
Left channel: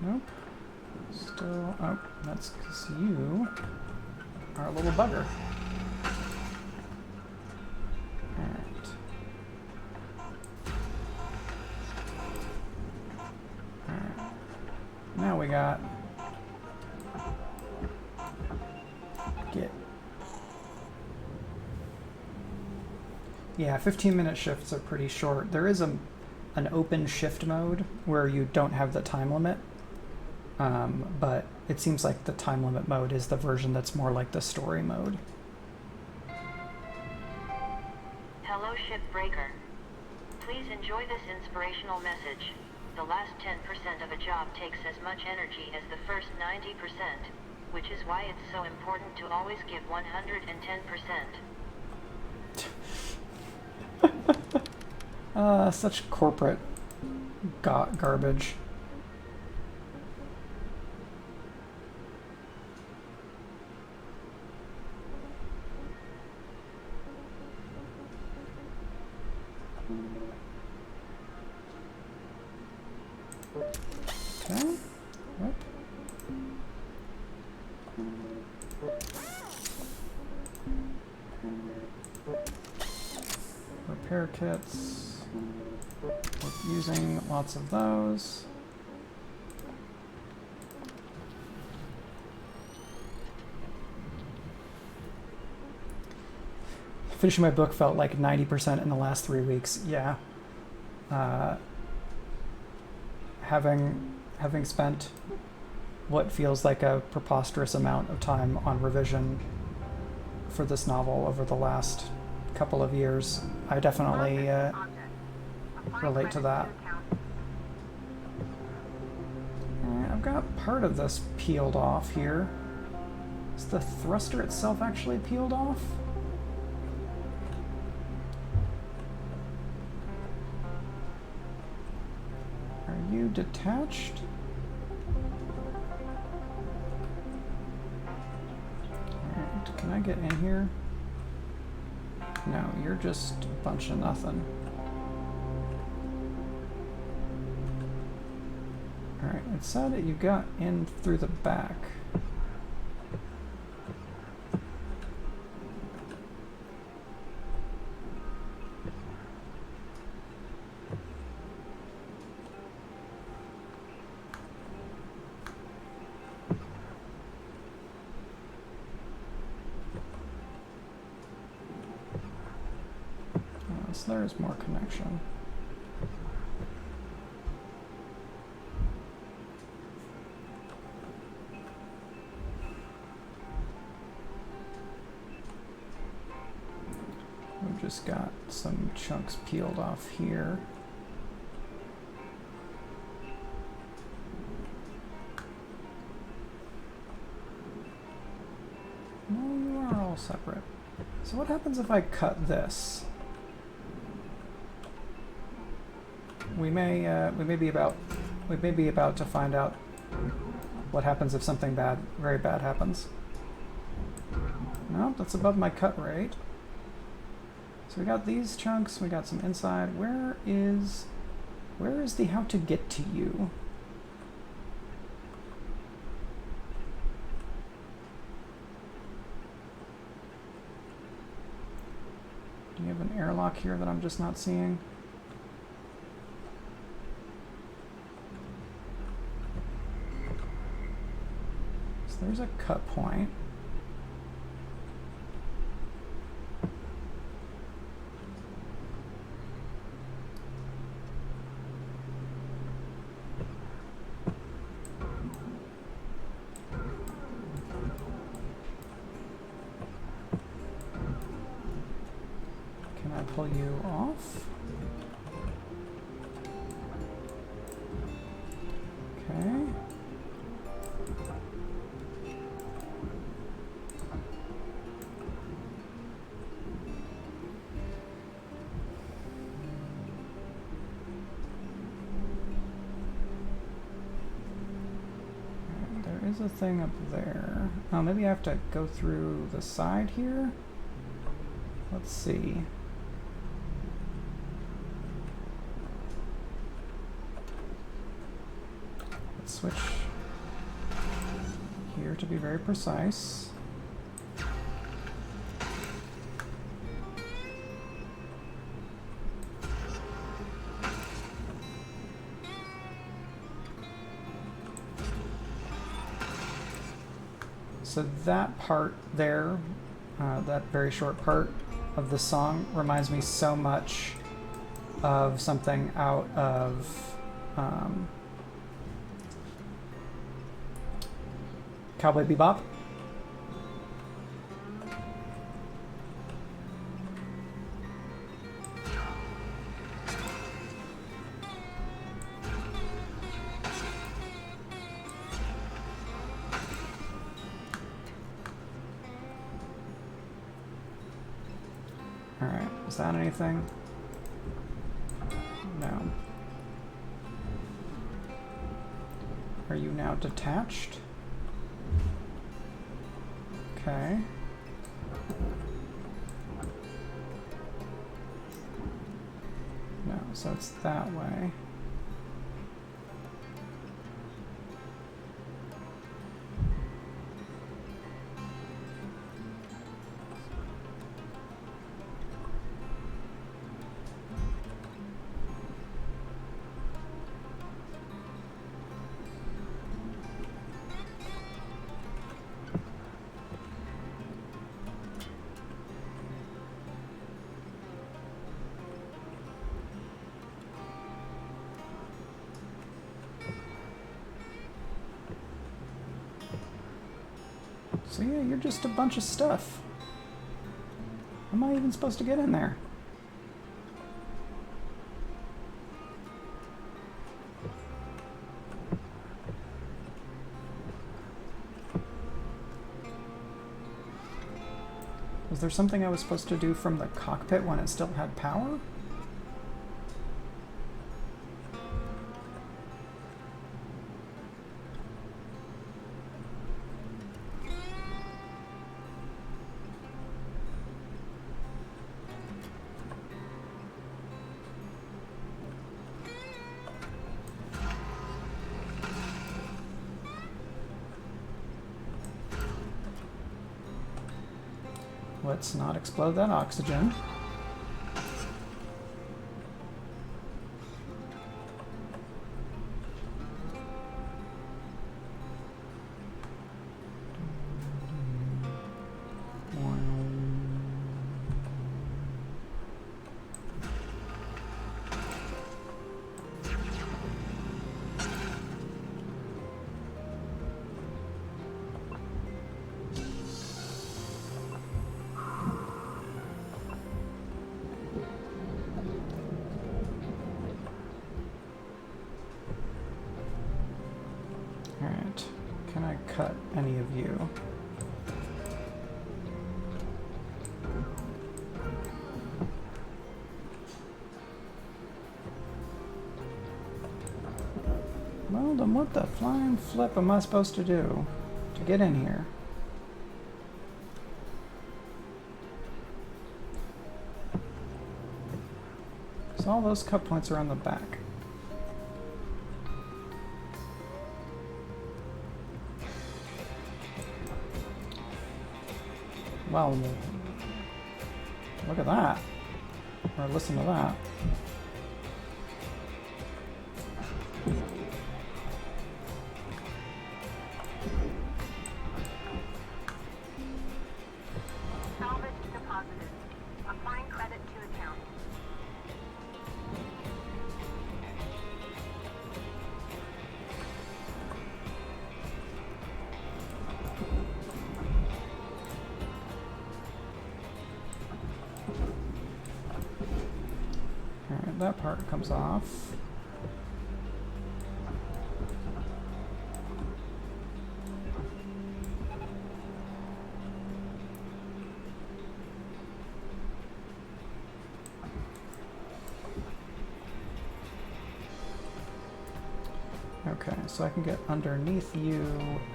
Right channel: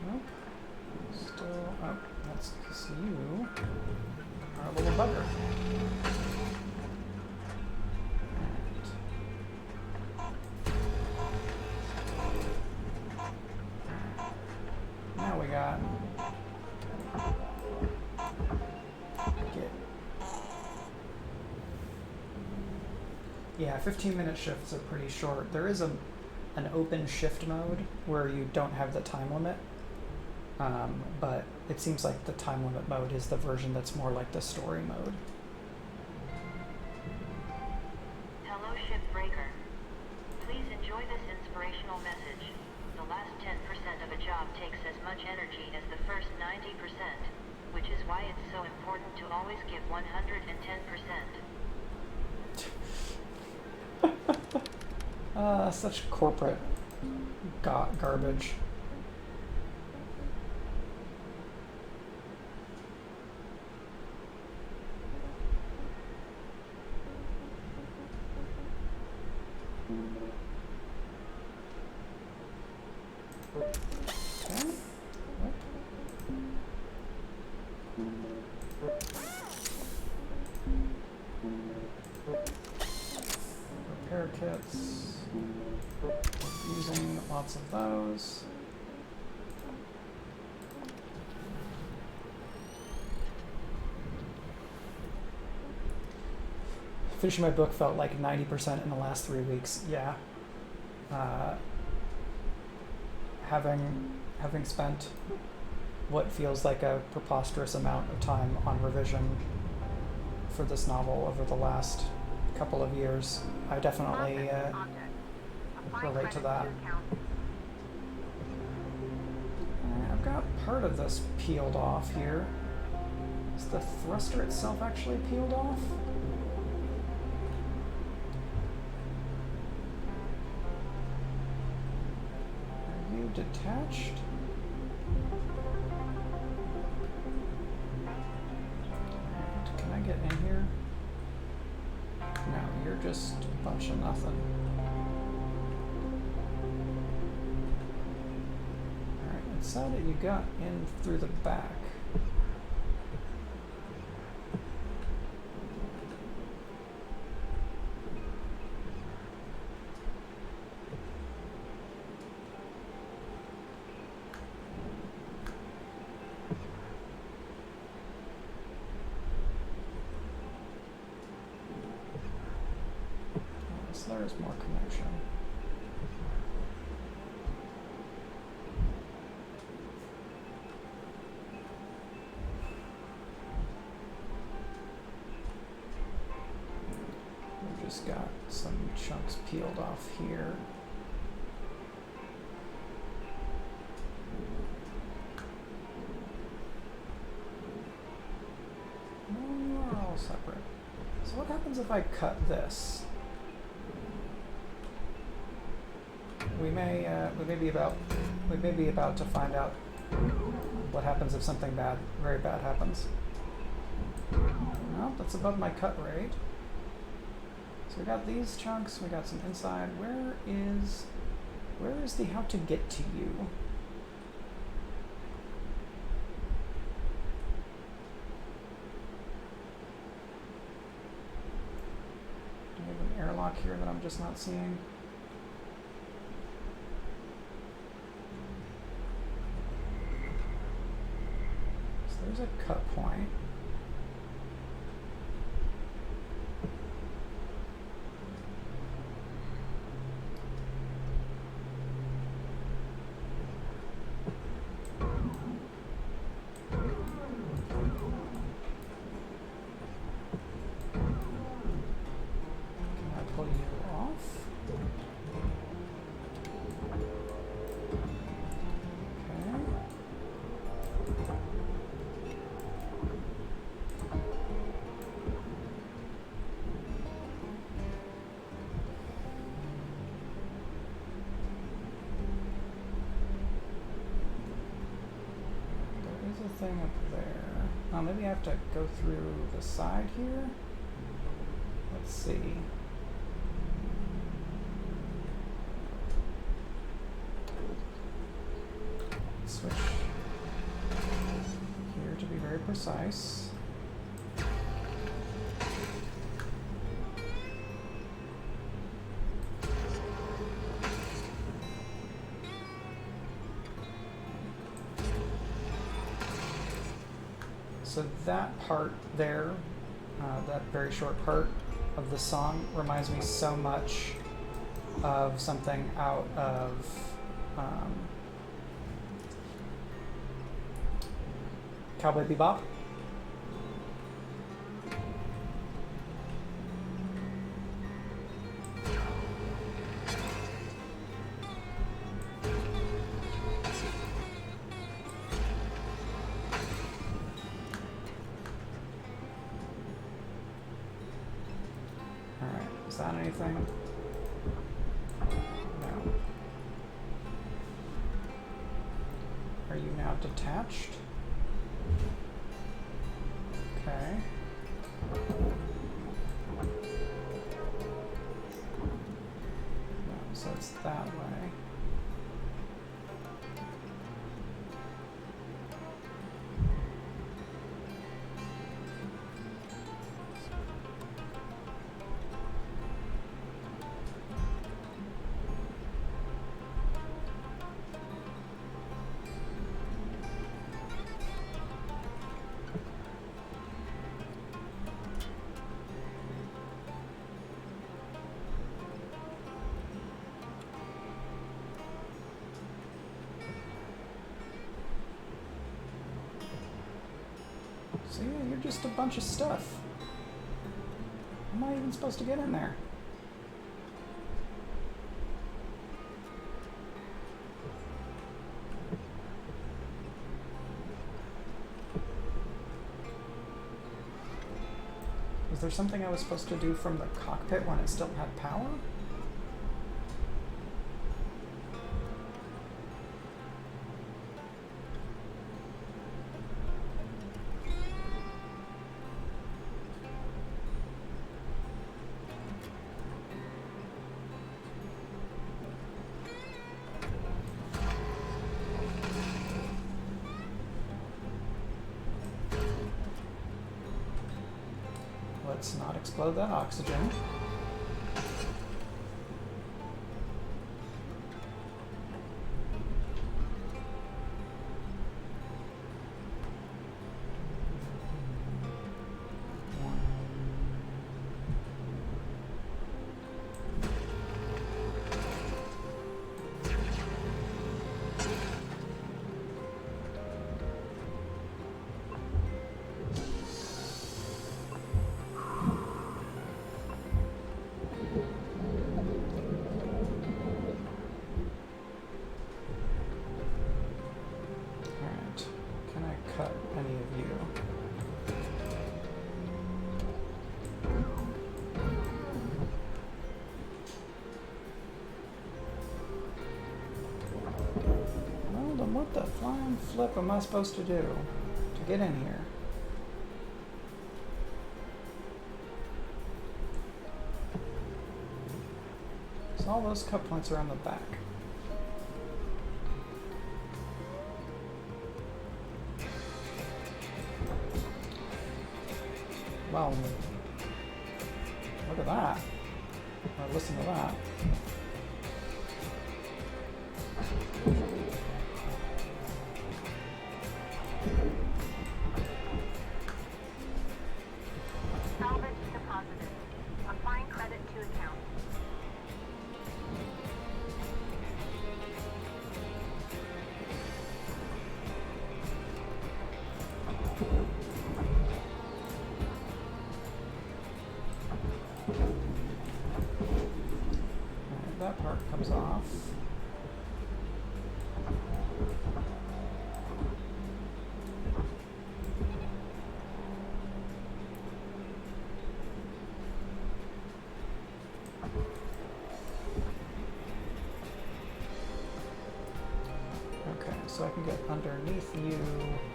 Nope. Still. Oh, that's because you are a little bugger. Alright. Alright. Now we got. Get. Yeah, 15-minute shifts are pretty short. There is an open shift mode where you don't have the time limit. But it seems like the time limit mode is the version that's more like the story mode. Hello, Shipbreaker. Please enjoy this inspirational message. The last 10% of a job takes as much energy as the first 90%, which is why it's so important to always give 110%. Such corporate garbage. repair kits. We're using lots of those. Finishing my book felt like 90% in the last 3 weeks. Yeah. Having spent what feels like a preposterous amount of time on revision for this novel over the last couple of years, I definitely relate to that. I've got part of this peeled off here. Is the thruster itself actually peeled off? Are you detached? Alright, can I get in here? No, you're just a bunch of nothing. Alright, it said that you got in through the back. So there's more connection. We've just got some chunks peeled off here. No, you are all separate. So what happens if I cut this? We may be about to find out what happens if something bad, very bad happens. No, that's above my cut rate. So we got these chunks, we got some inside. Where is the how to get to you? Do you have an airlock here that I'm just not seeing? There's a cut point. Can I pull you off? Okay. There's a thing up there. Oh, maybe I have to go through the side here? Let's see. Let's switch here to be very precise. So that part there, that very short part of the song reminds me so much of something out of Cowboy Bebop. Alright, is that anything? No. Are you now detached? Okay. No, so it's that way. So yeah, you're just a bunch of stuff. How am I even supposed to get in there? Was there something I was supposed to do from the cockpit when it still had power? Let's not explode that oxygen. Can I cut any of you? Well, then what the flying flip am I supposed to do to get in here? Because all those cut points are on the back. Well, look at that. Or listen to that. Salvage deposited. Applying credit to account. Alright, that part comes off. Okay, so I can get underneath you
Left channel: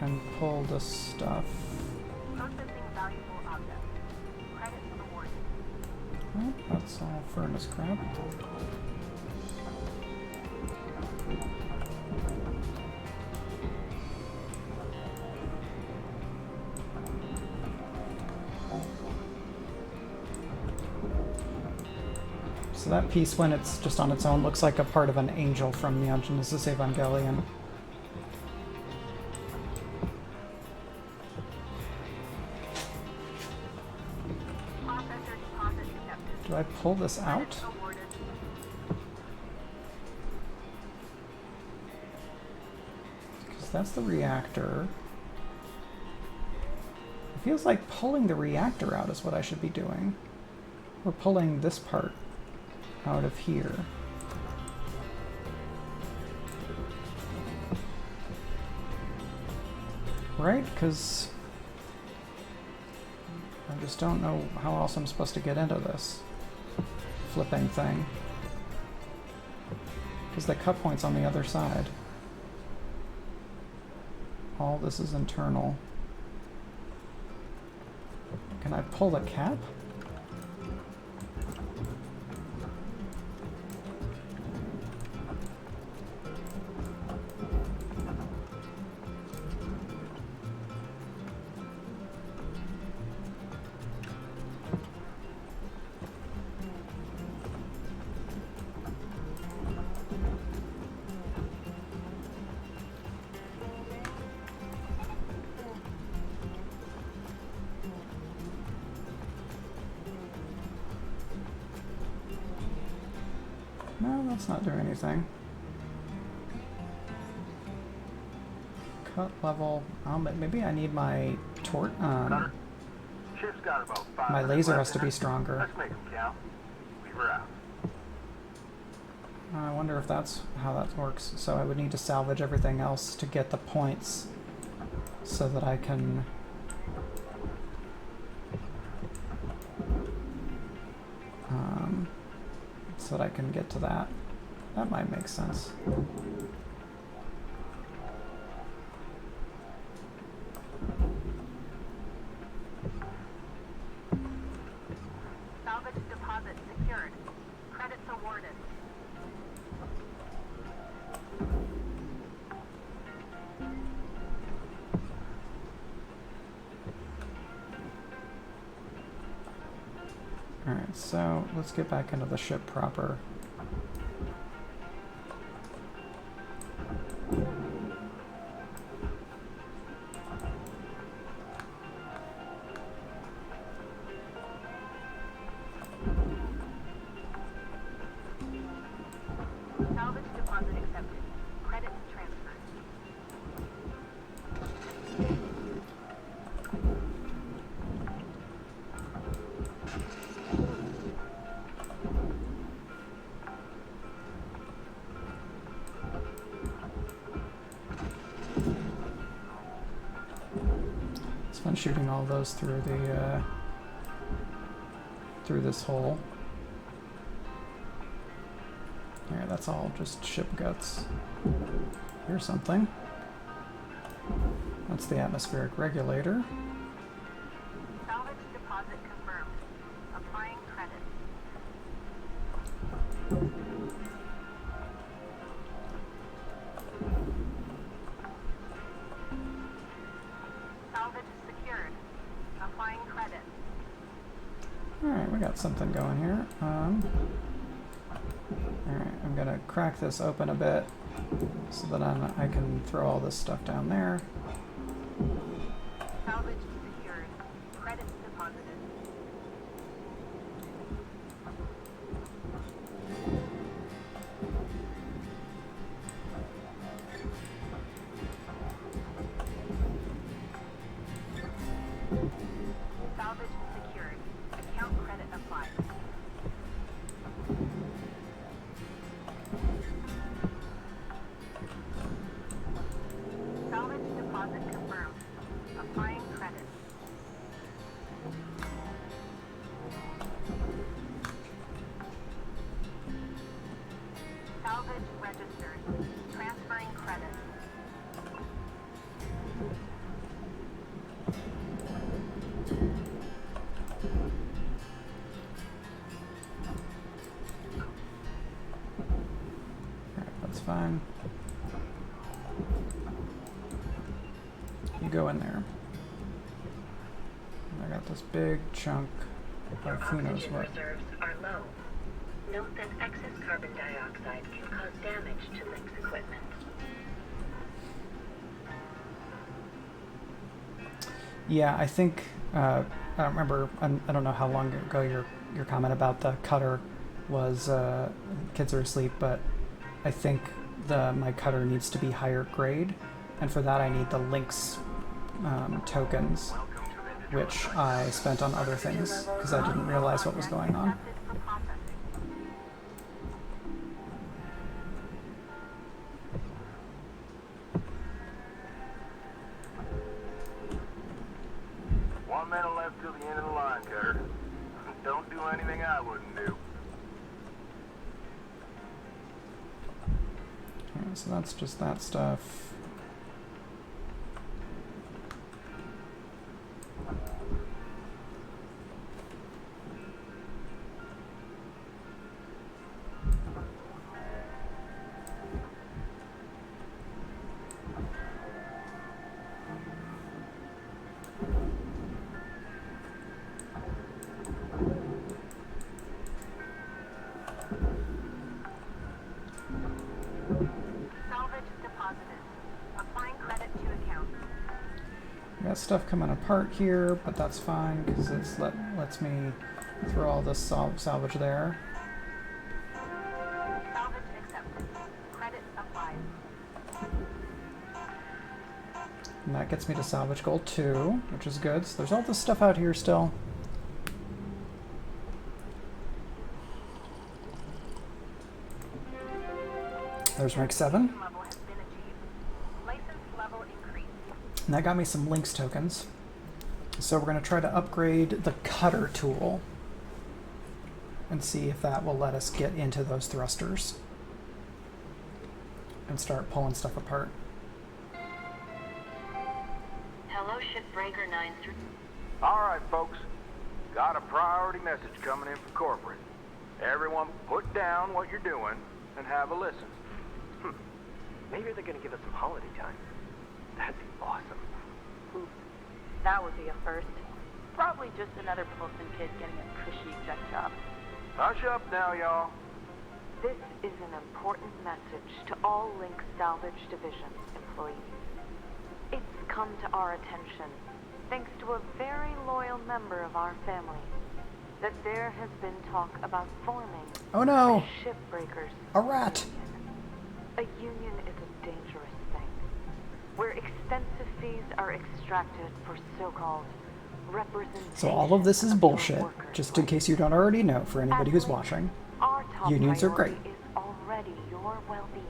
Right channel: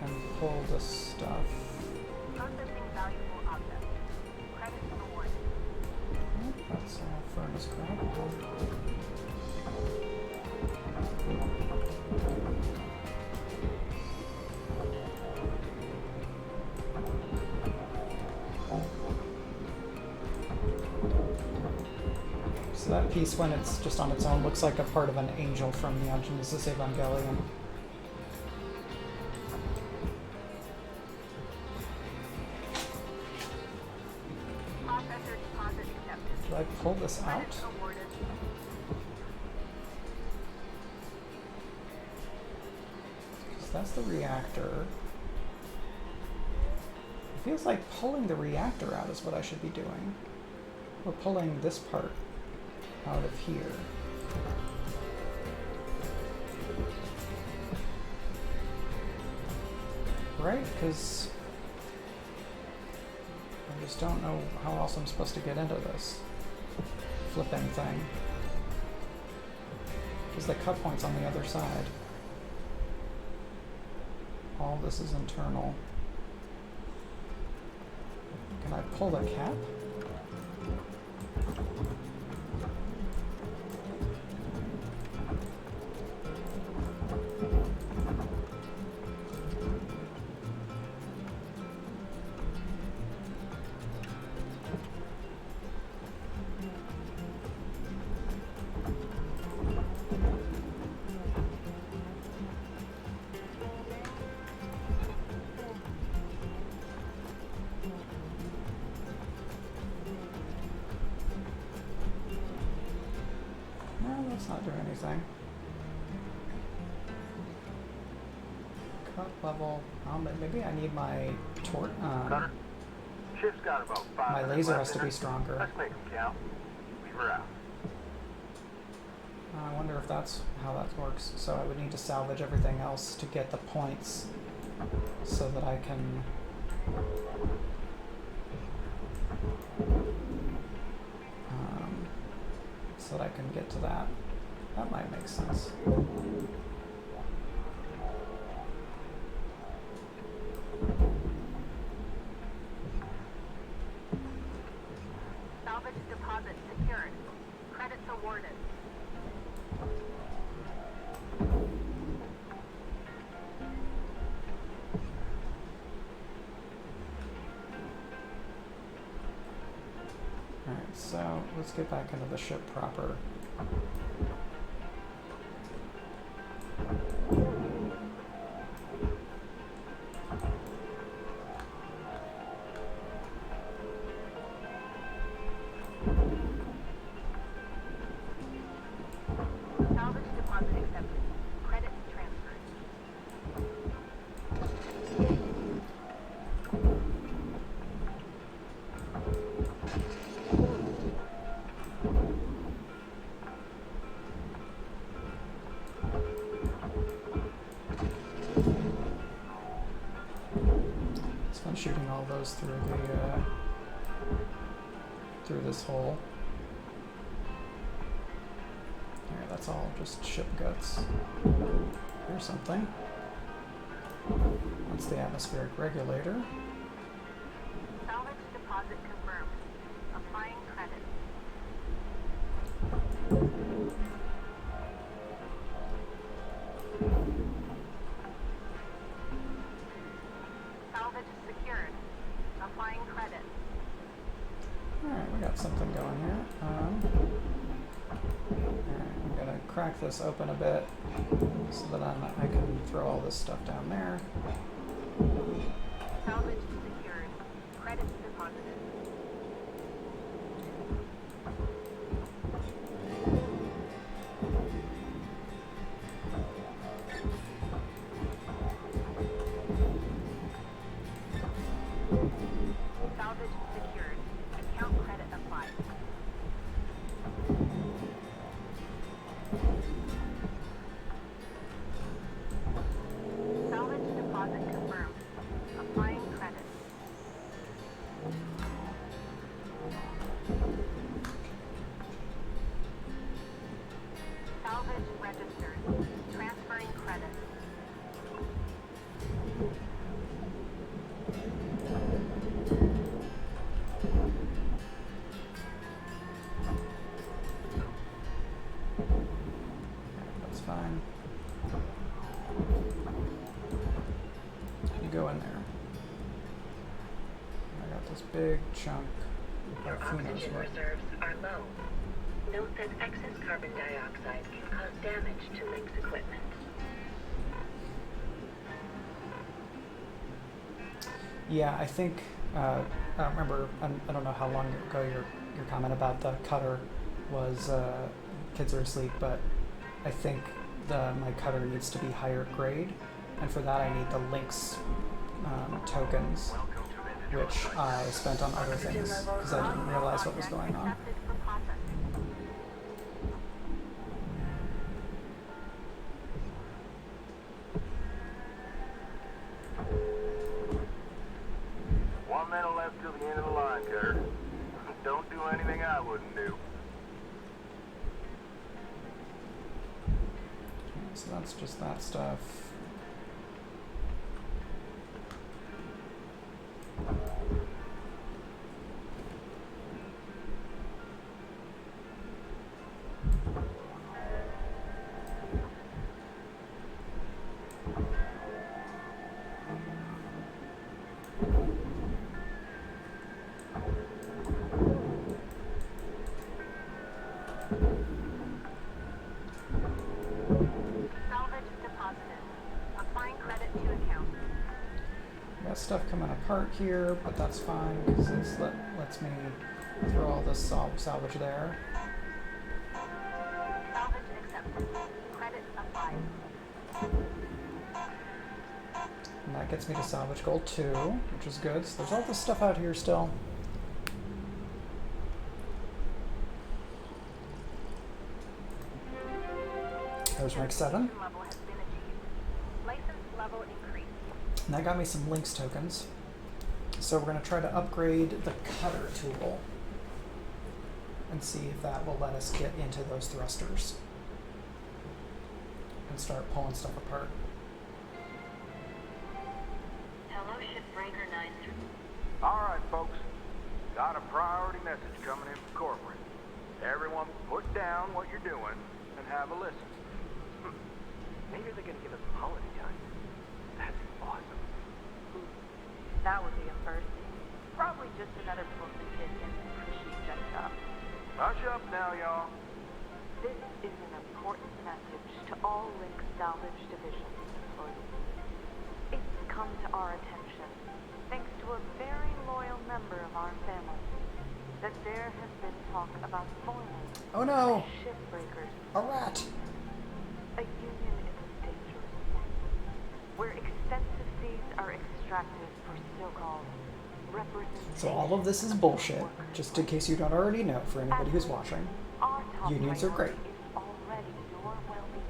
and pull the stuff. Processing valuable object. Credit awarded. Oh, that's all furnace crap. So that piece, when it's just on its own, looks like a part of an angel from the Genesis Evangelion. Processor deposit accepted. Do I pull this out? Credit awarded. Because that's the reactor. It feels like pulling the reactor out is what I should be doing. Or pulling this part out of here. Right? Because I just don't know how else I'm supposed to get into this flipping thing. Because the cut point's on the other side. All this is internal. Can I pull the cap? No, that's not doing anything. cut level. Maybe I need my Cutter, ship's got about 5 my minutes laser left has to in be it. stronger. Let's make them count. Leave her out. I wonder if that's how that works. So I would need to salvage everything else to get the points so that I can get to that. That might make sense. Salvage deposit secured. Credits awarded. Alright, so let's get back into the ship proper. Salvage deposit accepted. Credits transferred. It's fun shooting all those through the through this hole. Here, that's all just ship guts. Here's something. That's the atmospheric regulator. Salvage deposit confirmed. Applying credit. Salvage secured. Applying credit. Alright, we got something going here. Alright, I'm gonna crack this open a bit so that I can throw all this stuff down there. Salvage secured. Credits deposited. Salvage secured. Account credit applied. Salvage deposit confirmed. Applying credit. Salvage registered. Transferring credit. Alright, that's fine. You go in there. I got this big chunk Your of who knows oxygen what. reserves are low. Note that excess carbon dioxide can cause damage to Link's equipment. Yeah, I think I don't remember. I don't know how long ago your comment about the cutter was. Kids are asleep, but I think my cutter needs to be higher grade, and for that I need the Lynx tokens, which I spent on other things because I didn't realize what was going on. Accepted for processing. One minute left till the end of the line, Cutter. Don't do anything I wouldn't do. Okay, so that's just that stuff. Salvage deposited. Applying credit to account. I got stuff coming apart here, but that's fine because it lets me throw all this salvage there. Salvage accepted. Credit applied. And that gets me to salvage goal 2, which is good. So there's all this stuff out here still. There's rank 7. Level has been achieved. License level increased. And that got me some links tokens. So we're going to try to upgrade the cutter tool and see if that will let us get into those thrusters and start pulling stuff apart. Hello, Shipbreaker 93. All right, folks. Got a priority message coming in from corporate. Everyone put down what you're doing and have a listen. Maybe they're gonna give us some holiday time. That'd be awesome. That would be a first. Probably just another Pilsen kid getting a cushy exec job. Hush up now, y'all. This is an important message to all Link Salvage Division employees. It's come to our attention, thanks to a very loyal member of our family, that there has been talk about forming Oh no! a Shipbreakers A rat! union. A union is a dangerous thing, where extensive fees are extracted for so-called representation. So all of this is of bullshit, workers' just in rights. case you don't already know, for anybody who's watching. Our top Unions are priority great. is already your well-being.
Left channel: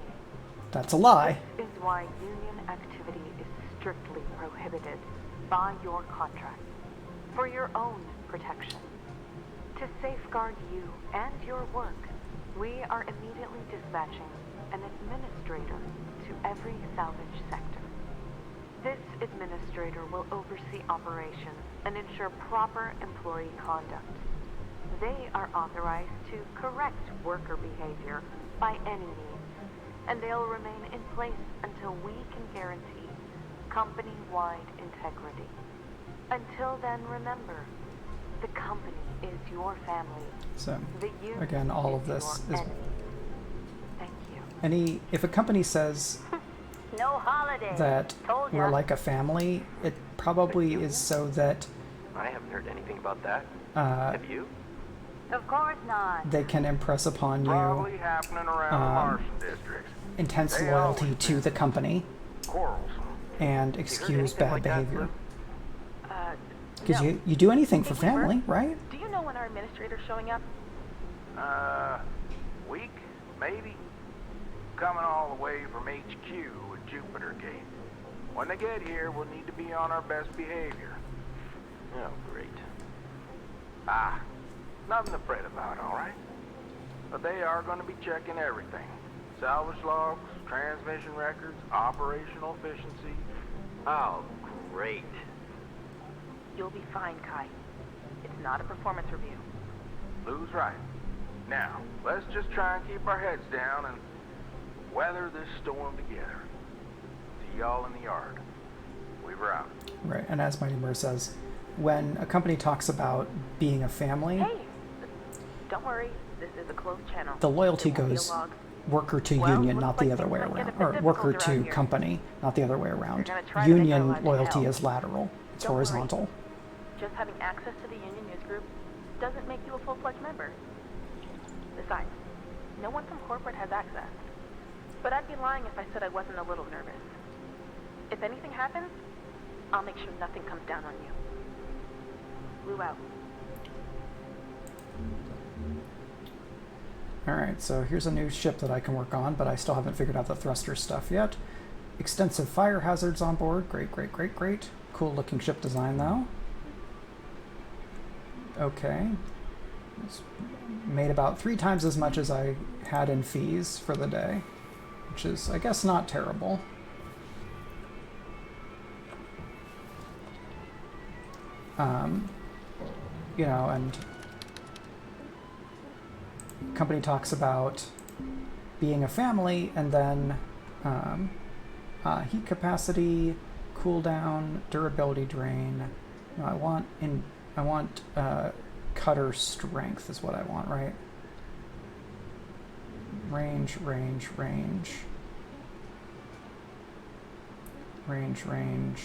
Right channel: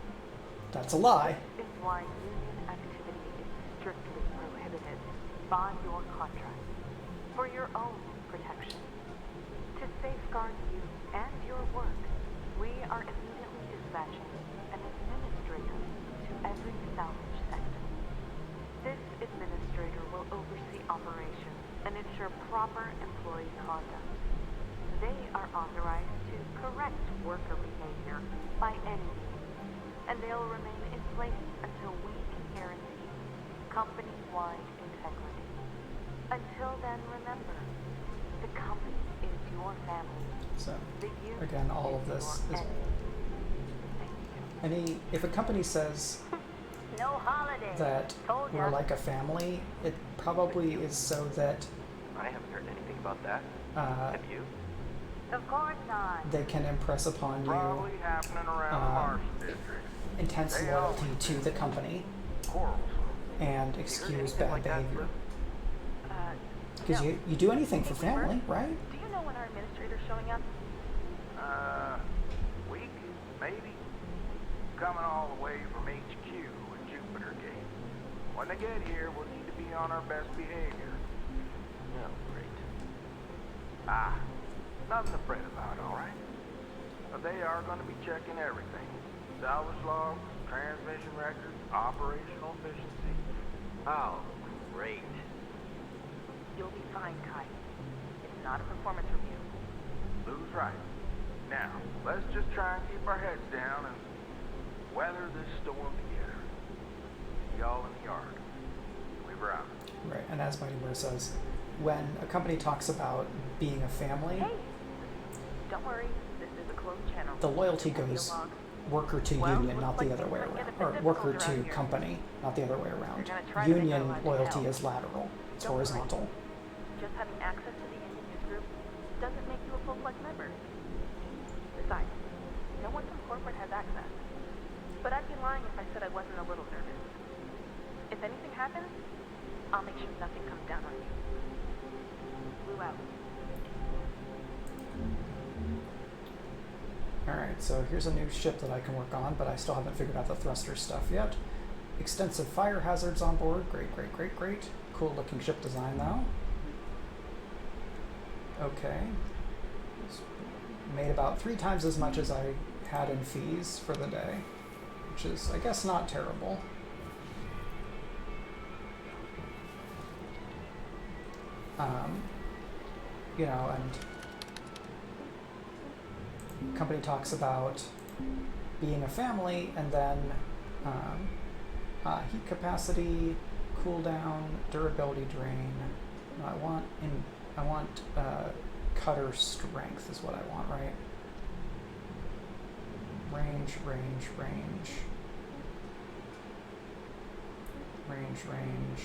That's a lie. This is why union activity is strictly prohibited by your contract for your own protection. To safeguard you and your work, we are immediately dispatching an administrator to every salvage sector. This administrator will oversee operations and ensure proper employee conduct. They are authorized to correct worker behavior by any means, and they'll remain in place until we can guarantee company-wide integrity. Until then, remember, the company is your family. So, The union again, all of this your is... enemy. Thank you. If a company says No holiday. that Told we're ya. like a family, it probably is so that I haven't heard anything about that. Have you? Of course not. they can impress upon you Probably happening around the Martian districts. intense They loyalty always to the company Quarrelsome. and excuse anything bad like that, behavior. Lou? Because No. you do anything for Hey, Weaver. family, right? Do you know when our administrator's showing up? Week, maybe? Coming all the way from HQ at Jupiter Gate. When they get here, we'll need to be on our best behavior. Oh, great. Nothing to fret about, all right? But they are going to be checking everything. Salvage logs, transmission records, operational efficiency. Oh, great. You'll be fine, Kai. It's not a performance review. Lou's right. Now, let's just try and keep our heads down and weather this storm together. See y'all in the yard. Weaver out. Right. And as Mighty Mer says, when a company talks about being a family, Hey, don't worry. This is a closed channel. the loyalty There won't be a goes log. worker to Well, union, looks not the like other things way might get a around. bit Or difficult worker around to here. company, not the other way around. gonna try to make our Union lives loyalty hell. is lateral. It's Don't worry. horizontal. Just having access to the union news group doesn't make you a full-fledged member. Besides, no one from corporate has access. But I'd be lying if I said I wasn't a little nervous. If anything happens, I'll make sure nothing comes down on you. Lou out. Alright, so here's a new ship that I can work on, but I still haven't figured out the thruster stuff yet. Extensive fire hazards on board. Great, great, great, great. Cool looking ship design though. Okay. It's made about 3 times as much as I had in fees for the day, which is, I guess, not terrible. You know, and company talks about being a family, and then heat capacity, cooldown, durability drain. No, I want cutter strength is what I want, right? Range, range, range. Range, range.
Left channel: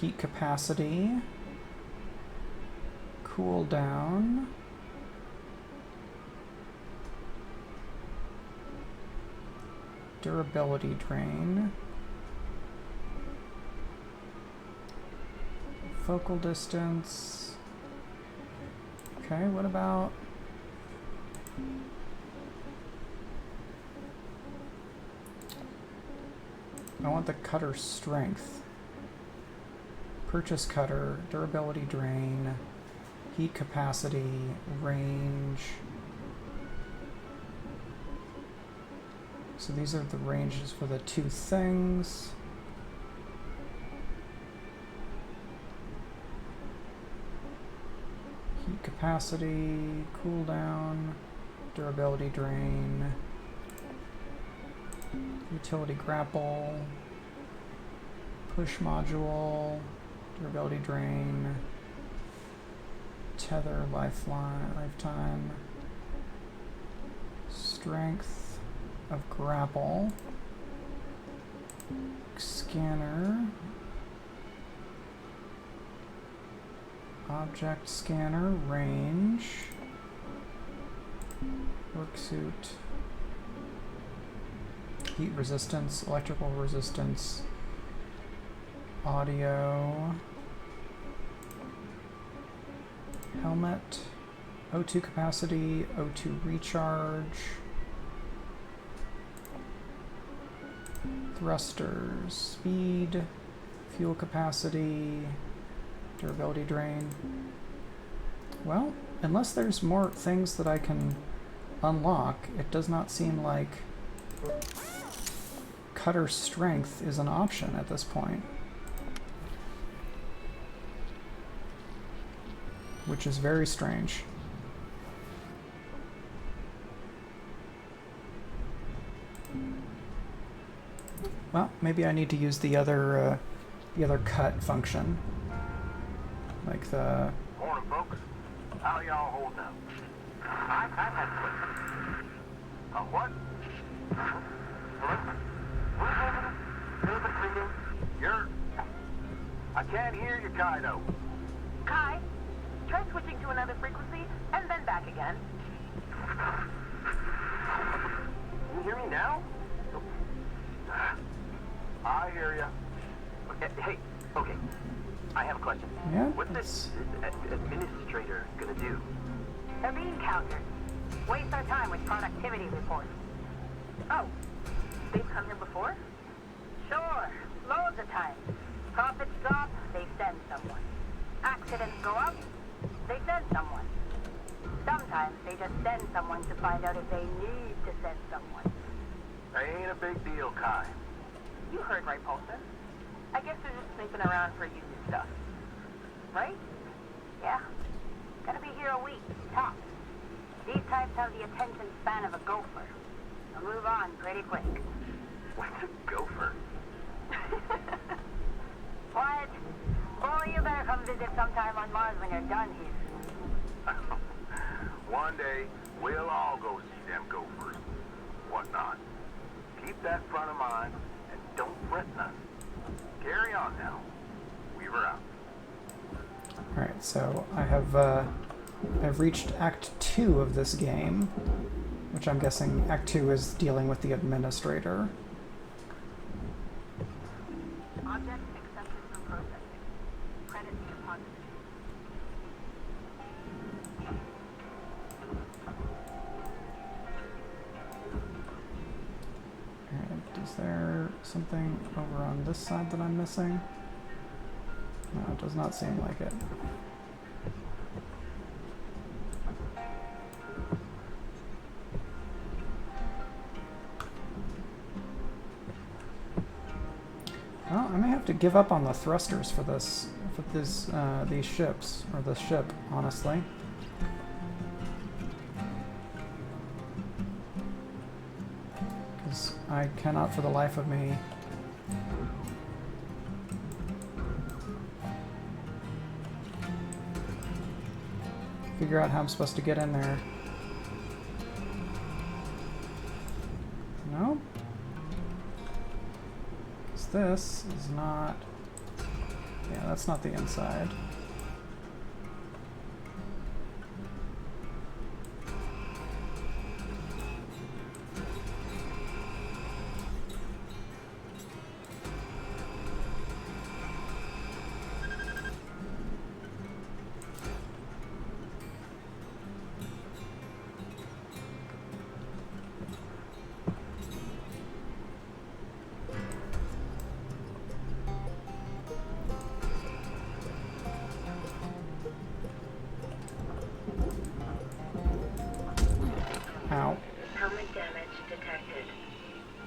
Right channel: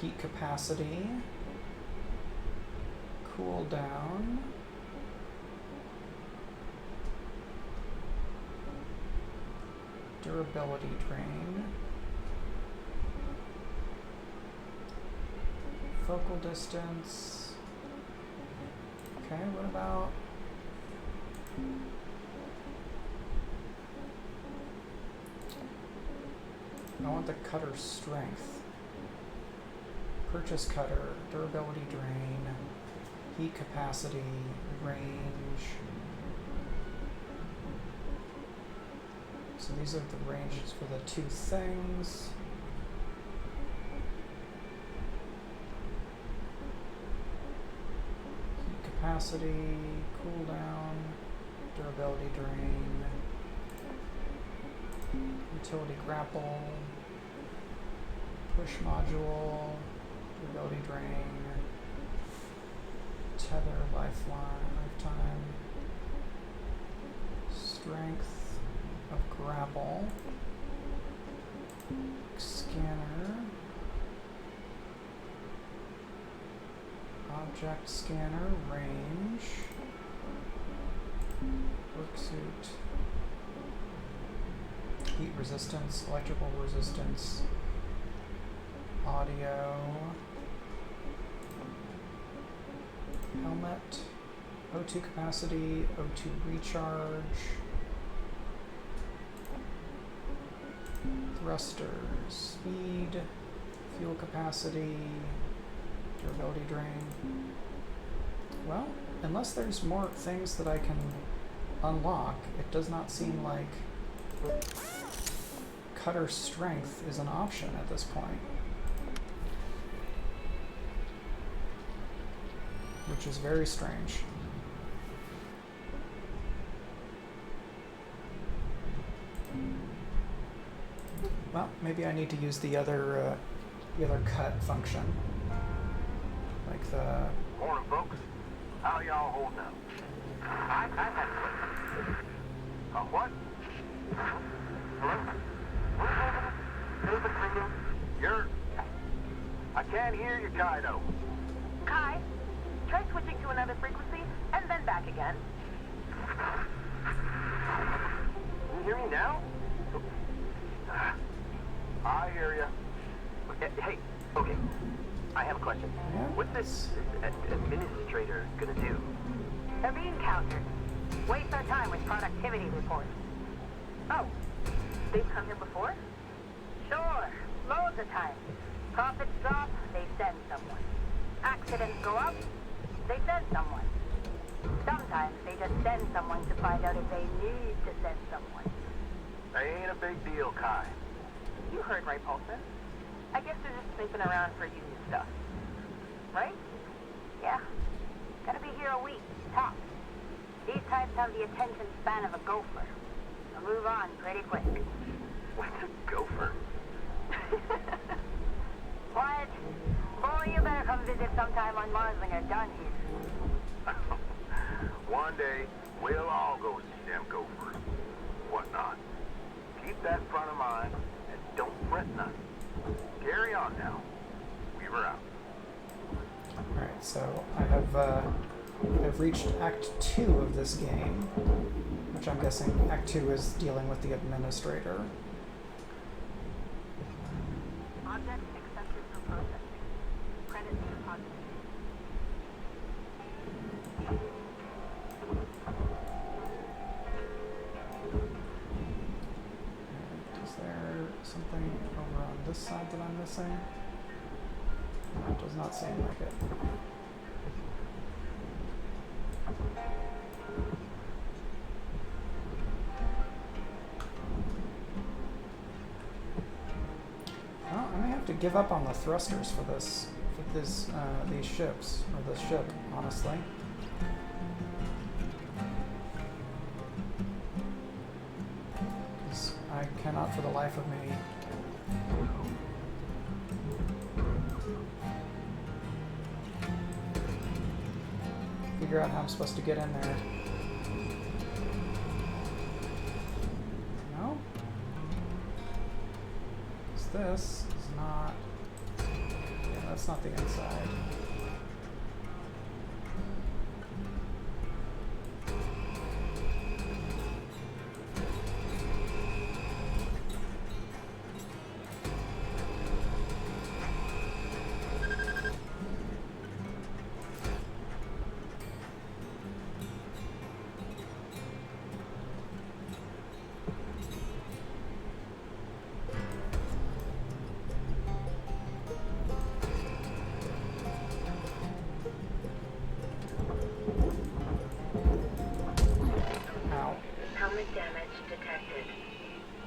Heat capacity. Cooldown. Durability drain. focal distance. Okay, what about... I want the cutter strength. Purchase cutter, durability drain, heat capacity, range. So these are the ranges for the two things. Heat capacity, cooldown, durability drain, utility grapple, push module, durability drain, tether, lifetime, strength of grapple, scanner, object scanner, range, work suit, heat resistance, electrical resistance, audio, helmet, O2 capacity, O2 recharge, thrusters, speed, fuel capacity, durability drain. Well, unless there's more things that I can unlock, it does not seem like cutter strength is an option at this point. Which is very strange. Well, maybe I need to use the other cut function, like the. Morning, folks. How y'all holding up? I've had what? Hello? You're... I can't hear you, Kaido. Kai, try switching to another frequency and then back again. Can you hear me now? I hear you. Hey, okay. I have a question. Yeah? What's this administrator gonna do? They're being countered. Waste our time with productivity reports. Oh, they've come here before? Sure, loads of times. Profits drop, they send someone. Accidents go up, they send someone. Sometimes they just send someone to find out if they need to send someone. Ain't a big deal, Kai. You heard right, Paulson. I guess they're just snooping around for union stuff. Right? Yeah. Gotta be here a week, tops. These types have the attention span of a gopher. They'll move on pretty quick. What's a gopher? What? Boy, you better come visit sometime on Mars when you're done here. One day, we'll all go see them gophers. Whatnot. Keep that front of mind, and don't fret nothing. Carry on now. Weaver out. Alright, so I've reached Act 2 of this game, which I'm guessing Act 2 is dealing with the administrator. Object accepted for processing. Credits deposited. And is there something over on this side that I'm missing? No, it does not seem like it. Well, I may have to give up on the thrusters for this, these ships, or this ship, honestly. Because I cannot for the life of me figure out how I'm supposed to get in there. No? Because this is not... Yeah, that's not the inside.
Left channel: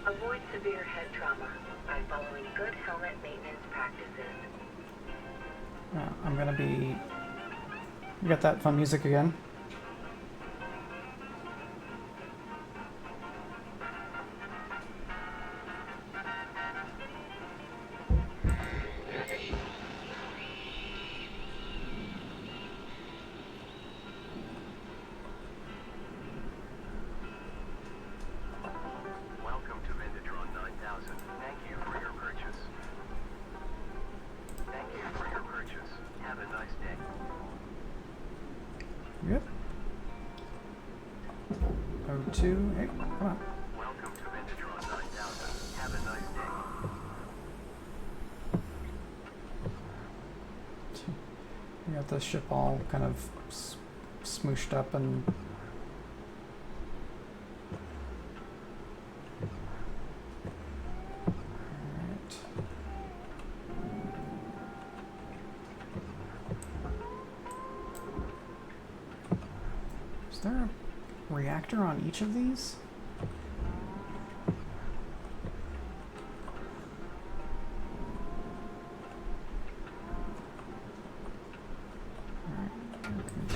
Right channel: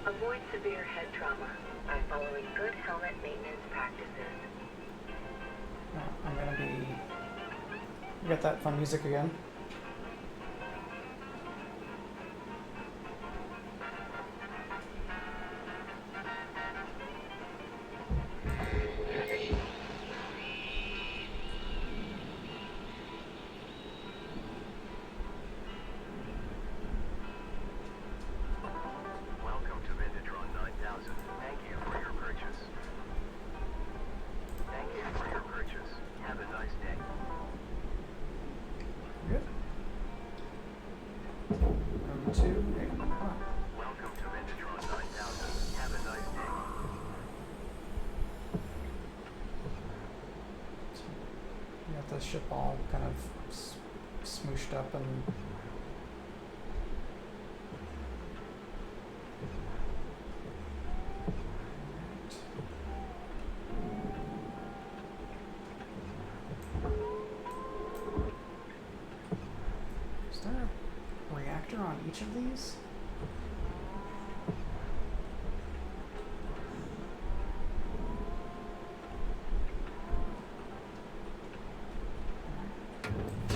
Avoid severe head trauma by following good helmet maintenance practices. I'm gonna be... You got that fun music again? Welcome to Vindatron 9000. Thank you for your purchase. Thank you for your purchase. Have a nice day. Good. O2, hey, come on. Welcome to Vindatron 9000. Have a nice day. You got the ship all kind of smooshed up and... Alright. Is there a reactor on each of these?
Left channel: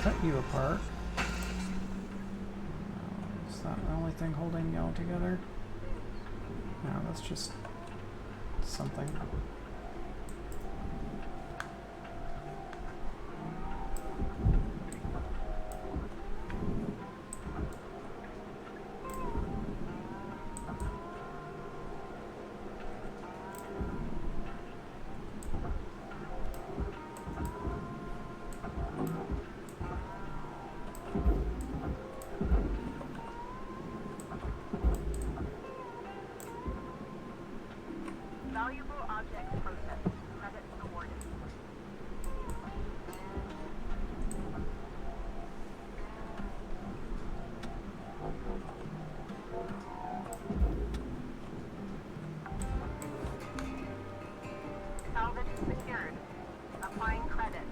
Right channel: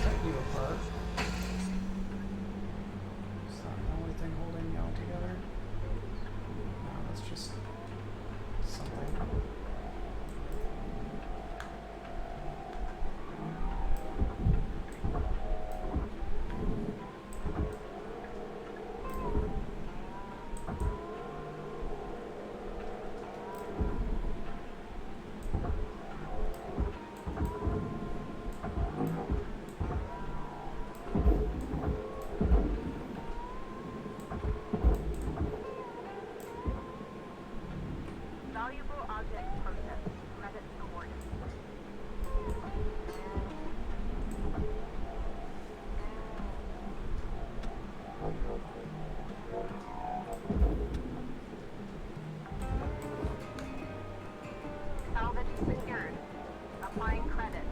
Cut you apart. Is that the only thing holding y'all together? No, that's just something. Valuable objects processed. Credits awarded. Salvage secured. Applying credit.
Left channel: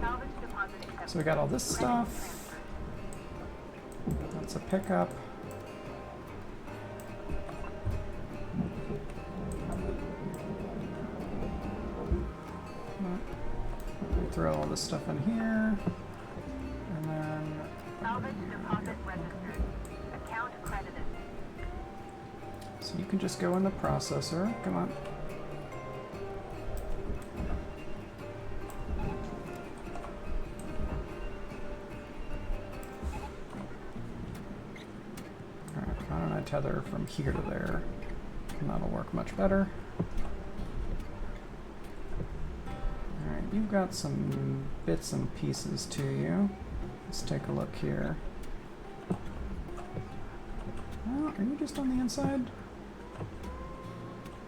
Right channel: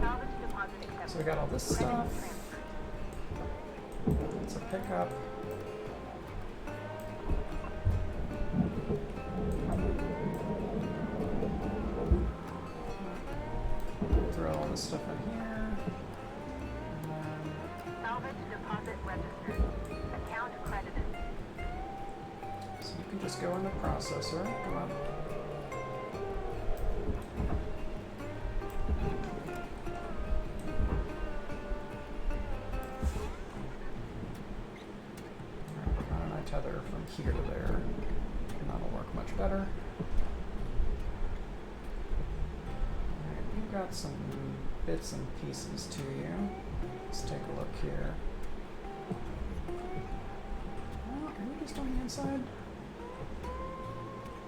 Salvage deposit accepted. So we got all this Credit stuff. transferred. That's a pickup. Throw all this stuff in here. And then Salvage deposit registered. Account credited. so you can just go in the processor. Come on. Alright, why don't I tether from here to there? And that'll work much better. Alright, you've got some bits and pieces to you. Let's take a look here. Oh, are you just on the inside?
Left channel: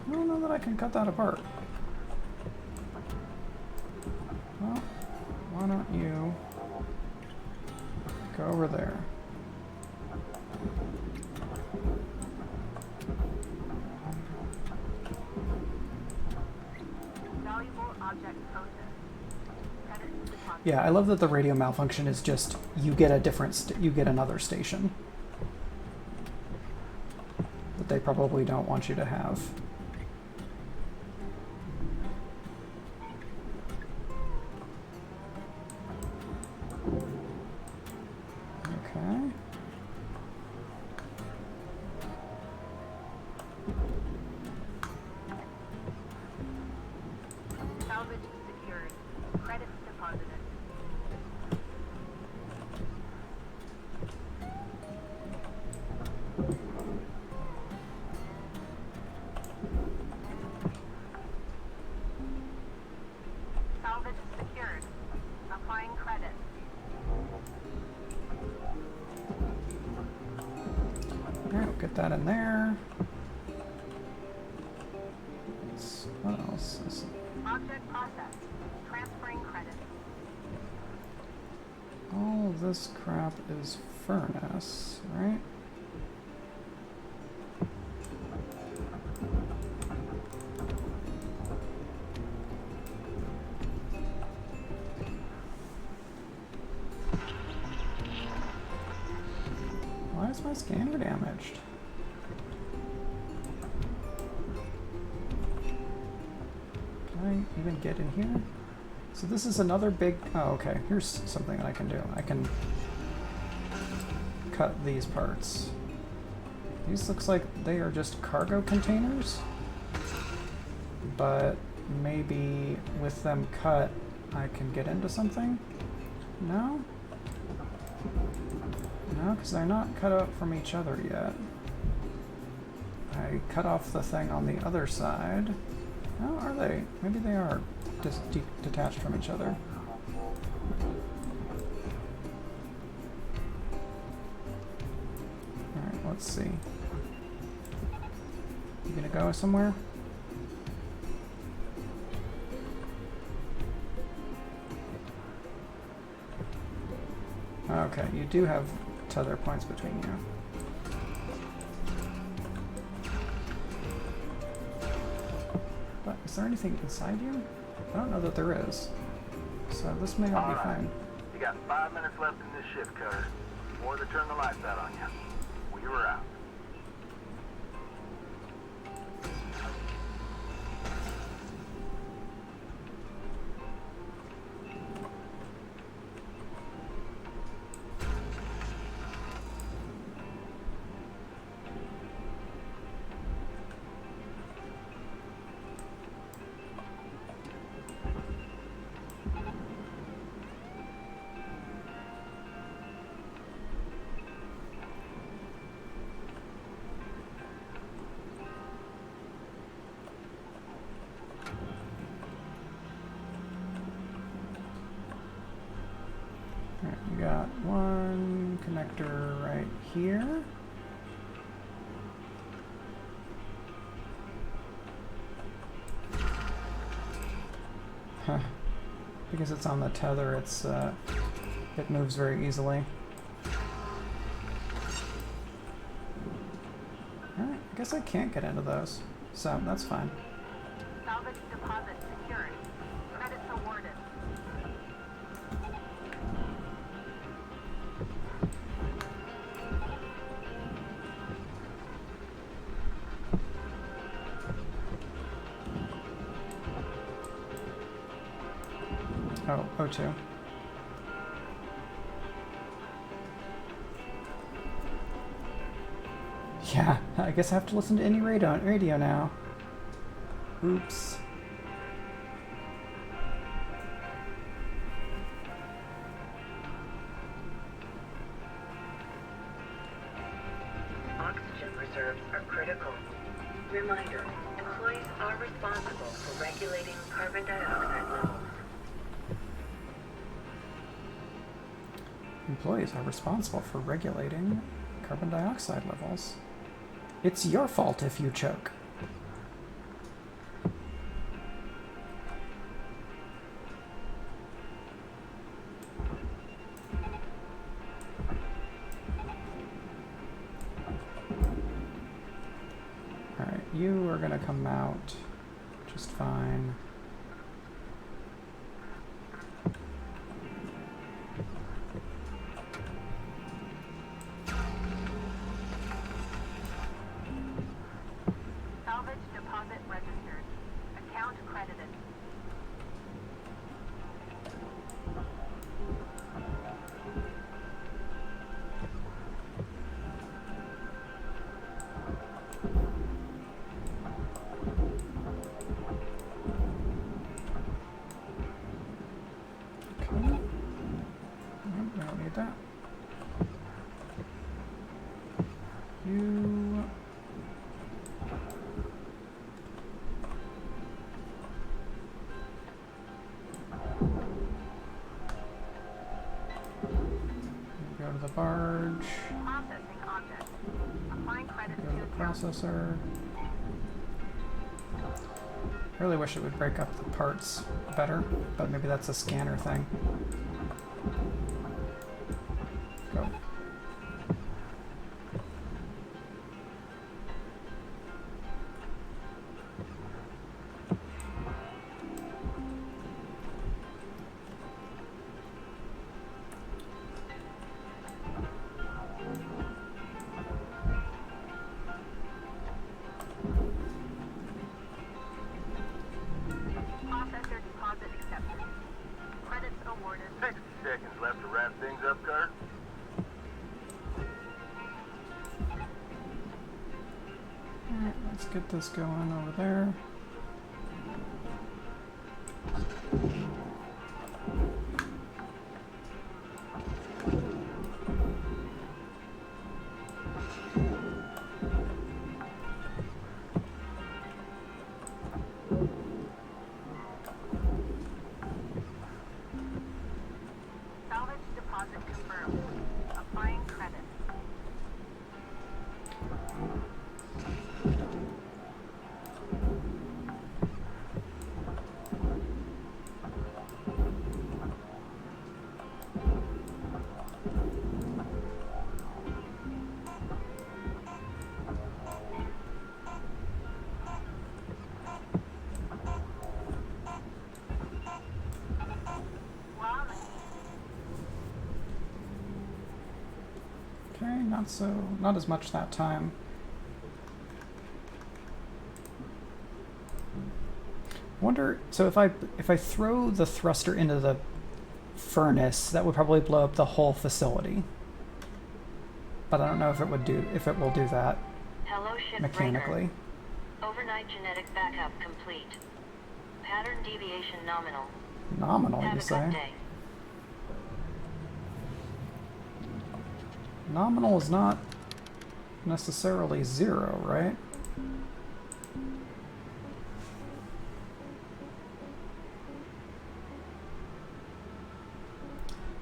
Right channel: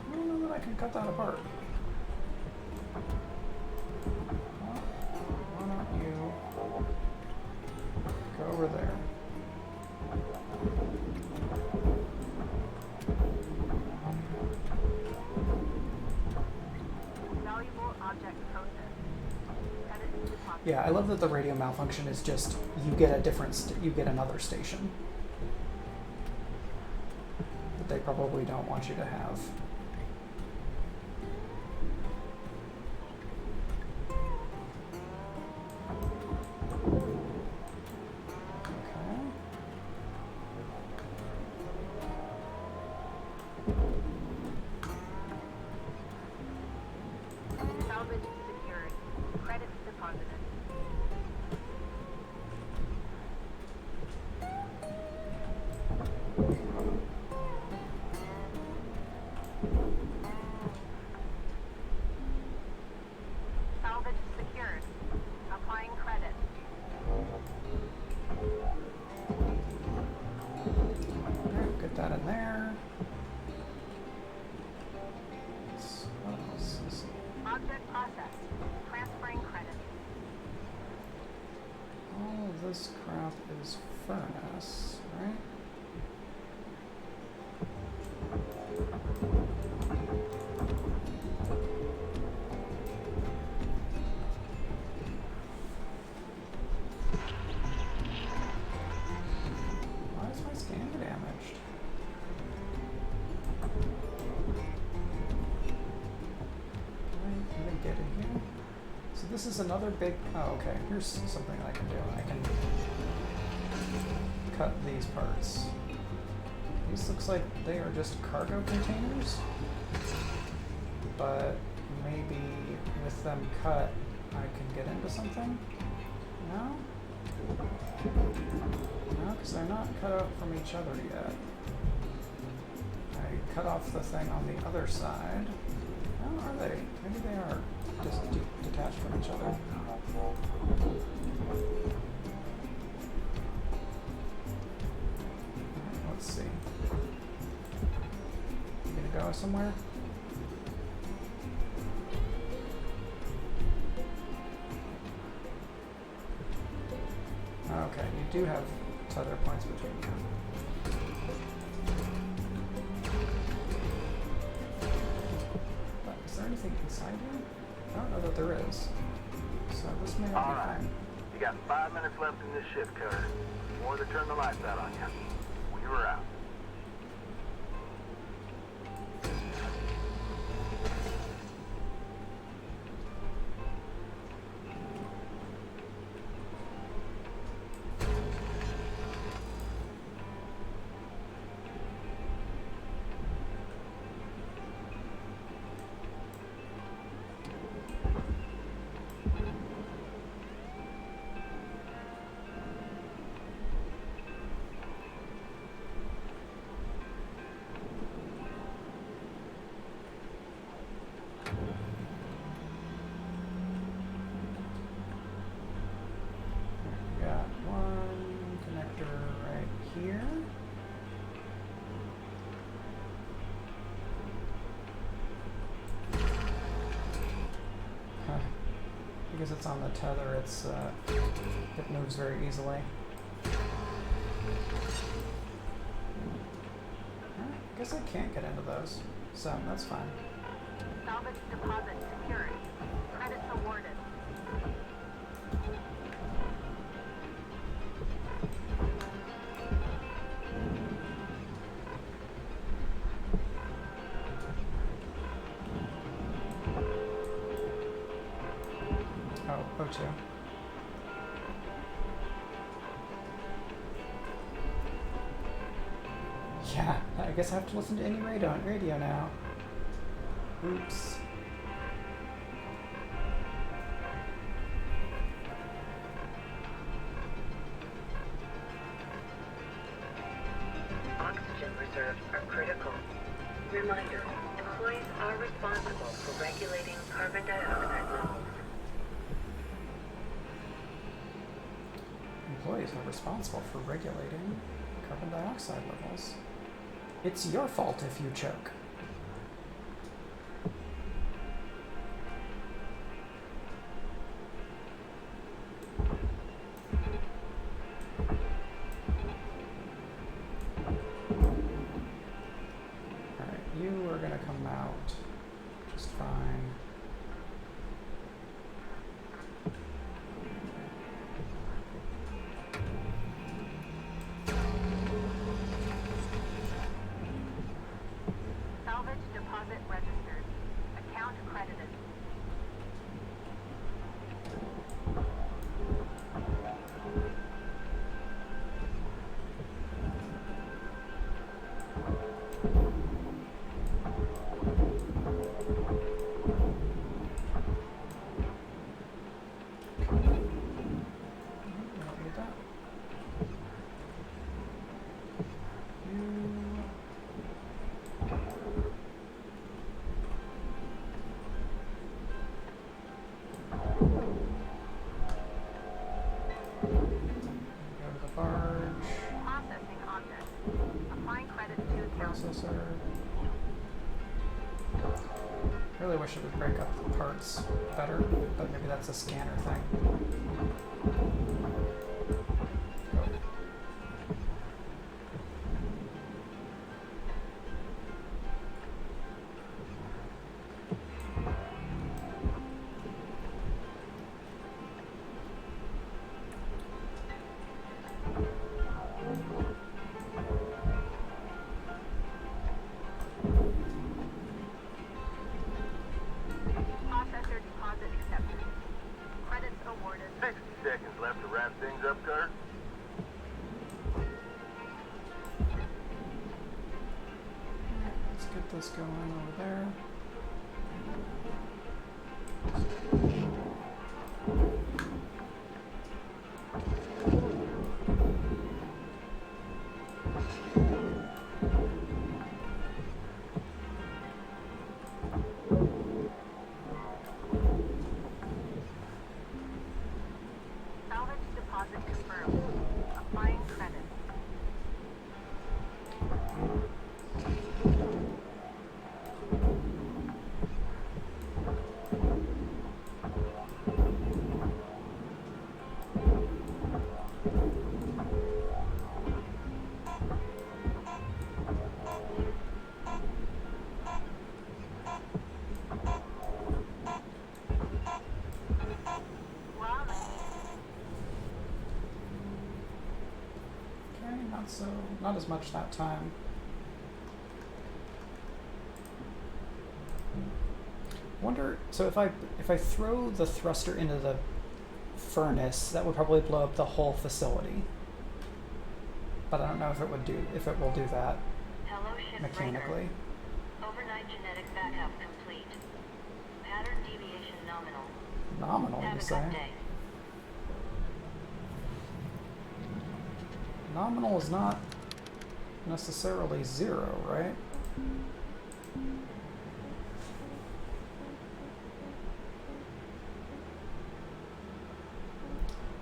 I don't know that I can cut that apart. Well, why don't you go over there? Valuable object processed. Credits deposit. Yeah, I love that the radio malfunction is just you get a different you get another station that they probably don't want you to have. Okay. Salvage secured. Credits deposited. Salvage secured. Applying credit. Alright, we'll get that in there. Let's this crap is furnace, right? Why is my scanner damaged? Can I even get in here? So this is another big... Oh, okay. Here's something I can do. I can cut these parts. These looks like they are just cargo containers. But maybe with them cut, I can get into something? No? No, because they're not cut out from each other yet. I cut off the thing on the other side. Oh, are they? Maybe they are just detached from each other. Alright, let's see. You gonna go somewhere? Okay, you do have tether points between you. But is there anything inside you? I don't know that there is. So this may not be fine. You got 5 minutes left in this shift, Cutter. Before they turn the lights out on you. We were out. Got one connector right here. Huh. Because it's on the tether, it moves very easily. Alright, I guess I can't get into those, so that's fine. Salvage deposit secured. Credits awarded. Oh, O2. Yeah, I guess I have to listen to any radio now. Oops. Oxygen reserves are critical. Reminder, employees are responsible for regulating carbon dioxide levels. Employees are responsible for regulating carbon dioxide levels. It's your fault if you choke. Alright, you are gonna come out just fine. Salvage deposit registered. Account credited. Okay. Nope, I don't need that. You... Go to the barge, Processing object. Applying credits go to to the account. processor. I really wish it would break up the parts better, but maybe that's a scanner thing. get this going over there. Salvage deposit confirmed. Applying credit. Okay, not as much that time. Wonder, so if I throw the thruster into the furnace, that would probably blow up the whole facility. But I don't know if it will do that Hello, Shipbreaker. mechanically. Overnight genetic backup complete. Pattern deviation nominal. Nominal, Have you a say? good day. Nominal is not necessarily 0, right?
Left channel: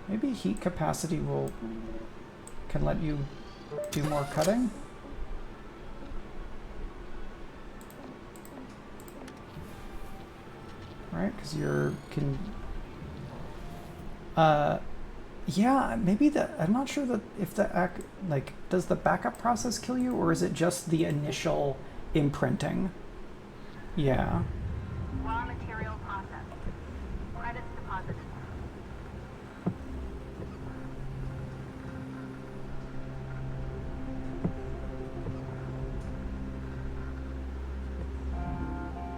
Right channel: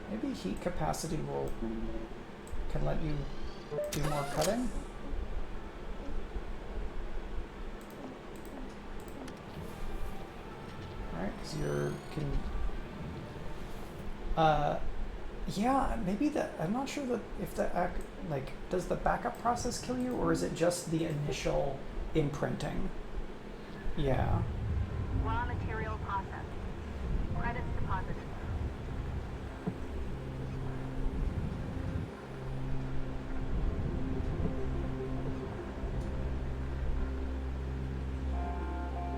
Maybe heat capacity can let you do more cutting? Right, because yeah, maybe I'm not sure that if does the backup process kill you, or is it just the initial imprinting? Yeah. Raw material processed. Credits deposited.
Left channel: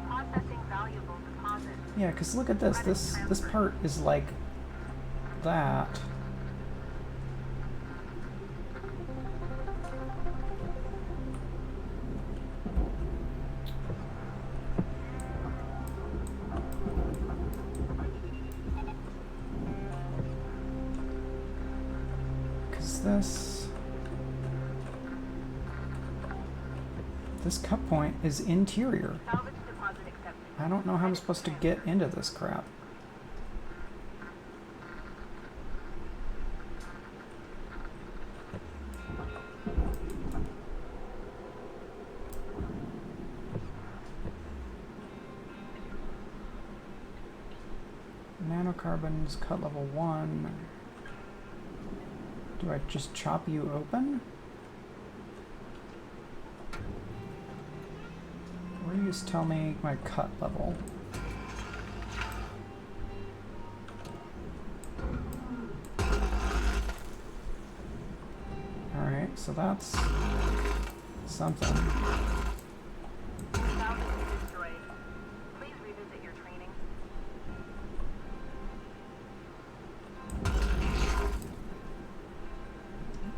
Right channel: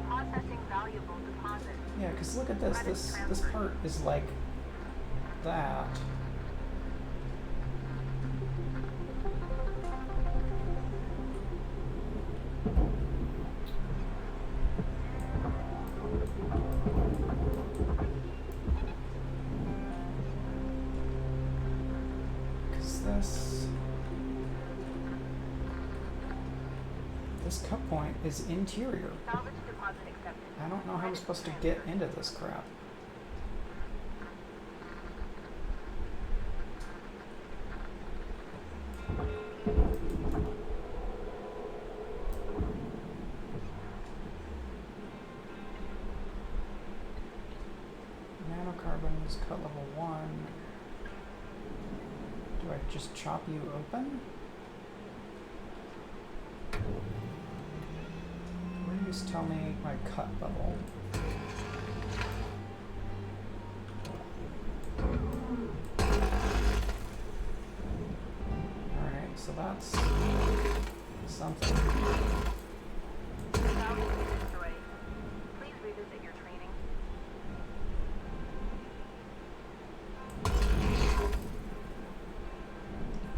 Processing valuable deposit. Yeah, because look at this. This part is like that. Because this cut point is interior. Salvage deposit accepted. I don't know how I'm supposed to get into this crap. Nanocarbons, cut level 1. Do I just chop you open? Or you just tell me my cut level? Alright, so that's something. Salvage destroyed. Please revisit your training.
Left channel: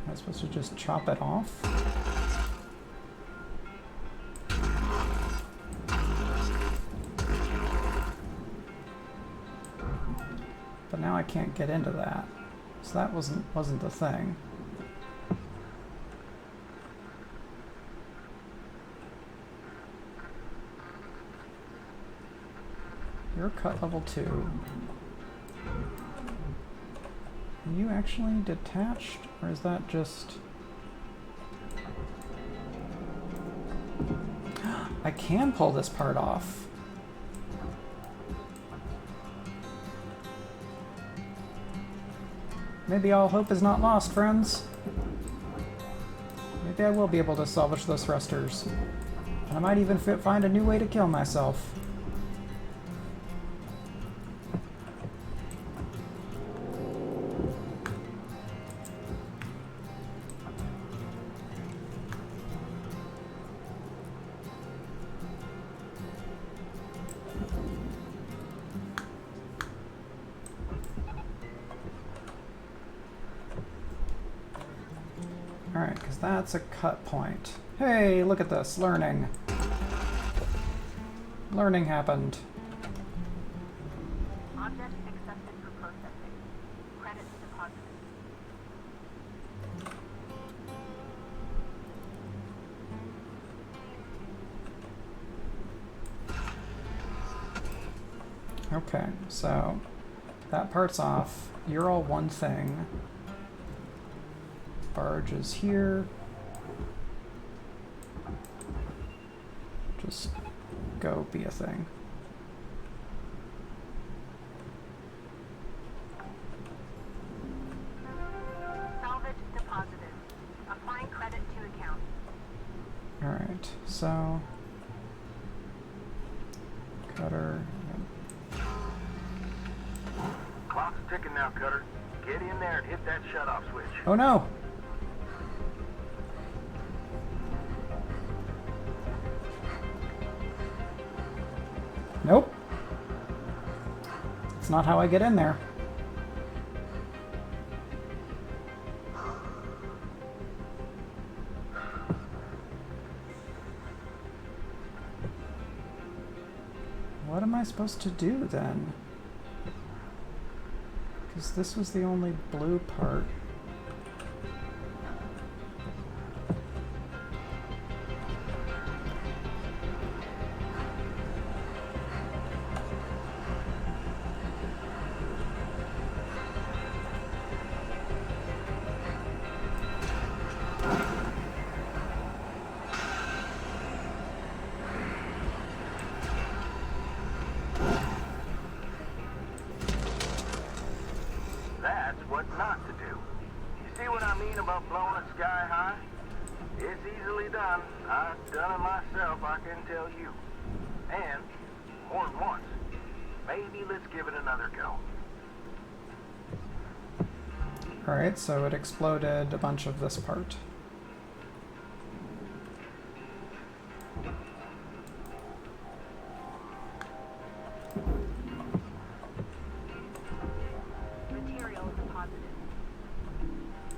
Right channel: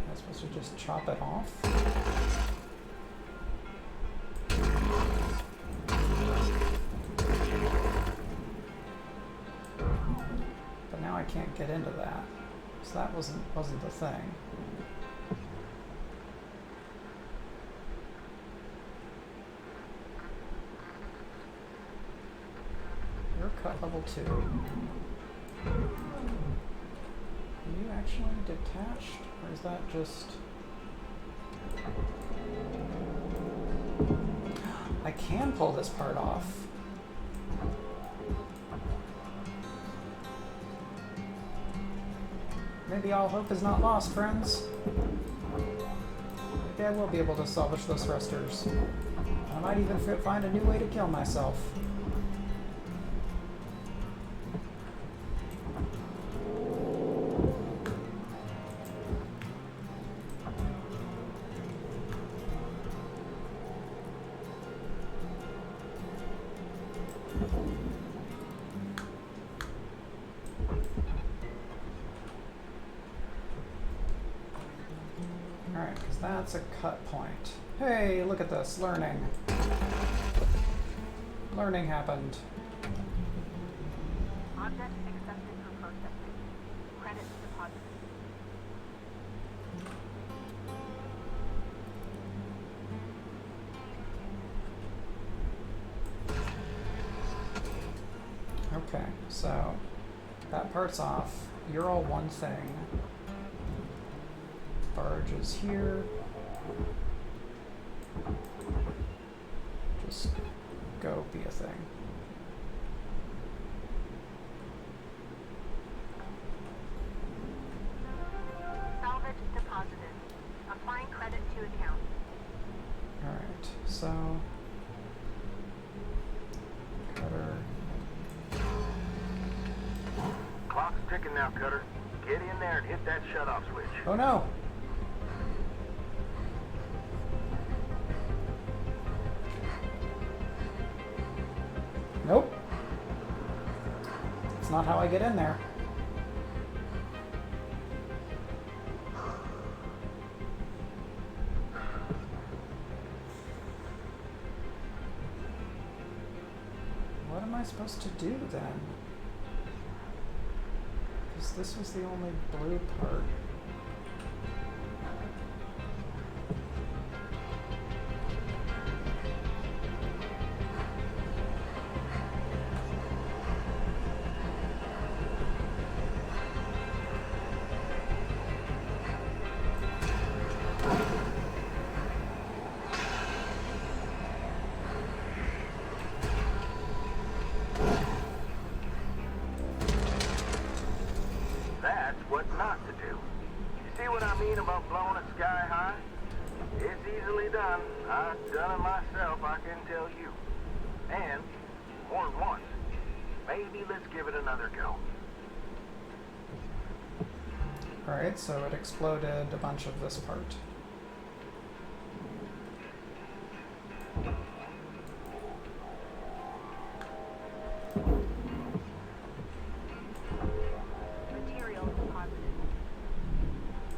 Am I supposed to just chop it off? But now I can't get into that. So that wasn't the thing. You're cut level 2. Are you actually detached? Or is that just... I can pull this part off. Maybe all hope is not lost, friends. Maybe I will be able to salvage those thrusters. I might even find a new way to kill myself. Alright, because that's a cut point. Hey, look at this, learning. Learning happened. Object accepted for processing. Credits deposited. Okay, so that part's off. You're all one thing. Barge is here. Just go be a thing. Salvage deposited. Applying credit to account. Alright, so Cutter. Clock's ticking now, Cutter. Get in there and hit that shut-off switch. Oh no! Nope. It's not how I get in there. What am I supposed to do then? Because this was the only blue part. That's what not to do. You see what I mean about blowing it sky high? It's easily done. I've done it myself, I can tell you. And, more than once. Maybe let's give it another go. Alright, so it exploded a bunch of this part. Material deposited.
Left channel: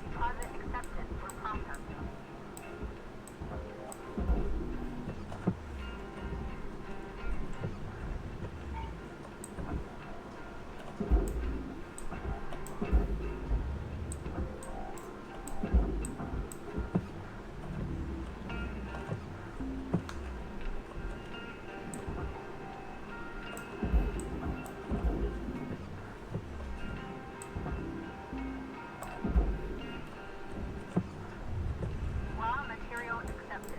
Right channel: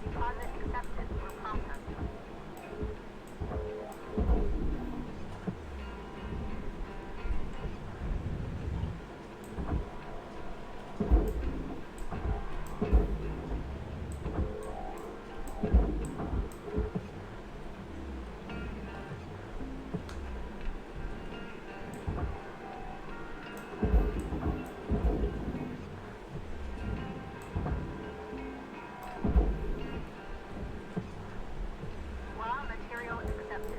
Deposit accepted for processing. Raw material accepted.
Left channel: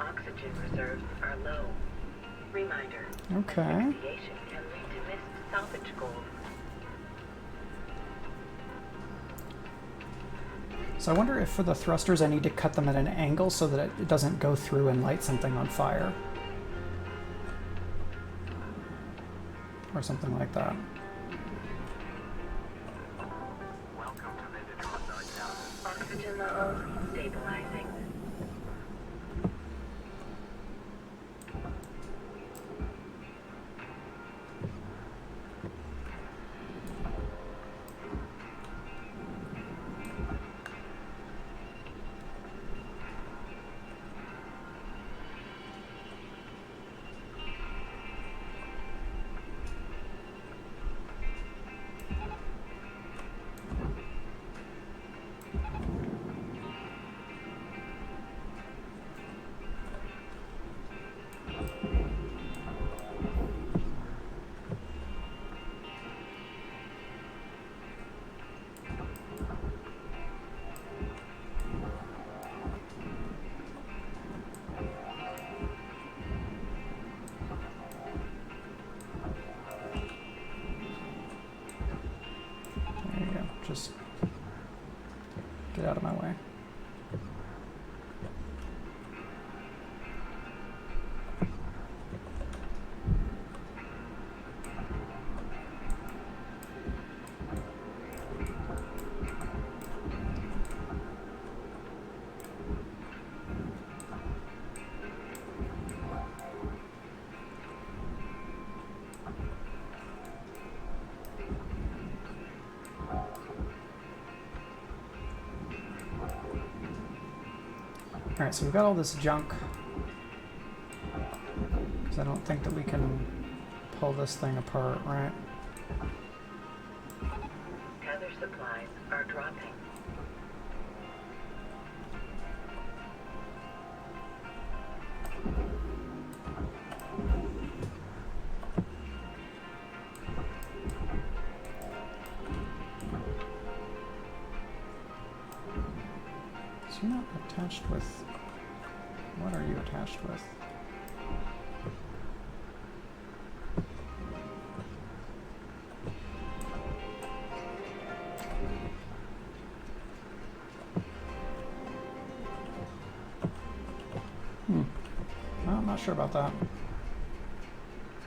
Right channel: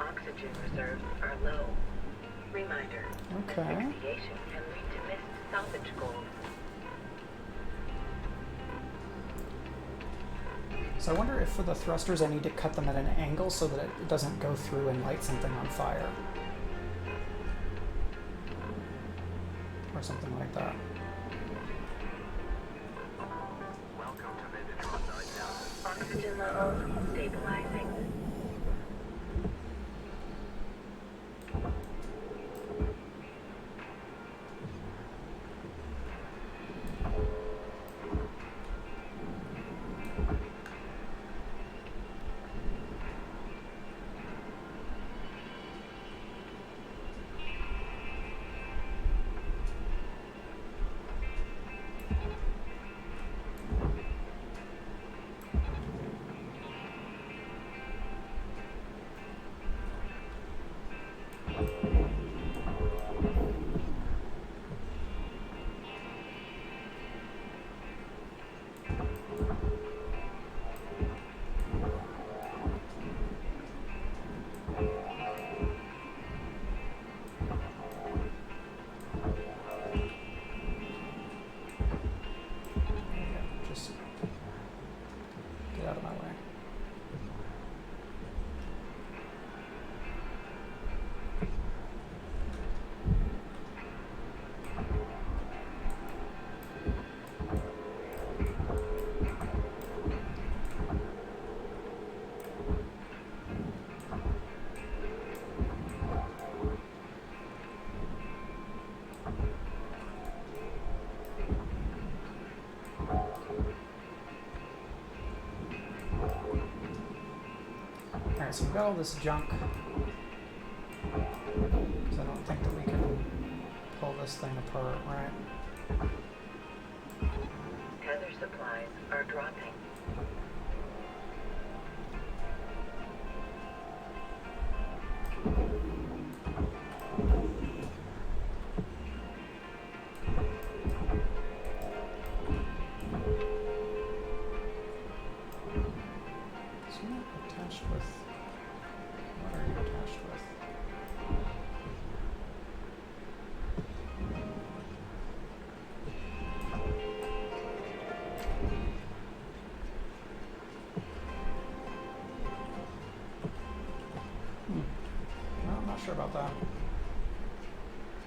Oxygen reserves are low. Reminder. Okay. Asphyxiation can lead to missed salvage goals. So I wonder if for the thrusters I need to cut them at an angle so that it doesn't go through and light something on fire. Or something like that. Welcome to the Detroit Lighthouse. Oxygen levels stabilizing. Just get out of my way. Alright, so we've got all this junk. Because I don't think that we can pull this thing apart, right? Tether supplies are dropping. So you're not attached with... What are you attached with? Well, I'm not sure about that.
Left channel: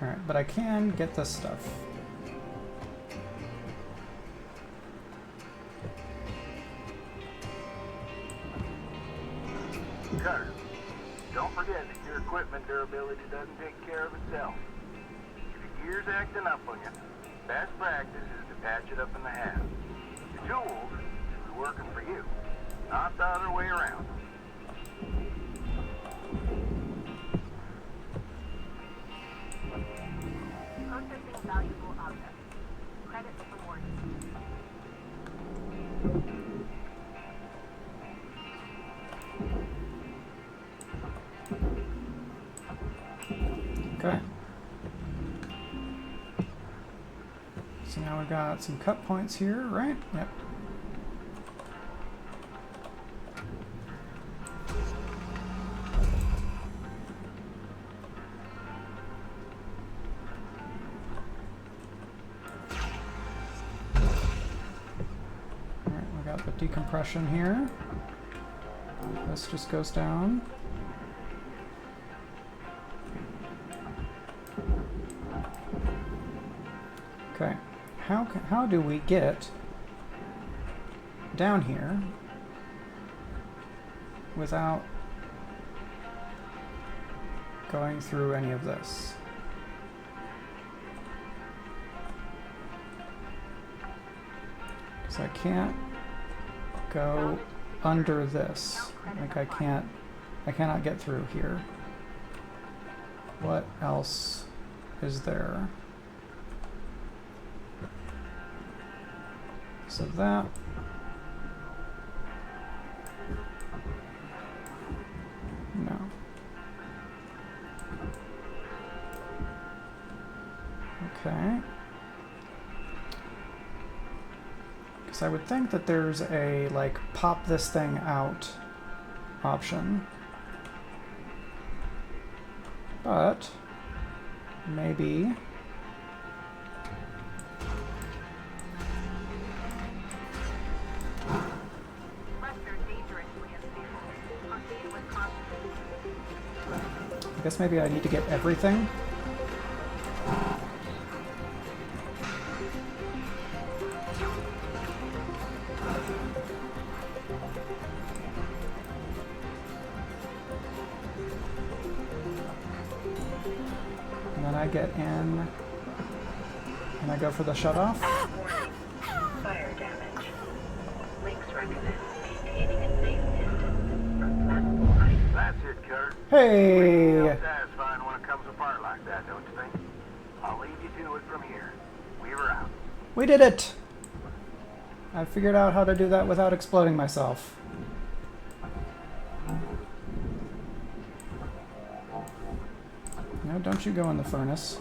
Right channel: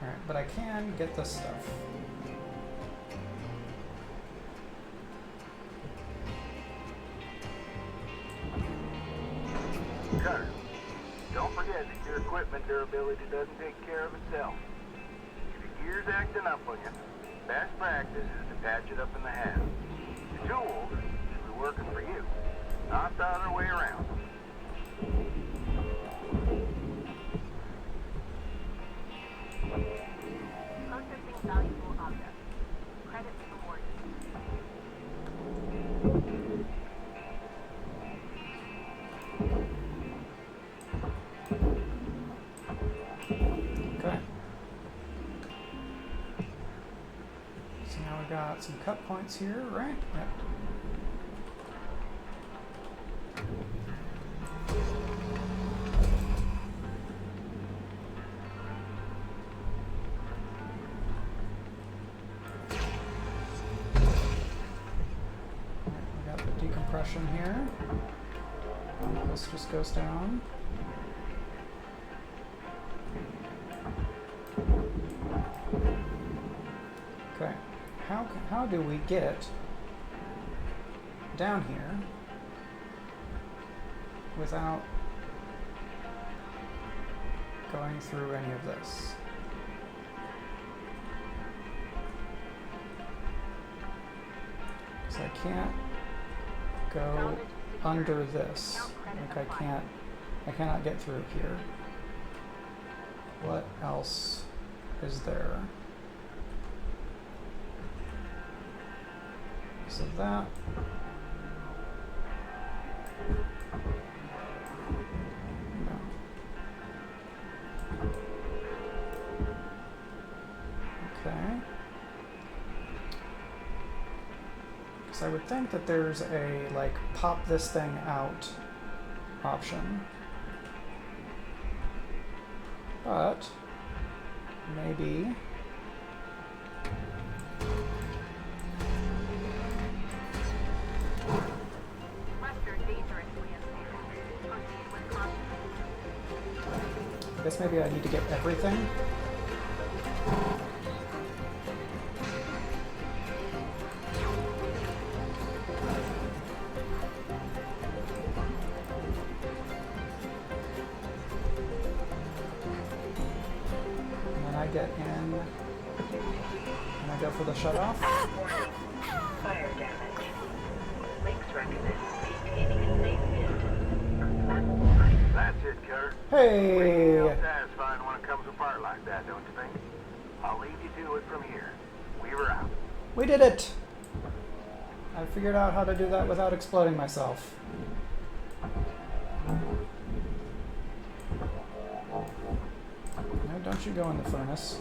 Alright, but I can get this stuff. Cutter, don't forget that your equipment durability doesn't take care of itself. If your gear's acting up on you, best practice is to patch it up in the half. Your tools should be working for you, not the other way around. Processing valuable objects. Credits awarded. Okay. So now we've got some cut points here, right? Yep. Alright, we got the decompression here. This just goes down. Okay, how do we get down here without going through any of this? Because I can't go under this. Like I cannot get through here. What else is there? So that. No. Okay. Because I would think that there's a, like, pop this thing out option. But maybe. I guess maybe I need to get everything. And then I get in and I go for the shutoff. Warning. Fire damage. Links recommend maintaining a safe distance from flammable items. That's it, Cutter. Hey! Satisfying when it comes apart like that, don't you think? I'll leave you to it from here. Weaver out. We did it! I figured out how to do that without exploding myself. No, don't you go in the furnace.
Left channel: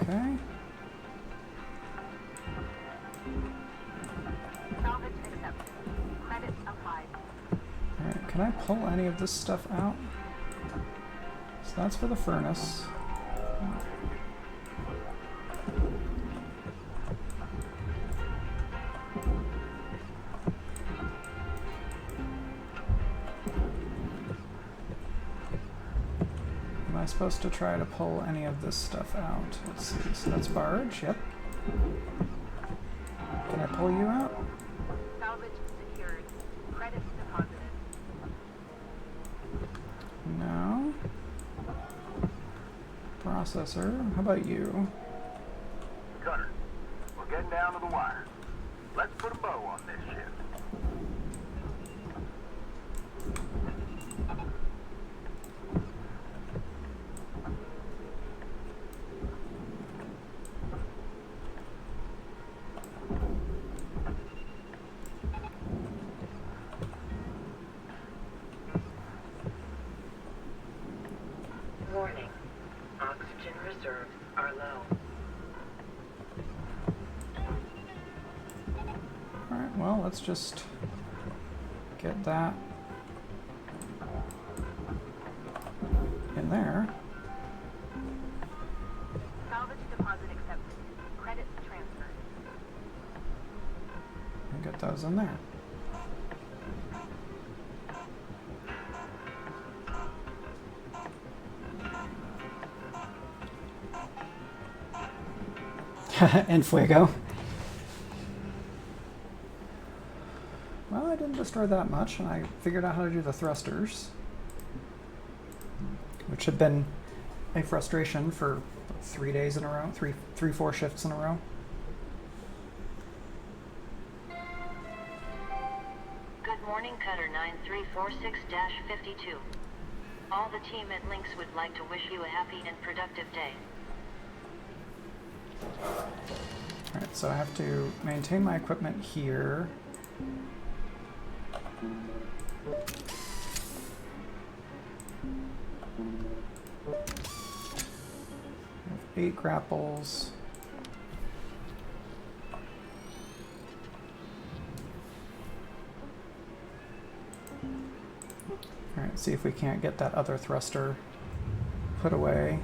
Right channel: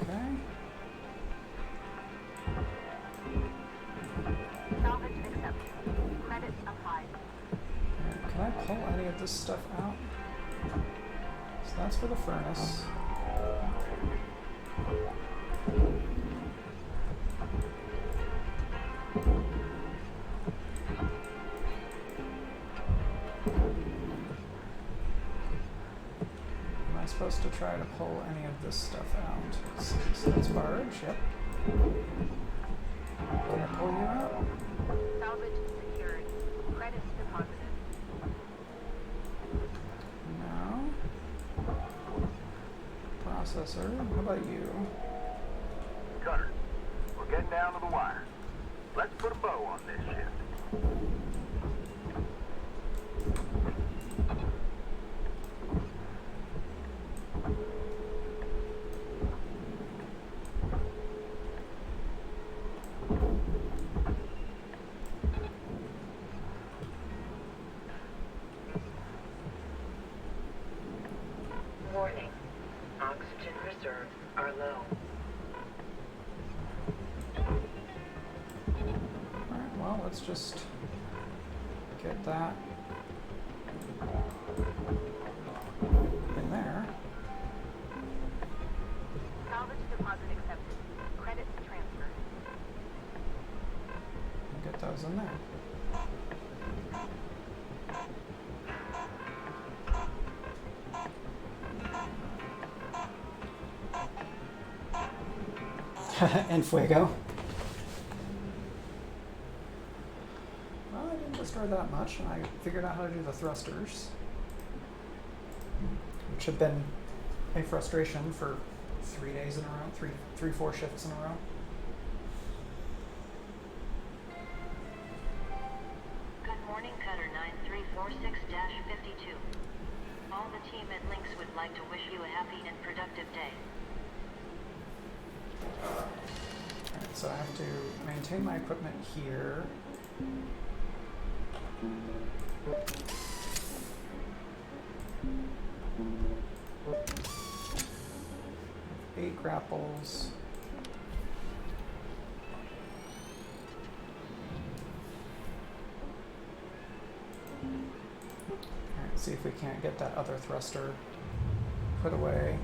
Okay. Salvage accepted. Credits applied. Alright, can I pull any of this stuff out? So that's for the furnace. Am I supposed to try to pull any of this stuff out? Let's see. So that's barge, yep. Can I pull you out? Salvage secured. Credits deposited. No. Processor, how about you? Cutter, we're getting down to the wire. Let's put a bow on this shift. Warning. Oxygen reserves are low. Alright, well, let's just get that in there. Salvage deposit accepted. Credits transferred. And get those in there. And fuego. Well, I didn't destroy that much, and I figured out how to do the thrusters, which had been a frustration for 3 days in a row, three, 4 shifts in a row. Good morning, Cutter 9346-52. All the team at Lynx would like to wish you a happy and productive day. Alright, so I have to maintain my equipment here. I have 8 grapples. Alright, see if we can't get that other thruster put away.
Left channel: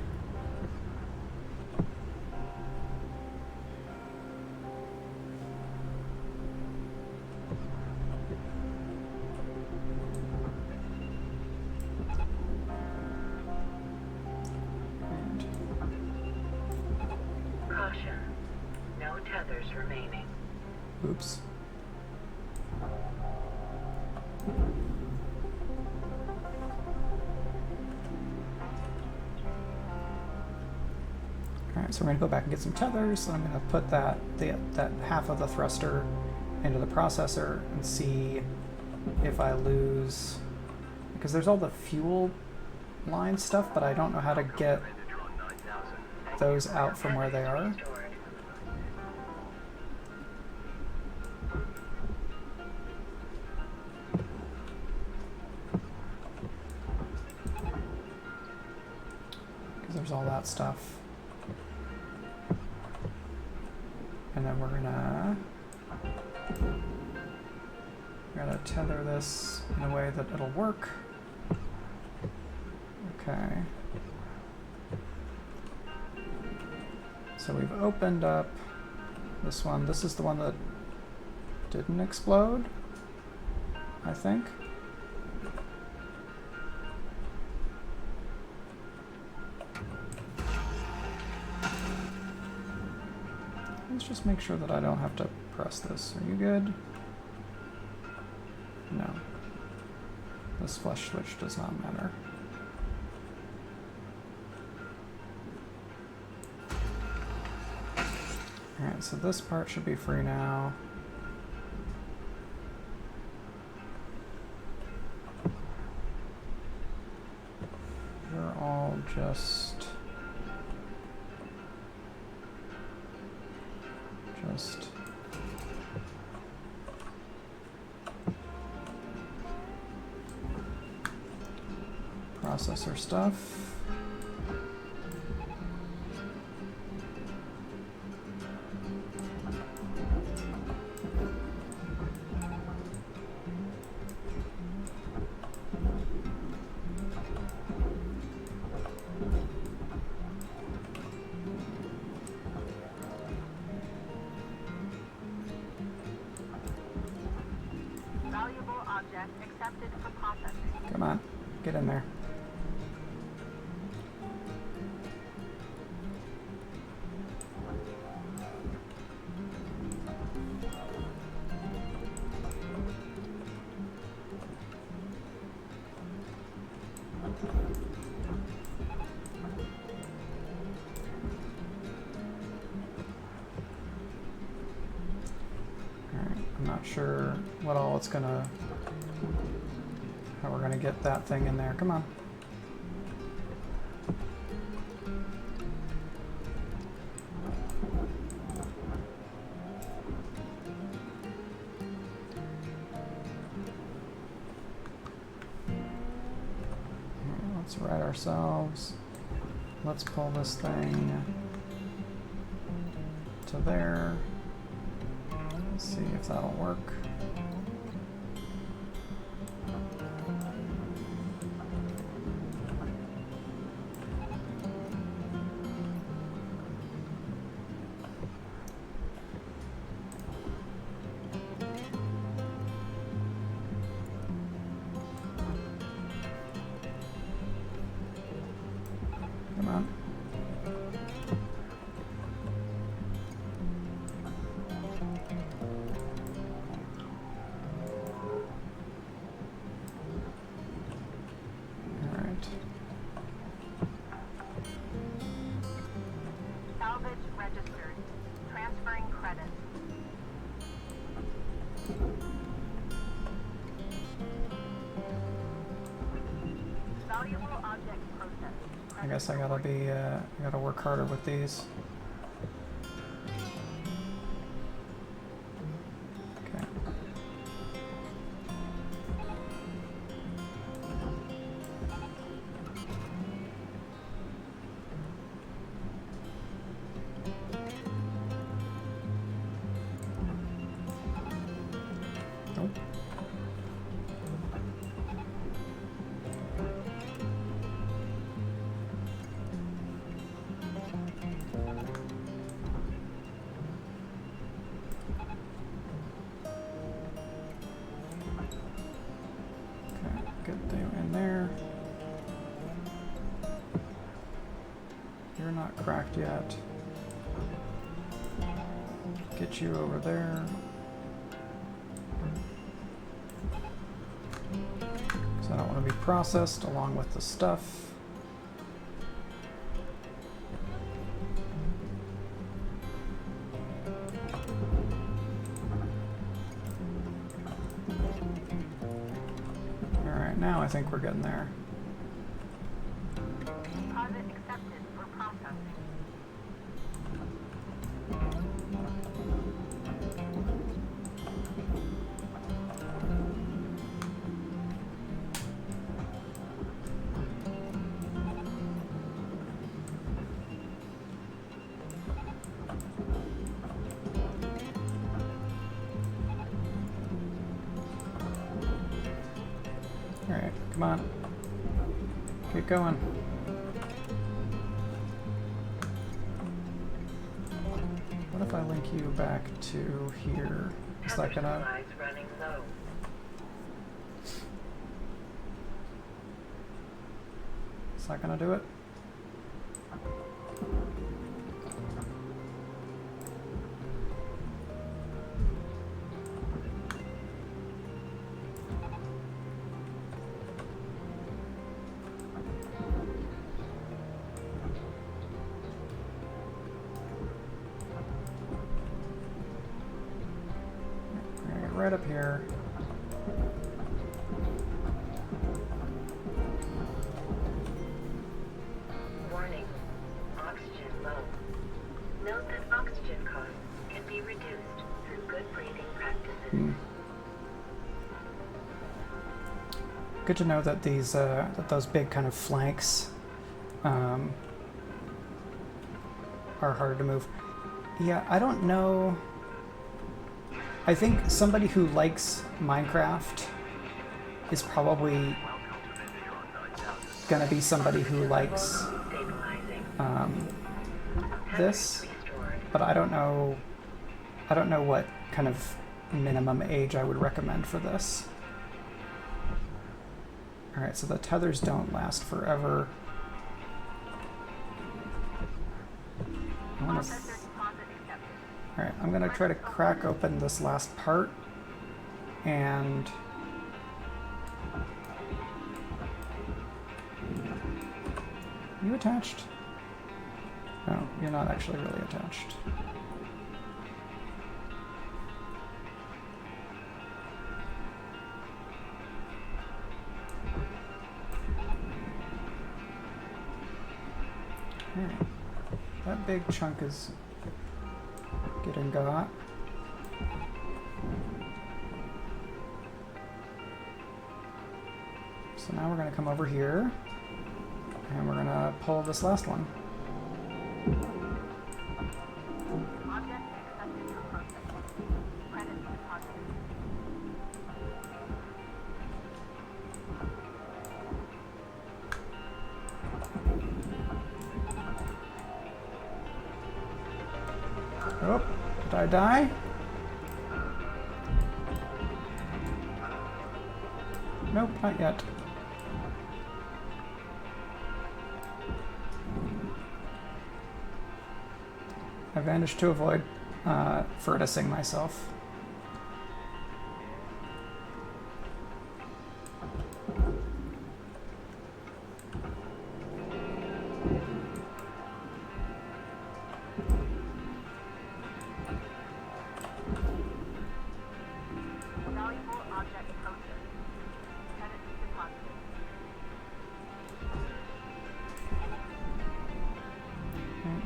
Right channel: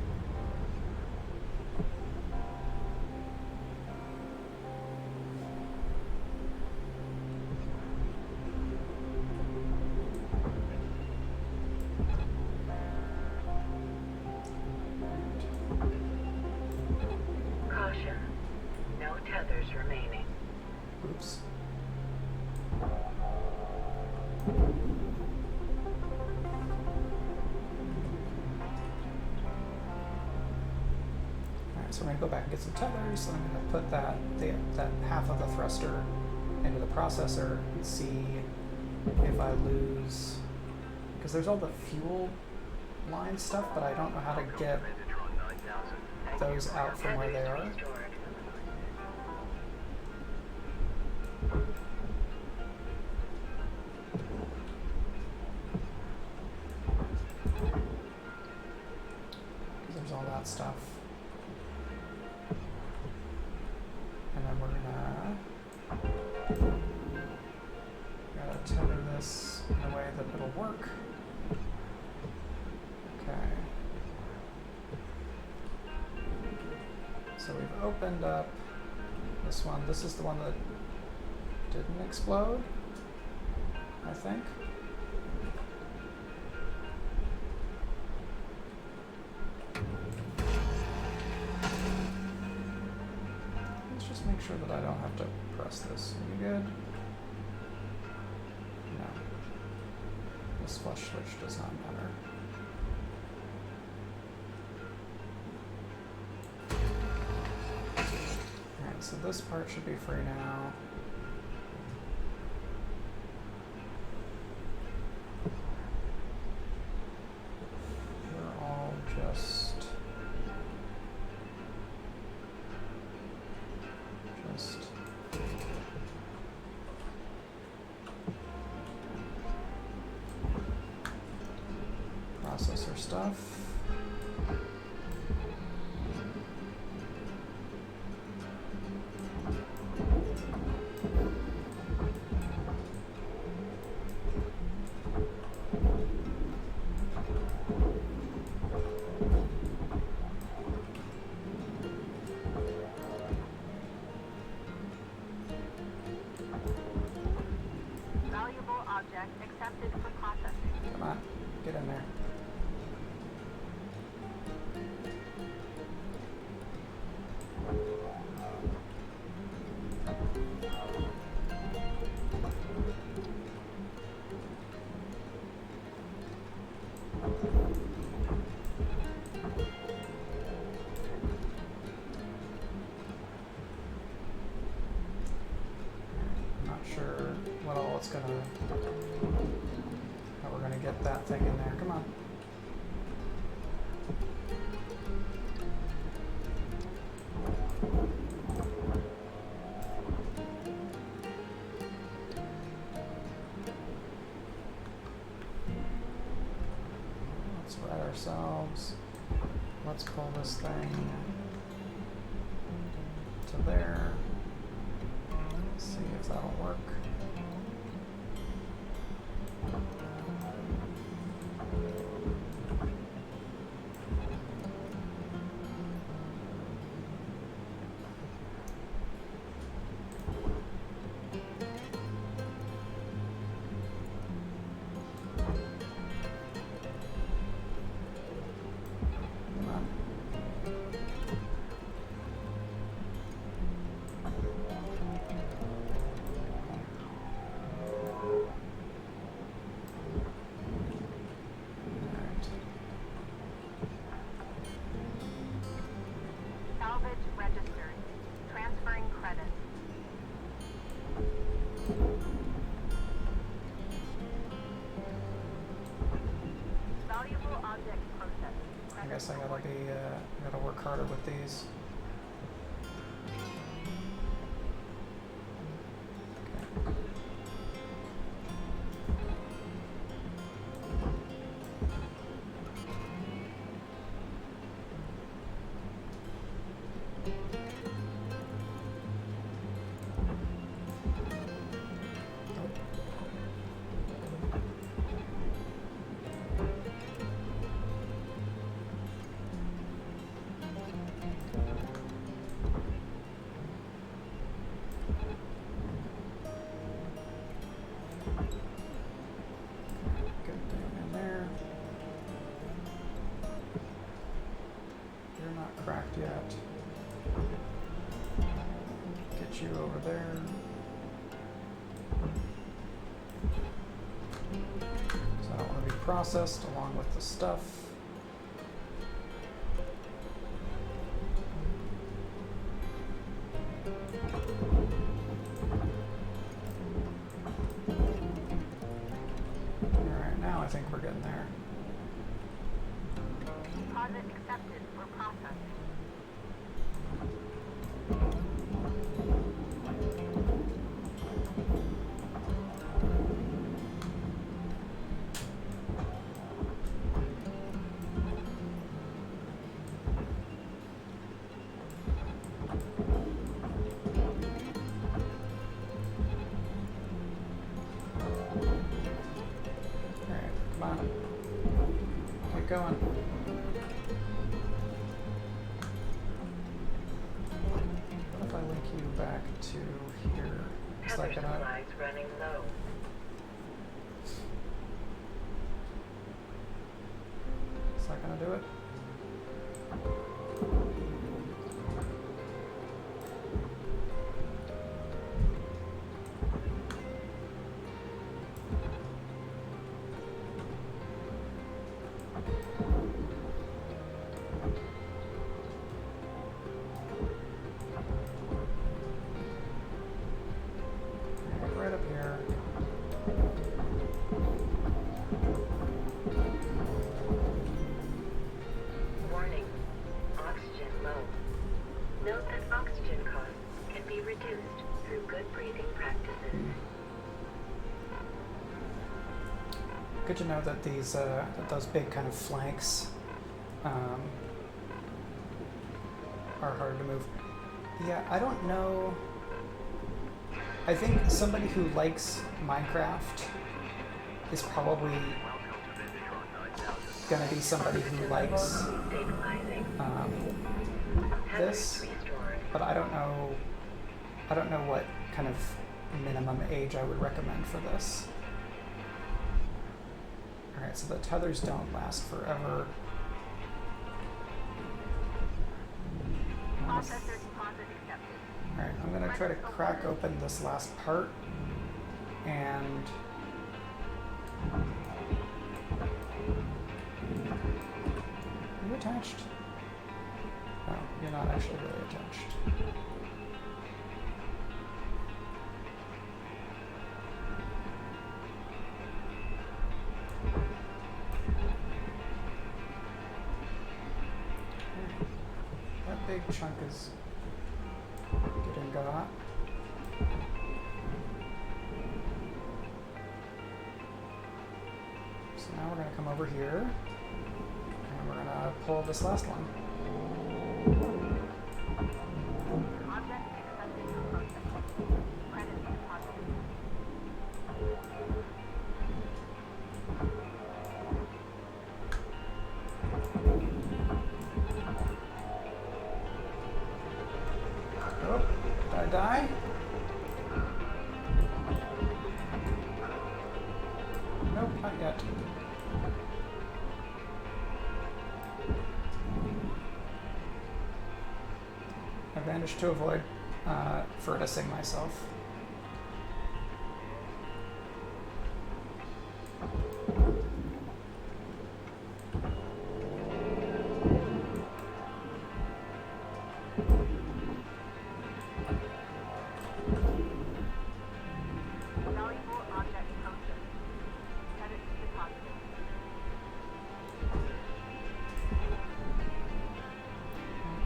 Caution. No tethers remaining. Oops. Alright, so we're going to go back and get some tethers. So I'm going to put that half of the thruster into the processor and see if I lose, because there's all the fuel line stuff, but I don't know how to get those out from where they are. Restored. Because there's all that stuff. And then we're gonna tether this in a way that it'll work. Okay. So we've opened up this one. This is the one that didn't explode, I think. Let's just make sure that I don't have to press this. Are you good? No. This flush switch does not matter. Alright, so this part should be free now. We're all just processor stuff. object accepted for processing. Come on, get in there. I'm not sure what all it's gonna, how we're gonna get that thing in there. Come on. Let's right ourselves. Let's pull this thing to there. Let's see if that'll work. Come on. Salvage registered. Transferring credits. Valuable object processed. I guess I gotta work harder with these. Okay. Nope. Good thing in there. You're not cracked yet. Get you over there. Because I don't want to be processed along with the stuff. Alright, now I think we're getting there. Deposit accepted for processing. Alright, come on. Get going. What if I link you back to here? Is Tether that gonna... supplies running low. Is that gonna do it? Alright, right up here. Warning. Oxygen low. Note that oxygen costs can be reduced through good breathing practices. Good to know that these that those big kind of flanks are harder to move. Yeah, I don't know. I think somebody who likes Minecraft is probably gonna be somebody who likes Stabilizing. this, Restored. but I don't know what kind of minimum age I would recommend for this. Alright, so the tethers don't last forever. Alright, I'm gonna try to crack open this last part and are you attached? No, you're not actually really attached. Okay. That big chunk is getting got. So now we're going to come over here and we're going to pull this last one. Oh, did I die? Nope, not yet. I managed to avoid furticing myself.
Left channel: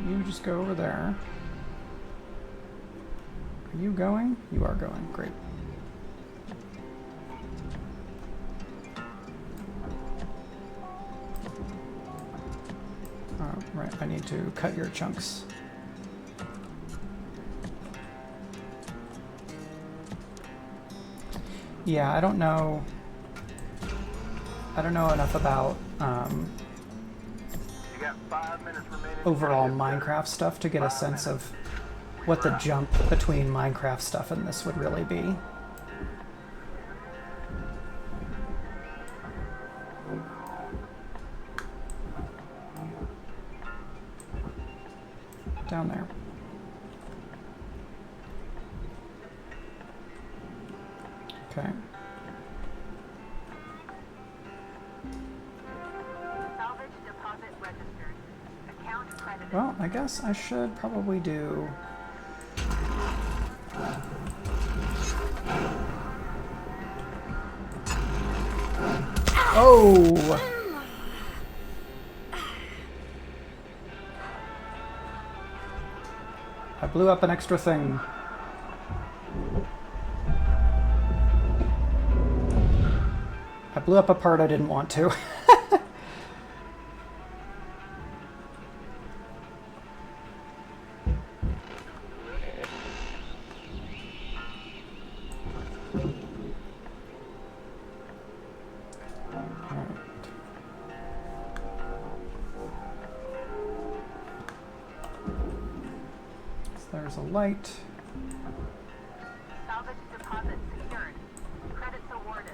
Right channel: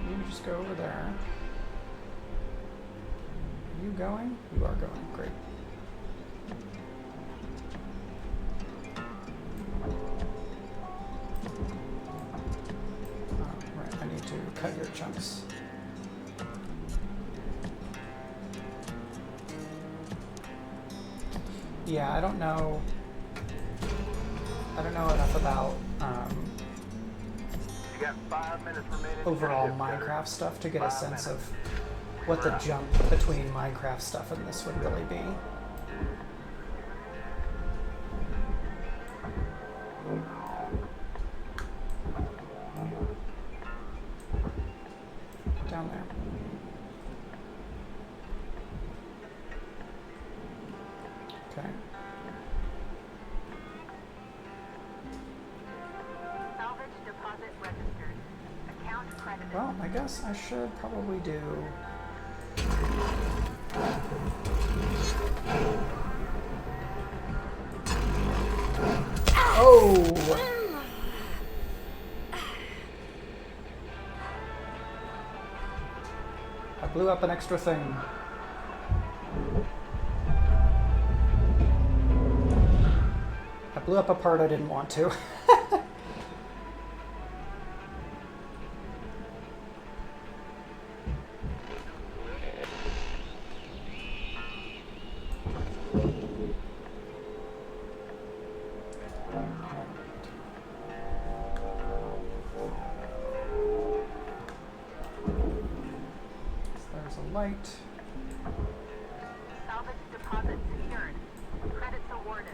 You just go over there. Are you going? You are going. Great. Right, I need to cut your chunks. Yeah, I don't know enough about You got 5 minutes remaining. overall Minecraft stuff to get a sense of what the jump between Minecraft stuff and this would really be. Down there. Okay. Salvage deposit registered. Account credited. Well, I guess I should probably do... Oh! I blew up an extra thing. I blew up a part I didn't want to. There's a light. Salvage deposit secured. Credits awarded.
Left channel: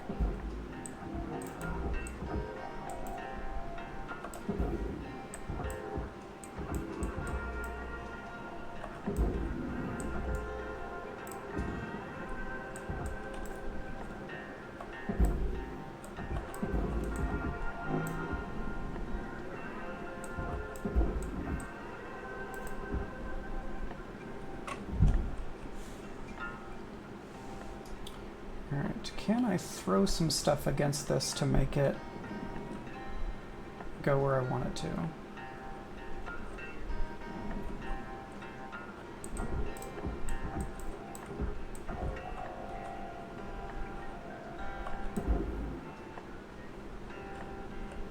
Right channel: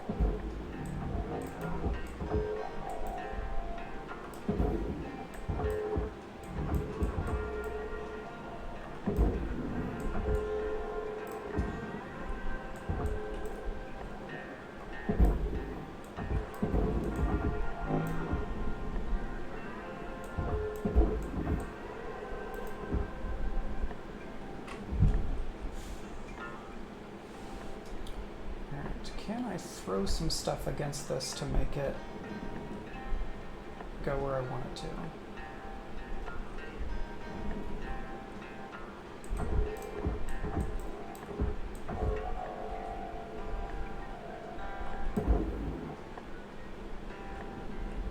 Alright, can I throw some stuff against this to make it go where I want it to?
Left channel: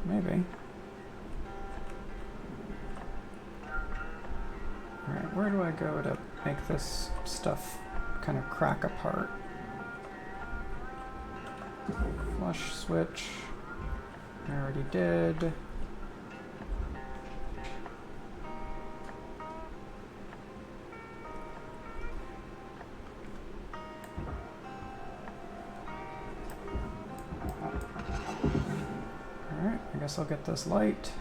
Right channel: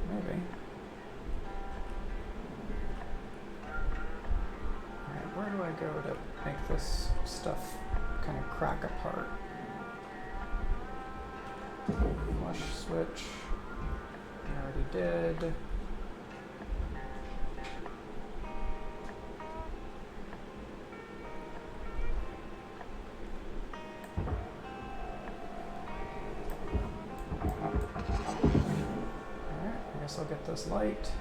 Maybe. Alright, where do I go to make this stuff kind of crack apart? Flush switch. I already did. guess I'll get this light.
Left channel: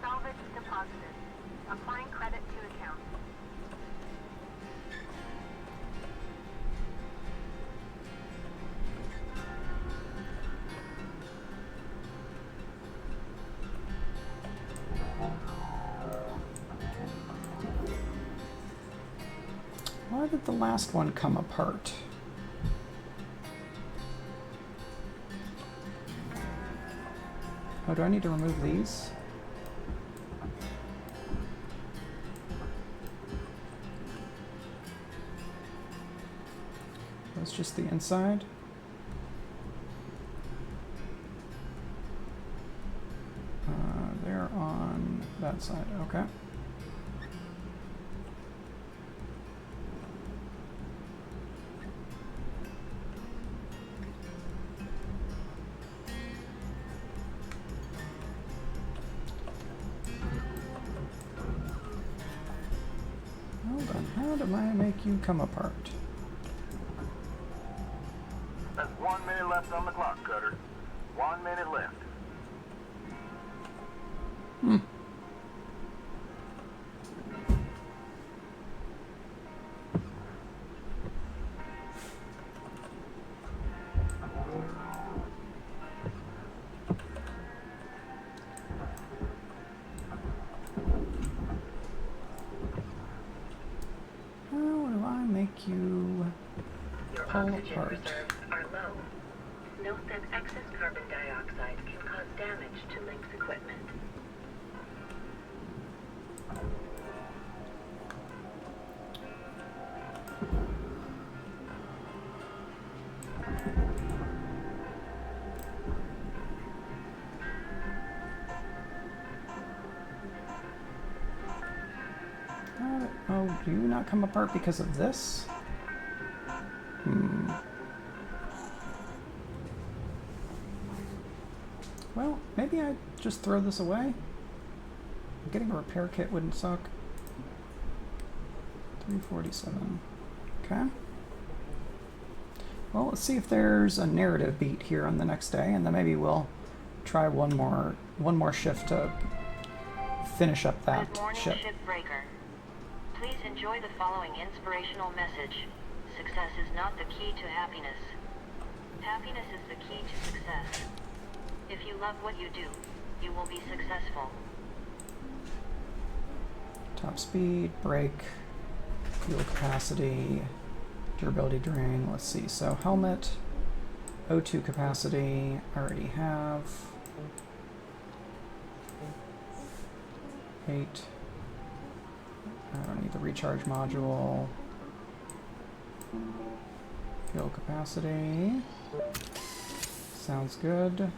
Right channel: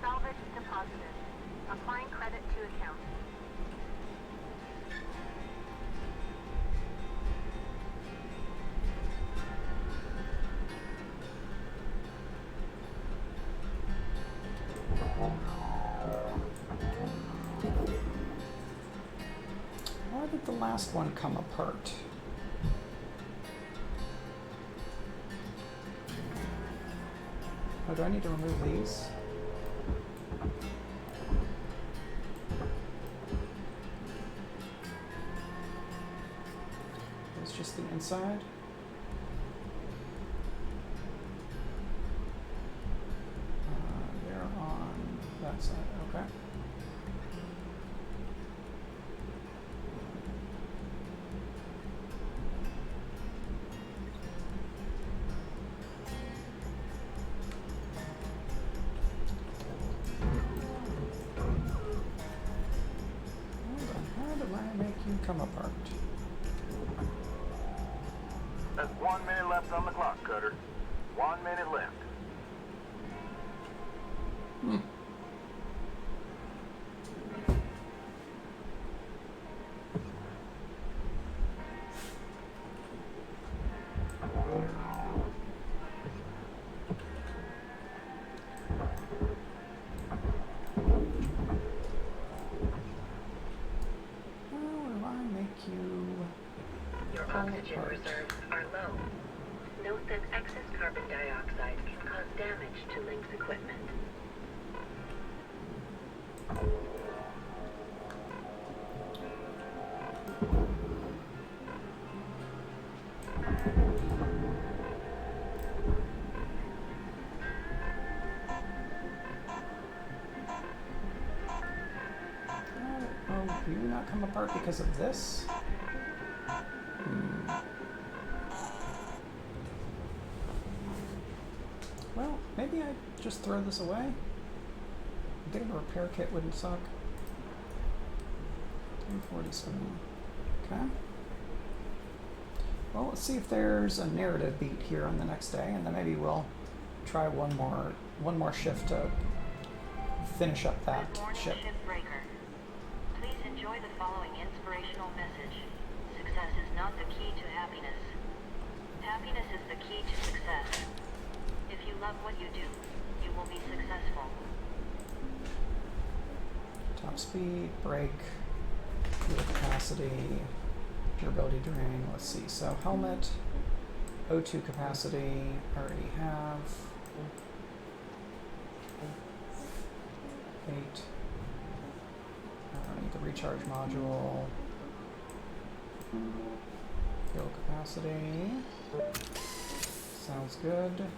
Salvage deposited. Applying credit to account. Why did the last one come apart? Oh, do I need to remove these? That's just the inside. They're on that side, okay. Hold on, how do I make you come apart? There's 1 minute left on the clock, Cutter. 1 minute left. How do I make you Your pull oxygen apart? reserves are low. Note that excess carbon dioxide can cause damage to Link's equipment. Oh, do you not come apart because of this? Well, maybe I just throw this away. Getting a repair kit wouldn't suck. 347. Okay. Well, let's see if there's a narrative beat here on the next day, and then maybe we'll try one more shift to finish up that Good morning, ship. Shipbreaker. Please enjoy the following inspirational message. Success is not the key to happiness. Happiness is the key to success. If you love what you do, you will be successful. Top speed, brake, fuel capacity, durability drain. Let's see. So helmet, O2 capacity, I already have. 8. I don't need the recharge module. Fuel capacity. Sounds good.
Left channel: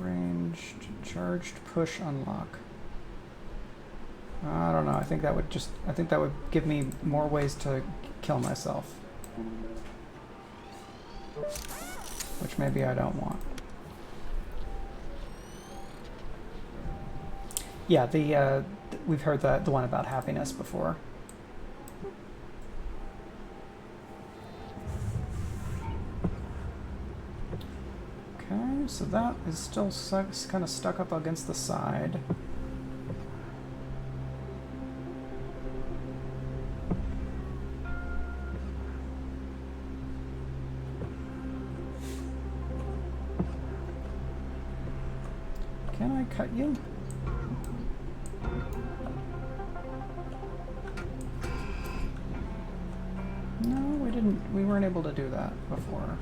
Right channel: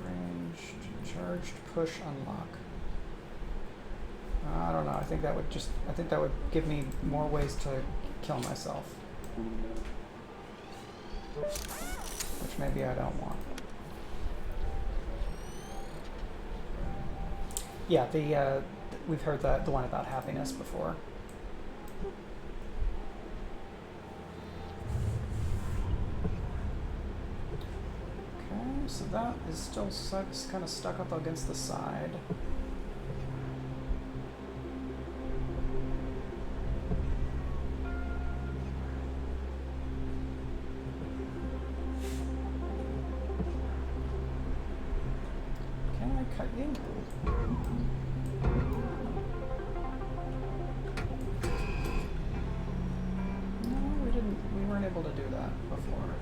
Ranged, charged, push, unlock. I don't know. I think that would give me more ways to kill myself. Which maybe I don't want. Yeah, we've heard the one about happiness before. Okay, so that is still kind of stuck up against the side. Can I cut you? No, we didn't. We weren't able to do that before.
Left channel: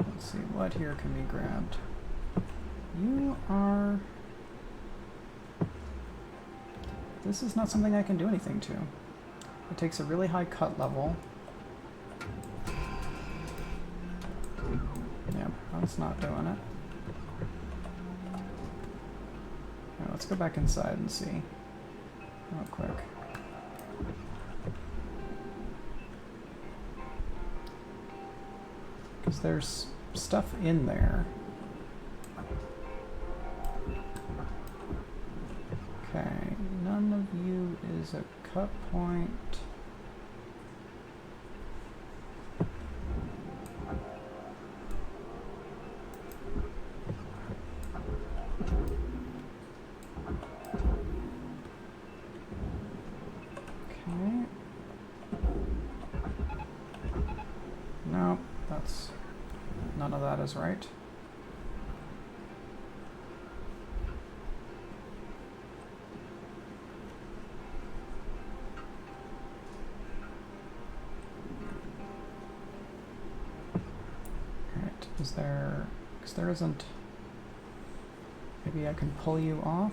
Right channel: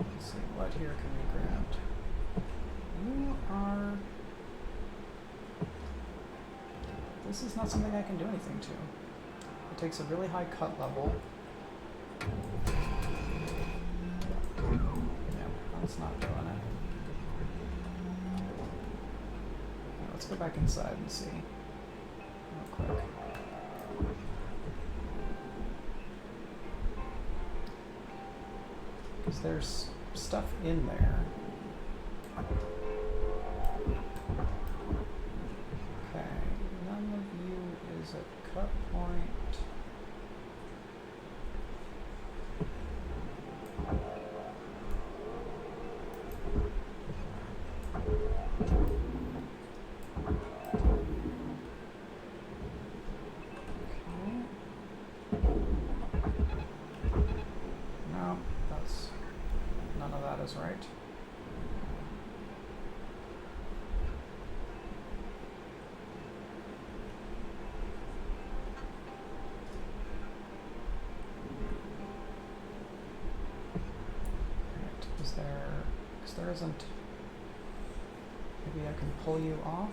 Let's see, what here can be grabbed? You are... This is not something I can do anything to. It takes a really high cut level. Yeah, that's not doing it. let's go back inside and see real quick. Because there's stuff in there. Okay, none of you is a cut point. No, that's none of that is right. Alright, is there, because there isn't, maybe I can pull you off?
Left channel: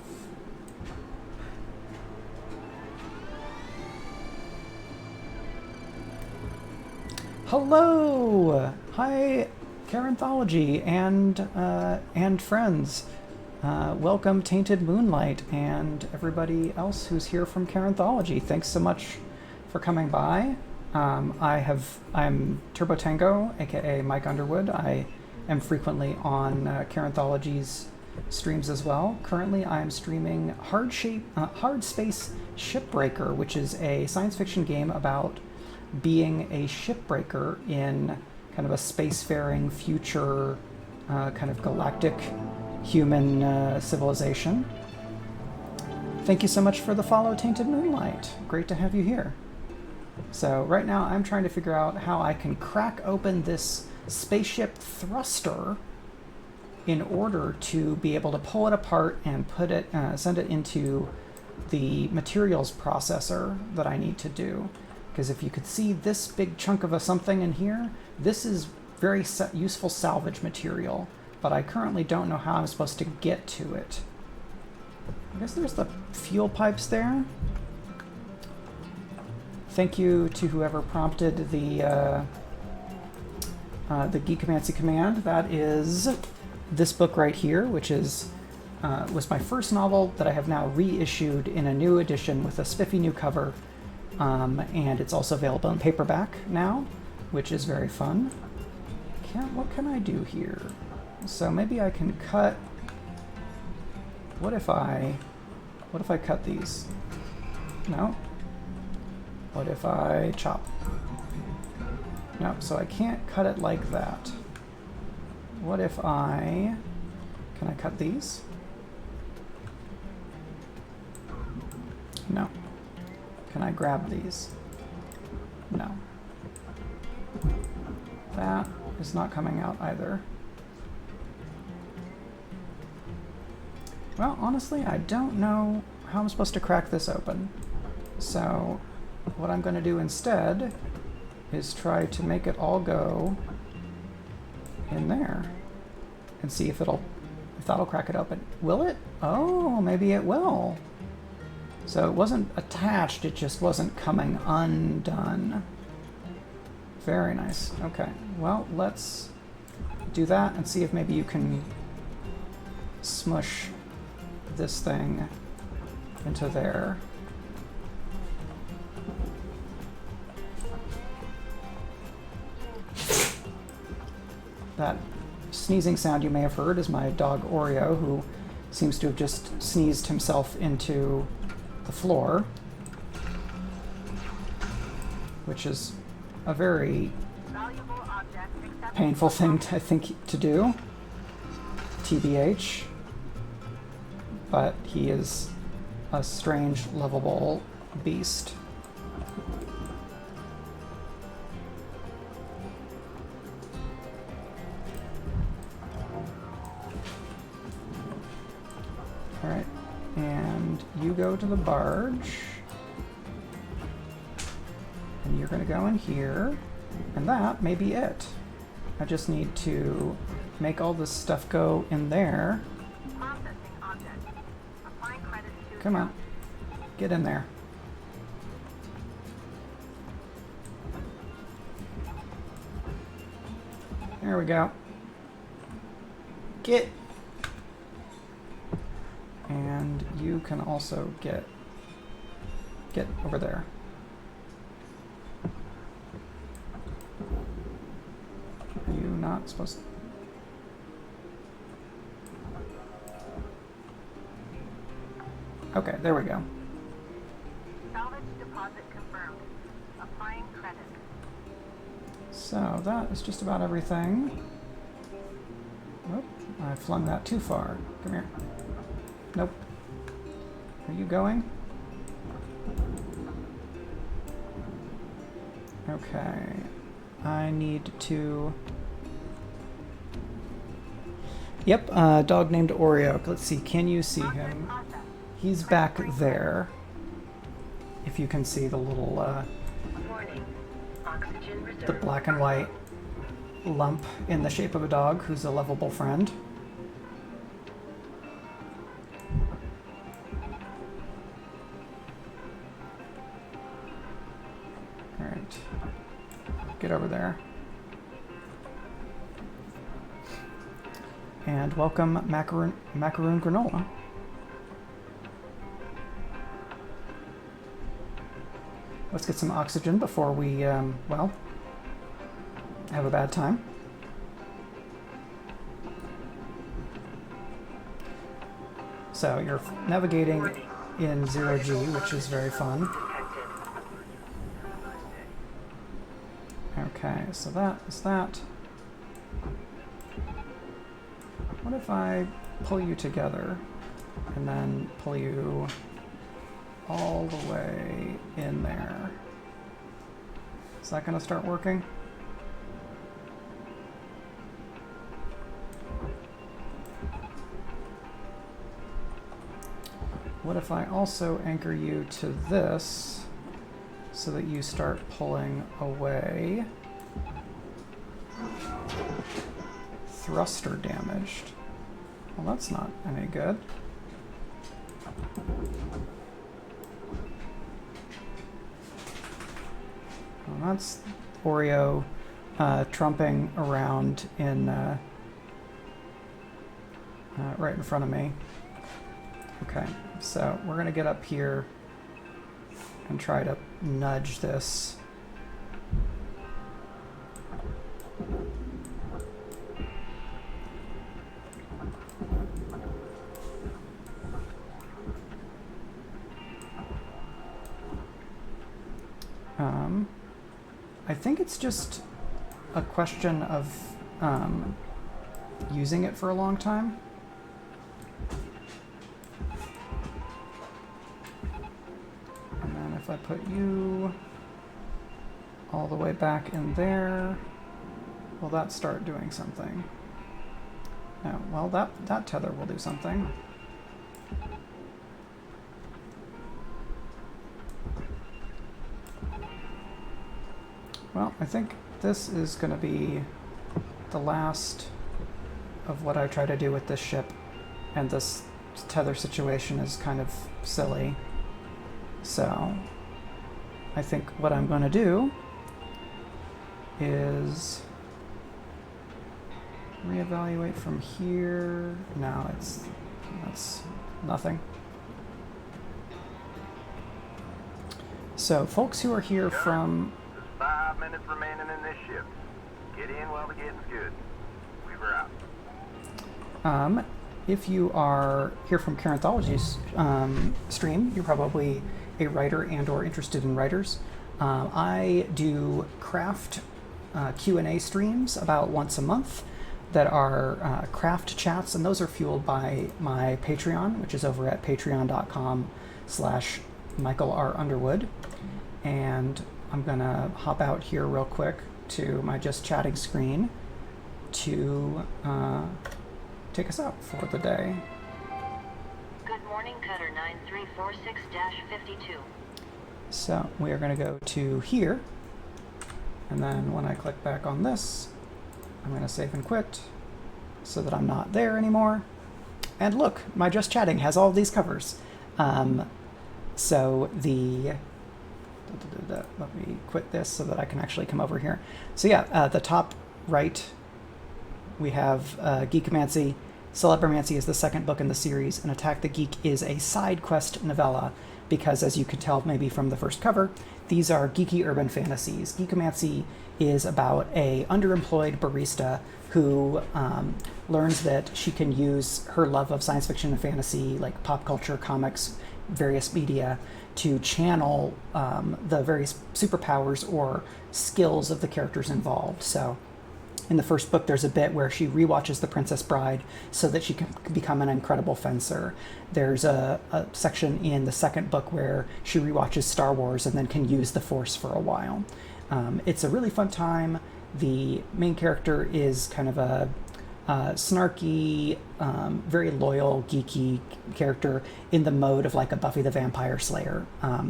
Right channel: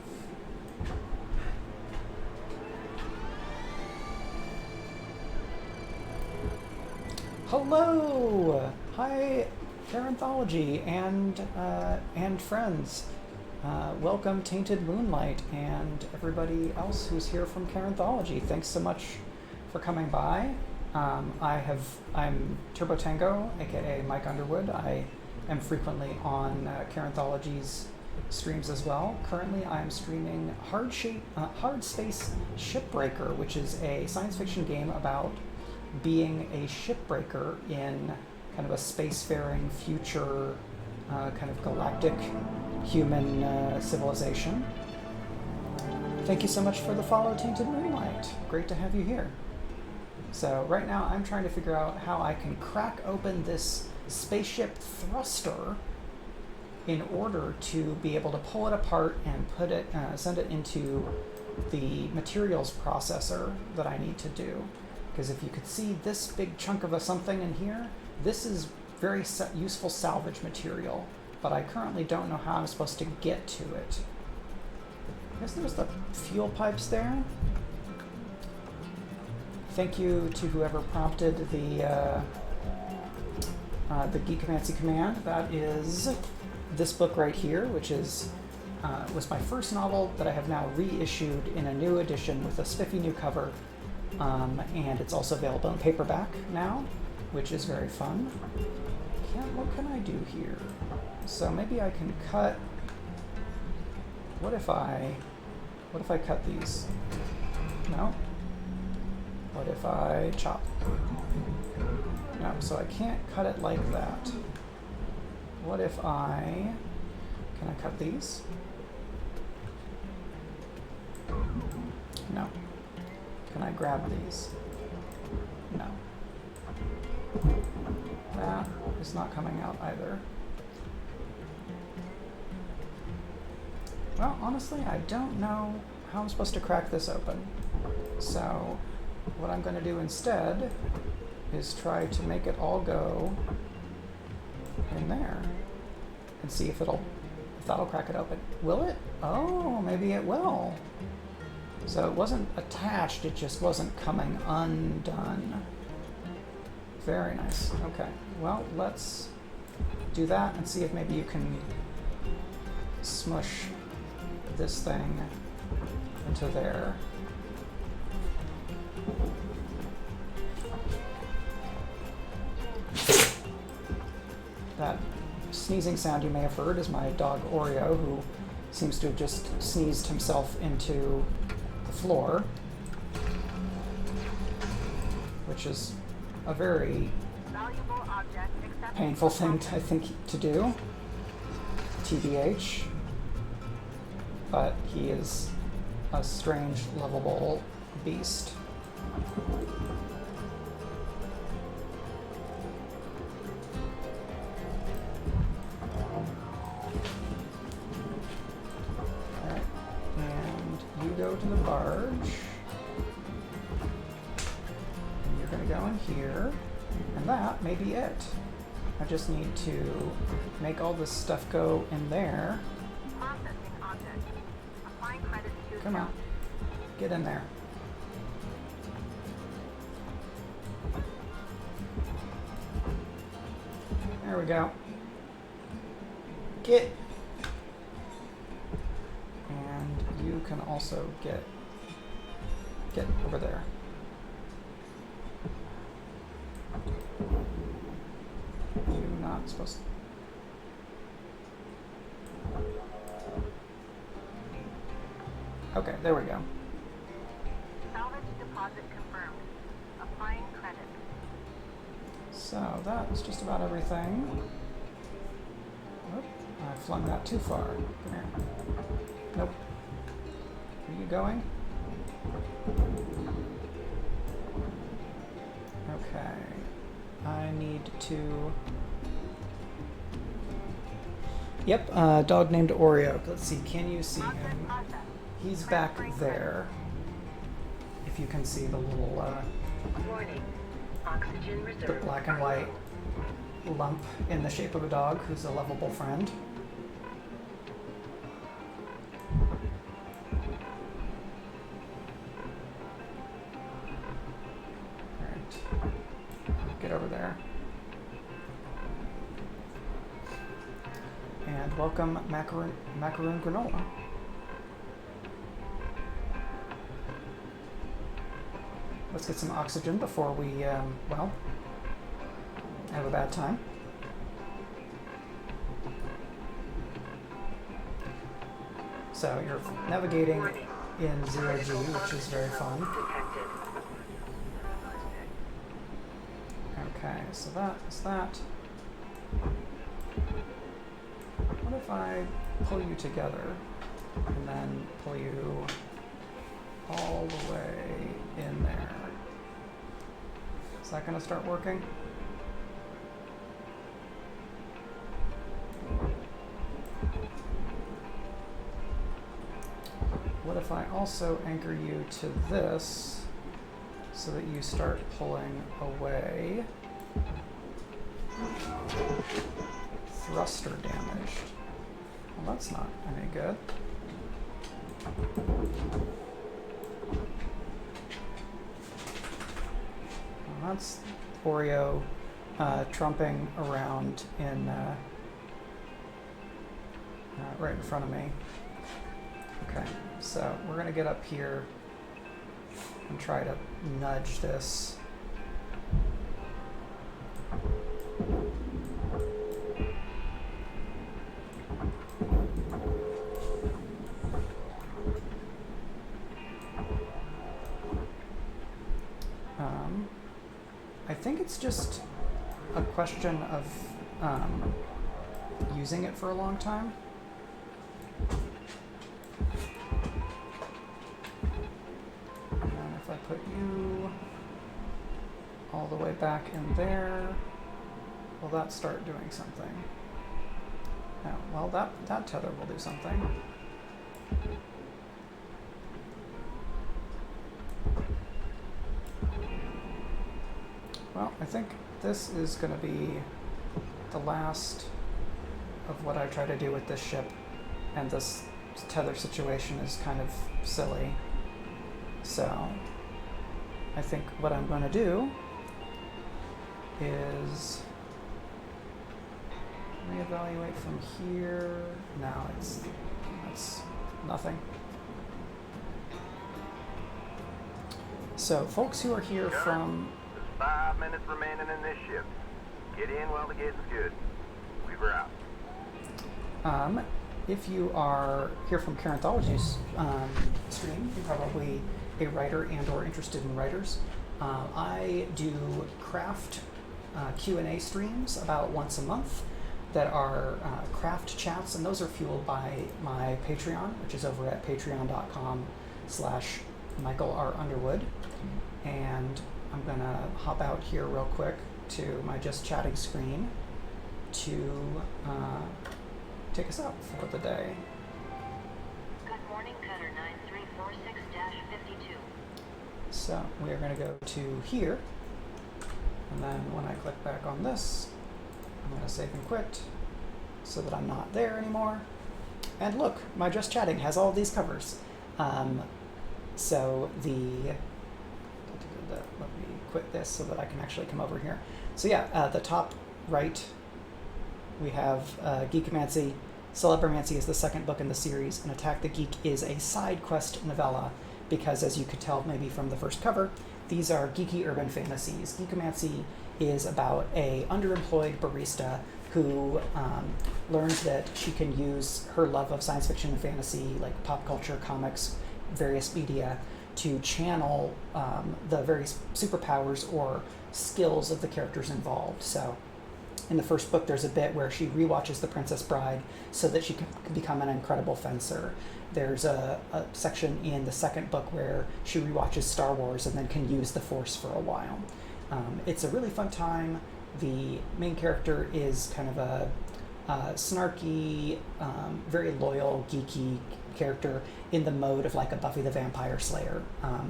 Hello! Hi, Caranthology and friends. Welcome, Tainted Moonlight, and everybody else who's here from Caranthology. Thanks so much for coming by. I'm Turbo Tango, aka Mike Underwood. I am frequently on Caranthology's streams as well. Currently, I am streaming Hardspace Shipbreaker, which is a science fiction game about being a shipbreaker in kind of a spacefaring future kind of galactic human civilization. Thank you so much for the follow, Tainted Moonlight. Great to have you here. So right now I'm trying to figure out how I can crack open this spaceship thruster in order to be able to pull it apart and put it, send it into the materials processor that I need to do. Because if you could see this big chunk of a something in here, this is very useful salvage material, but I currently don't know how I'm supposed to get to it. I guess there's the fuel pipes there. Thank you to whoever prompted the Geekomancy command. That is this book right here, which is was my first novel that I have now reissued in a new edition with a spiffy new cover. And it's also available in paperback now, which is very fun. What can I do here? So maybe I can cut. What if I cut these? No. What if I chop? No, so I can't cut it like that. What if can I cut these? No. Can I grab these? No. That is not coming out either. Well, honestly, I don't know how I'm supposed to crack this open. So what I'm going to do instead is try to make it all go in there and see if that'll crack it open. Will it? Oh, maybe it will. So it wasn't attached, it just wasn't coming undone. Very nice. Okay, well, let's do that and see if maybe you can smush this thing into there. That sneezing sound you may have heard is my dog Oreo, who seems to have just sneezed himself into the floor, which is a very painful thing I think to do, TBH, but he is a strange, lovable beast. Alright, and you go to the barge, and you're going to go in here, and that may be it. I just need to make all this stuff go in there. Come on, get in there. There we go. Get. And And you can also get over there. You're not supposed to. Okay, there we go. Salvage deposit confirmed. Applying credit. So that is just about everything. Oop, I flung that too far. Come here. Nope. Are you going? Okay. I need to... Yep, dog named Oreo. Let's see, can you see him? He's back there. If you can see the little, Warning. Oxygen the reserve. black and white lump in the shape of a dog who's a lovable friend. Alright. Get over there. And welcome macaroon granola. Let's get some oxygen before we, well, have a bad time. So you're navigating in 0G, which is very fun. Detected. Okay, so that is that. What if I pull you together and then pull you all the way in there? Is that going to start working? What if I also anchor you to this so that you start pulling away? Thruster damaged. Well, that's not any good. Well, that's Oreo trumping around in right in front of me. Okay, so we're gonna get up here and try to nudge this. I think it's just a question of using it for a long time. And then if I put you all the way back in there, will that start doing something? No, well, that tether will do something. Well, I think this is going to be the last of what I try to do with this ship, and this tether situation is kind of silly. So, I think what I'm going to do is reevaluate from here. No, that's nothing. So, folks who are here from... 5 minutes remaining in this ship. Get in while the getting's good. Weaver out. If you are here from Carenthology's stream, you're probably a writer and or interested in writers. I do craft Q&A streams about once a month that are craft chats, and those are fueled by my Patreon, which is over at patreon.com/Michael R. Underwood. And I'm gonna hop out here real quick to my just chatting screen to take us out for the day. Good morning, Cutter 9346-52. So we are gonna go to here, and then when I click back on this, I'm gonna save and quit so that I'm not there anymore. And look, my just chatting has all these covers. So the let me quit this so that I can actually come over here. So yeah, the top right, we have Geekomancy, Celebromancy is the second book in the series, and Attack the Geek is a side quest novella because, as you could tell maybe from the first cover, these are geeky urban fantasies. Geekomancy is about a underemployed barista who learns that she can use her love of science fiction and fantasy, like pop culture, comics, various media, to channel the various superpowers or skills of the characters involved. So in the first book, there's a bit where she rewatches The Princess Bride so that she can become an incredible fencer. There's a section in the second book where she rewatches Star Wars and then can use the Force for a while. It's a really fun time. The main character is kind of a snarky, very loyal, geeky character in the mode of like a Buffy the Vampire Slayer.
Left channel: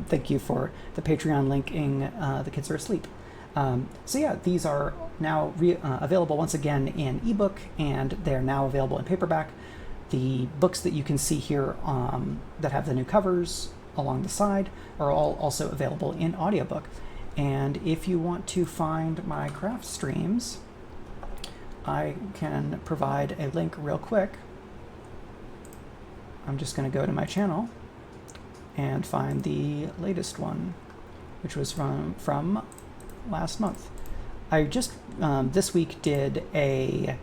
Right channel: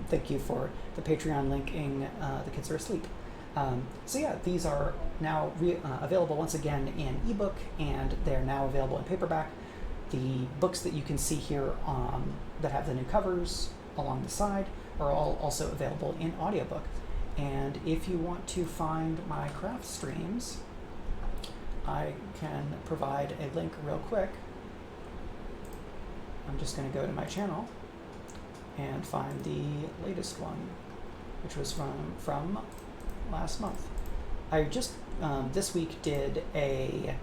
Thank you for the Patreon linking The Kids Are Asleep. So yeah, these are now available once again in ebook, and they're now available in paperback. The books that you can see here that have the new covers along the side are all also available in audiobook. And if you want to find my craft streams, I can provide a link real quick. I'm just going to go to my channel and find the latest one, which was from last month. I just this week did a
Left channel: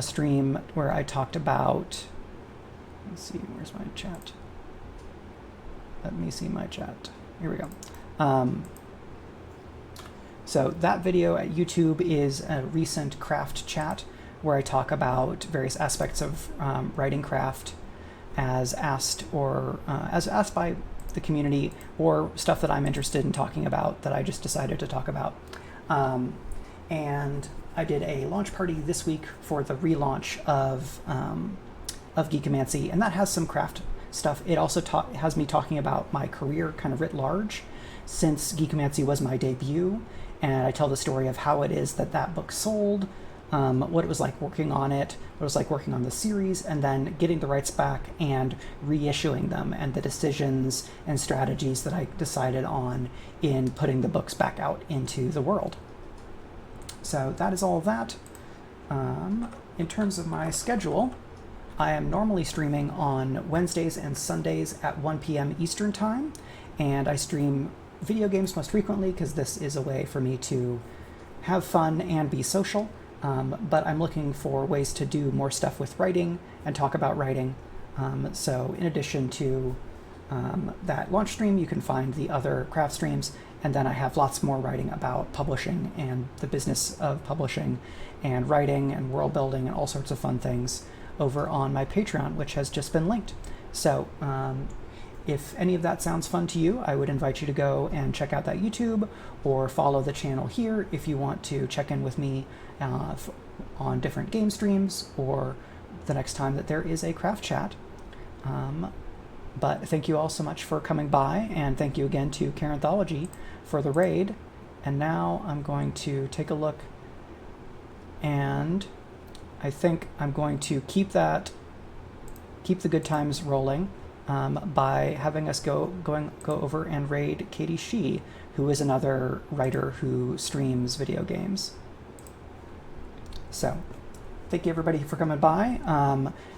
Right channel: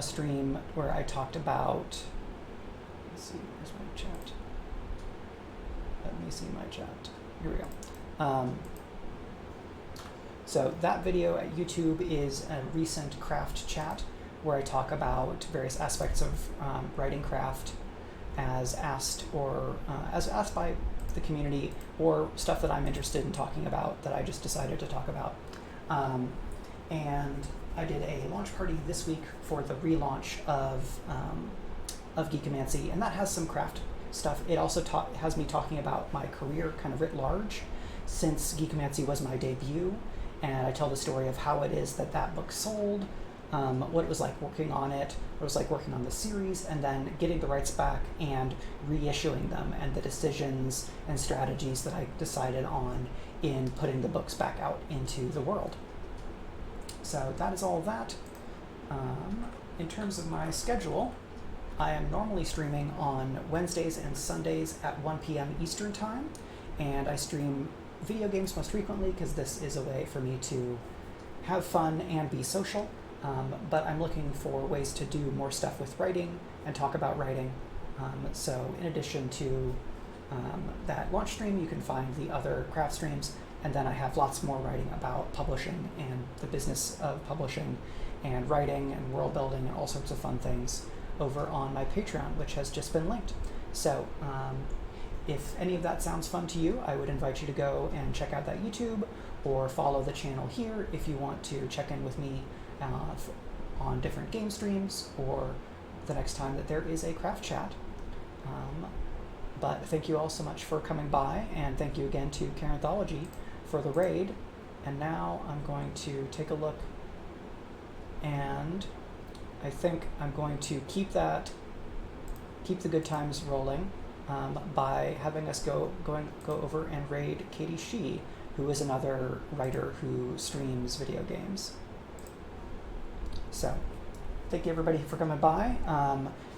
stream where I talked about, let's see, where's my chat? Let me see my chat. Here we go. So that video at YouTube is a recent craft chat where I talk about various aspects of writing craft as asked by the community, or stuff that I'm interested in talking about that I just decided to talk about. And I did a launch party this week for the relaunch of Geekomancy, and that has some craft stuff. It also has me talking about my career kind of writ large, since Geekomancy was my debut. And I tell the story of how it is that book sold, what it was like working on it, what it was like working on the series, and then getting the rights back and reissuing them, and the decisions and strategies that I decided on in putting the books back out into the world. So that is all that. In terms of my schedule, I am normally streaming on Wednesdays and Sundays at 1 p.m. Eastern Time, and I stream video games most frequently because this is a way for me to have fun and be social, but I'm looking for ways to do more stuff with writing and talk about writing. So in addition to that launch stream, you can find the other craft streams, and then I have lots more writing about publishing and the business of publishing and writing and world building and all sorts of fun things over on my Patreon, which has just been linked. So if any of that sounds fun to you, I would invite you to go and check out that YouTube or follow the channel here if you want to check in with me on different game streams or the next time that there is a craft chat. But thank you all so much for coming by, and thank you again to Caranthology for the raid. And now I'm going to take a look, and I think I'm going to keep the good times rolling by having us go over and raid Katie Shee, who is another writer who streams video games. So, thank you everybody for coming by.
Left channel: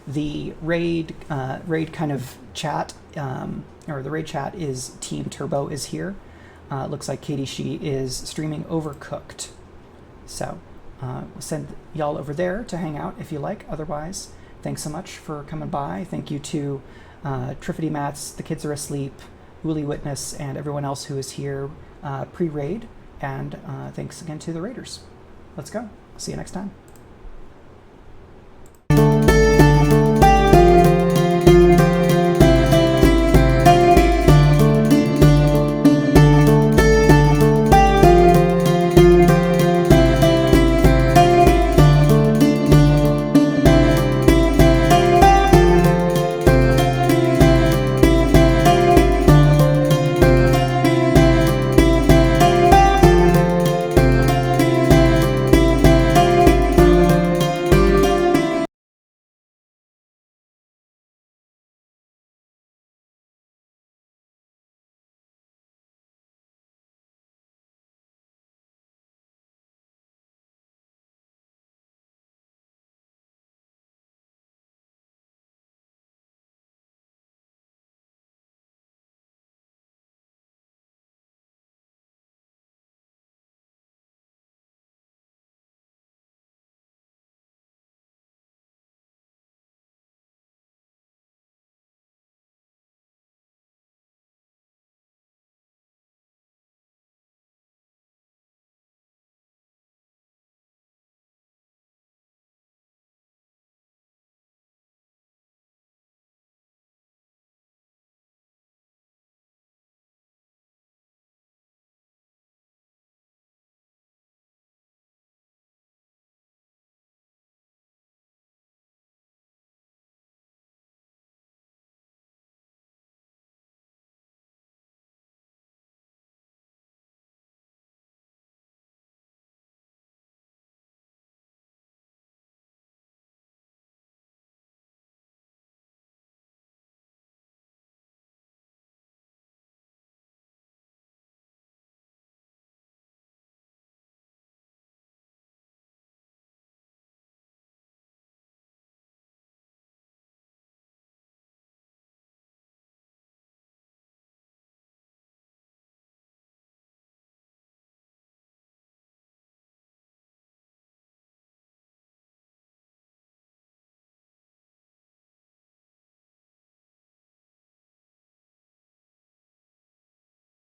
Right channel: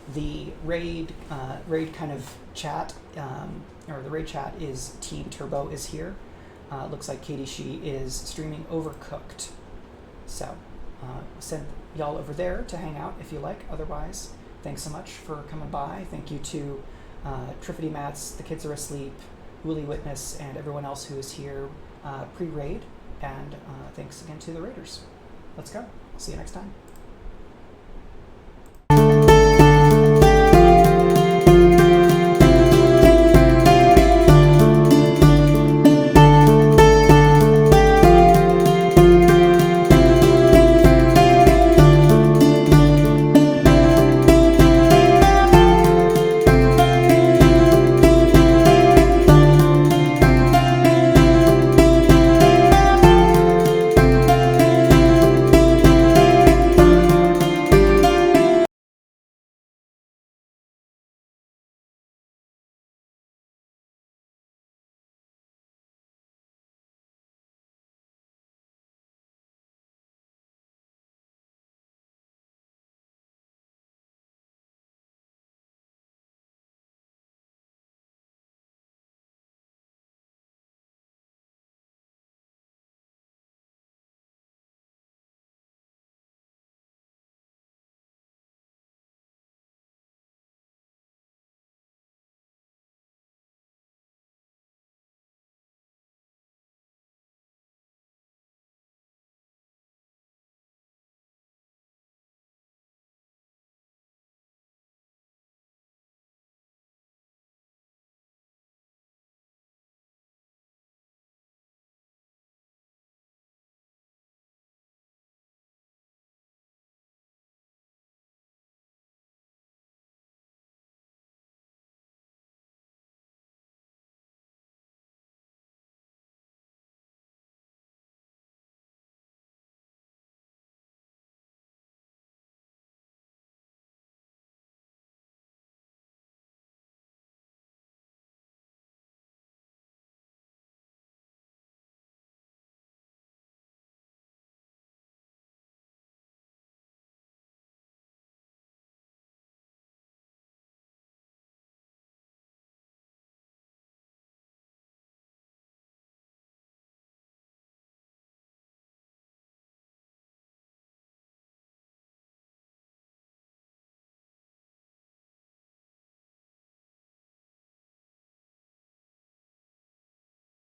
The raid kind of chat, or the raid chat is Team Turbo is here. Looks like Katie Shee is streaming Overcooked. So, send y'all over there to hang out if you like. Otherwise, thanks so much for coming by. Thank you to Triffity Mats, The Kids Are Asleep, Woolly Witness, and everyone else who is here pre-raid. And thanks again to the raiders. Let's go. See you next time.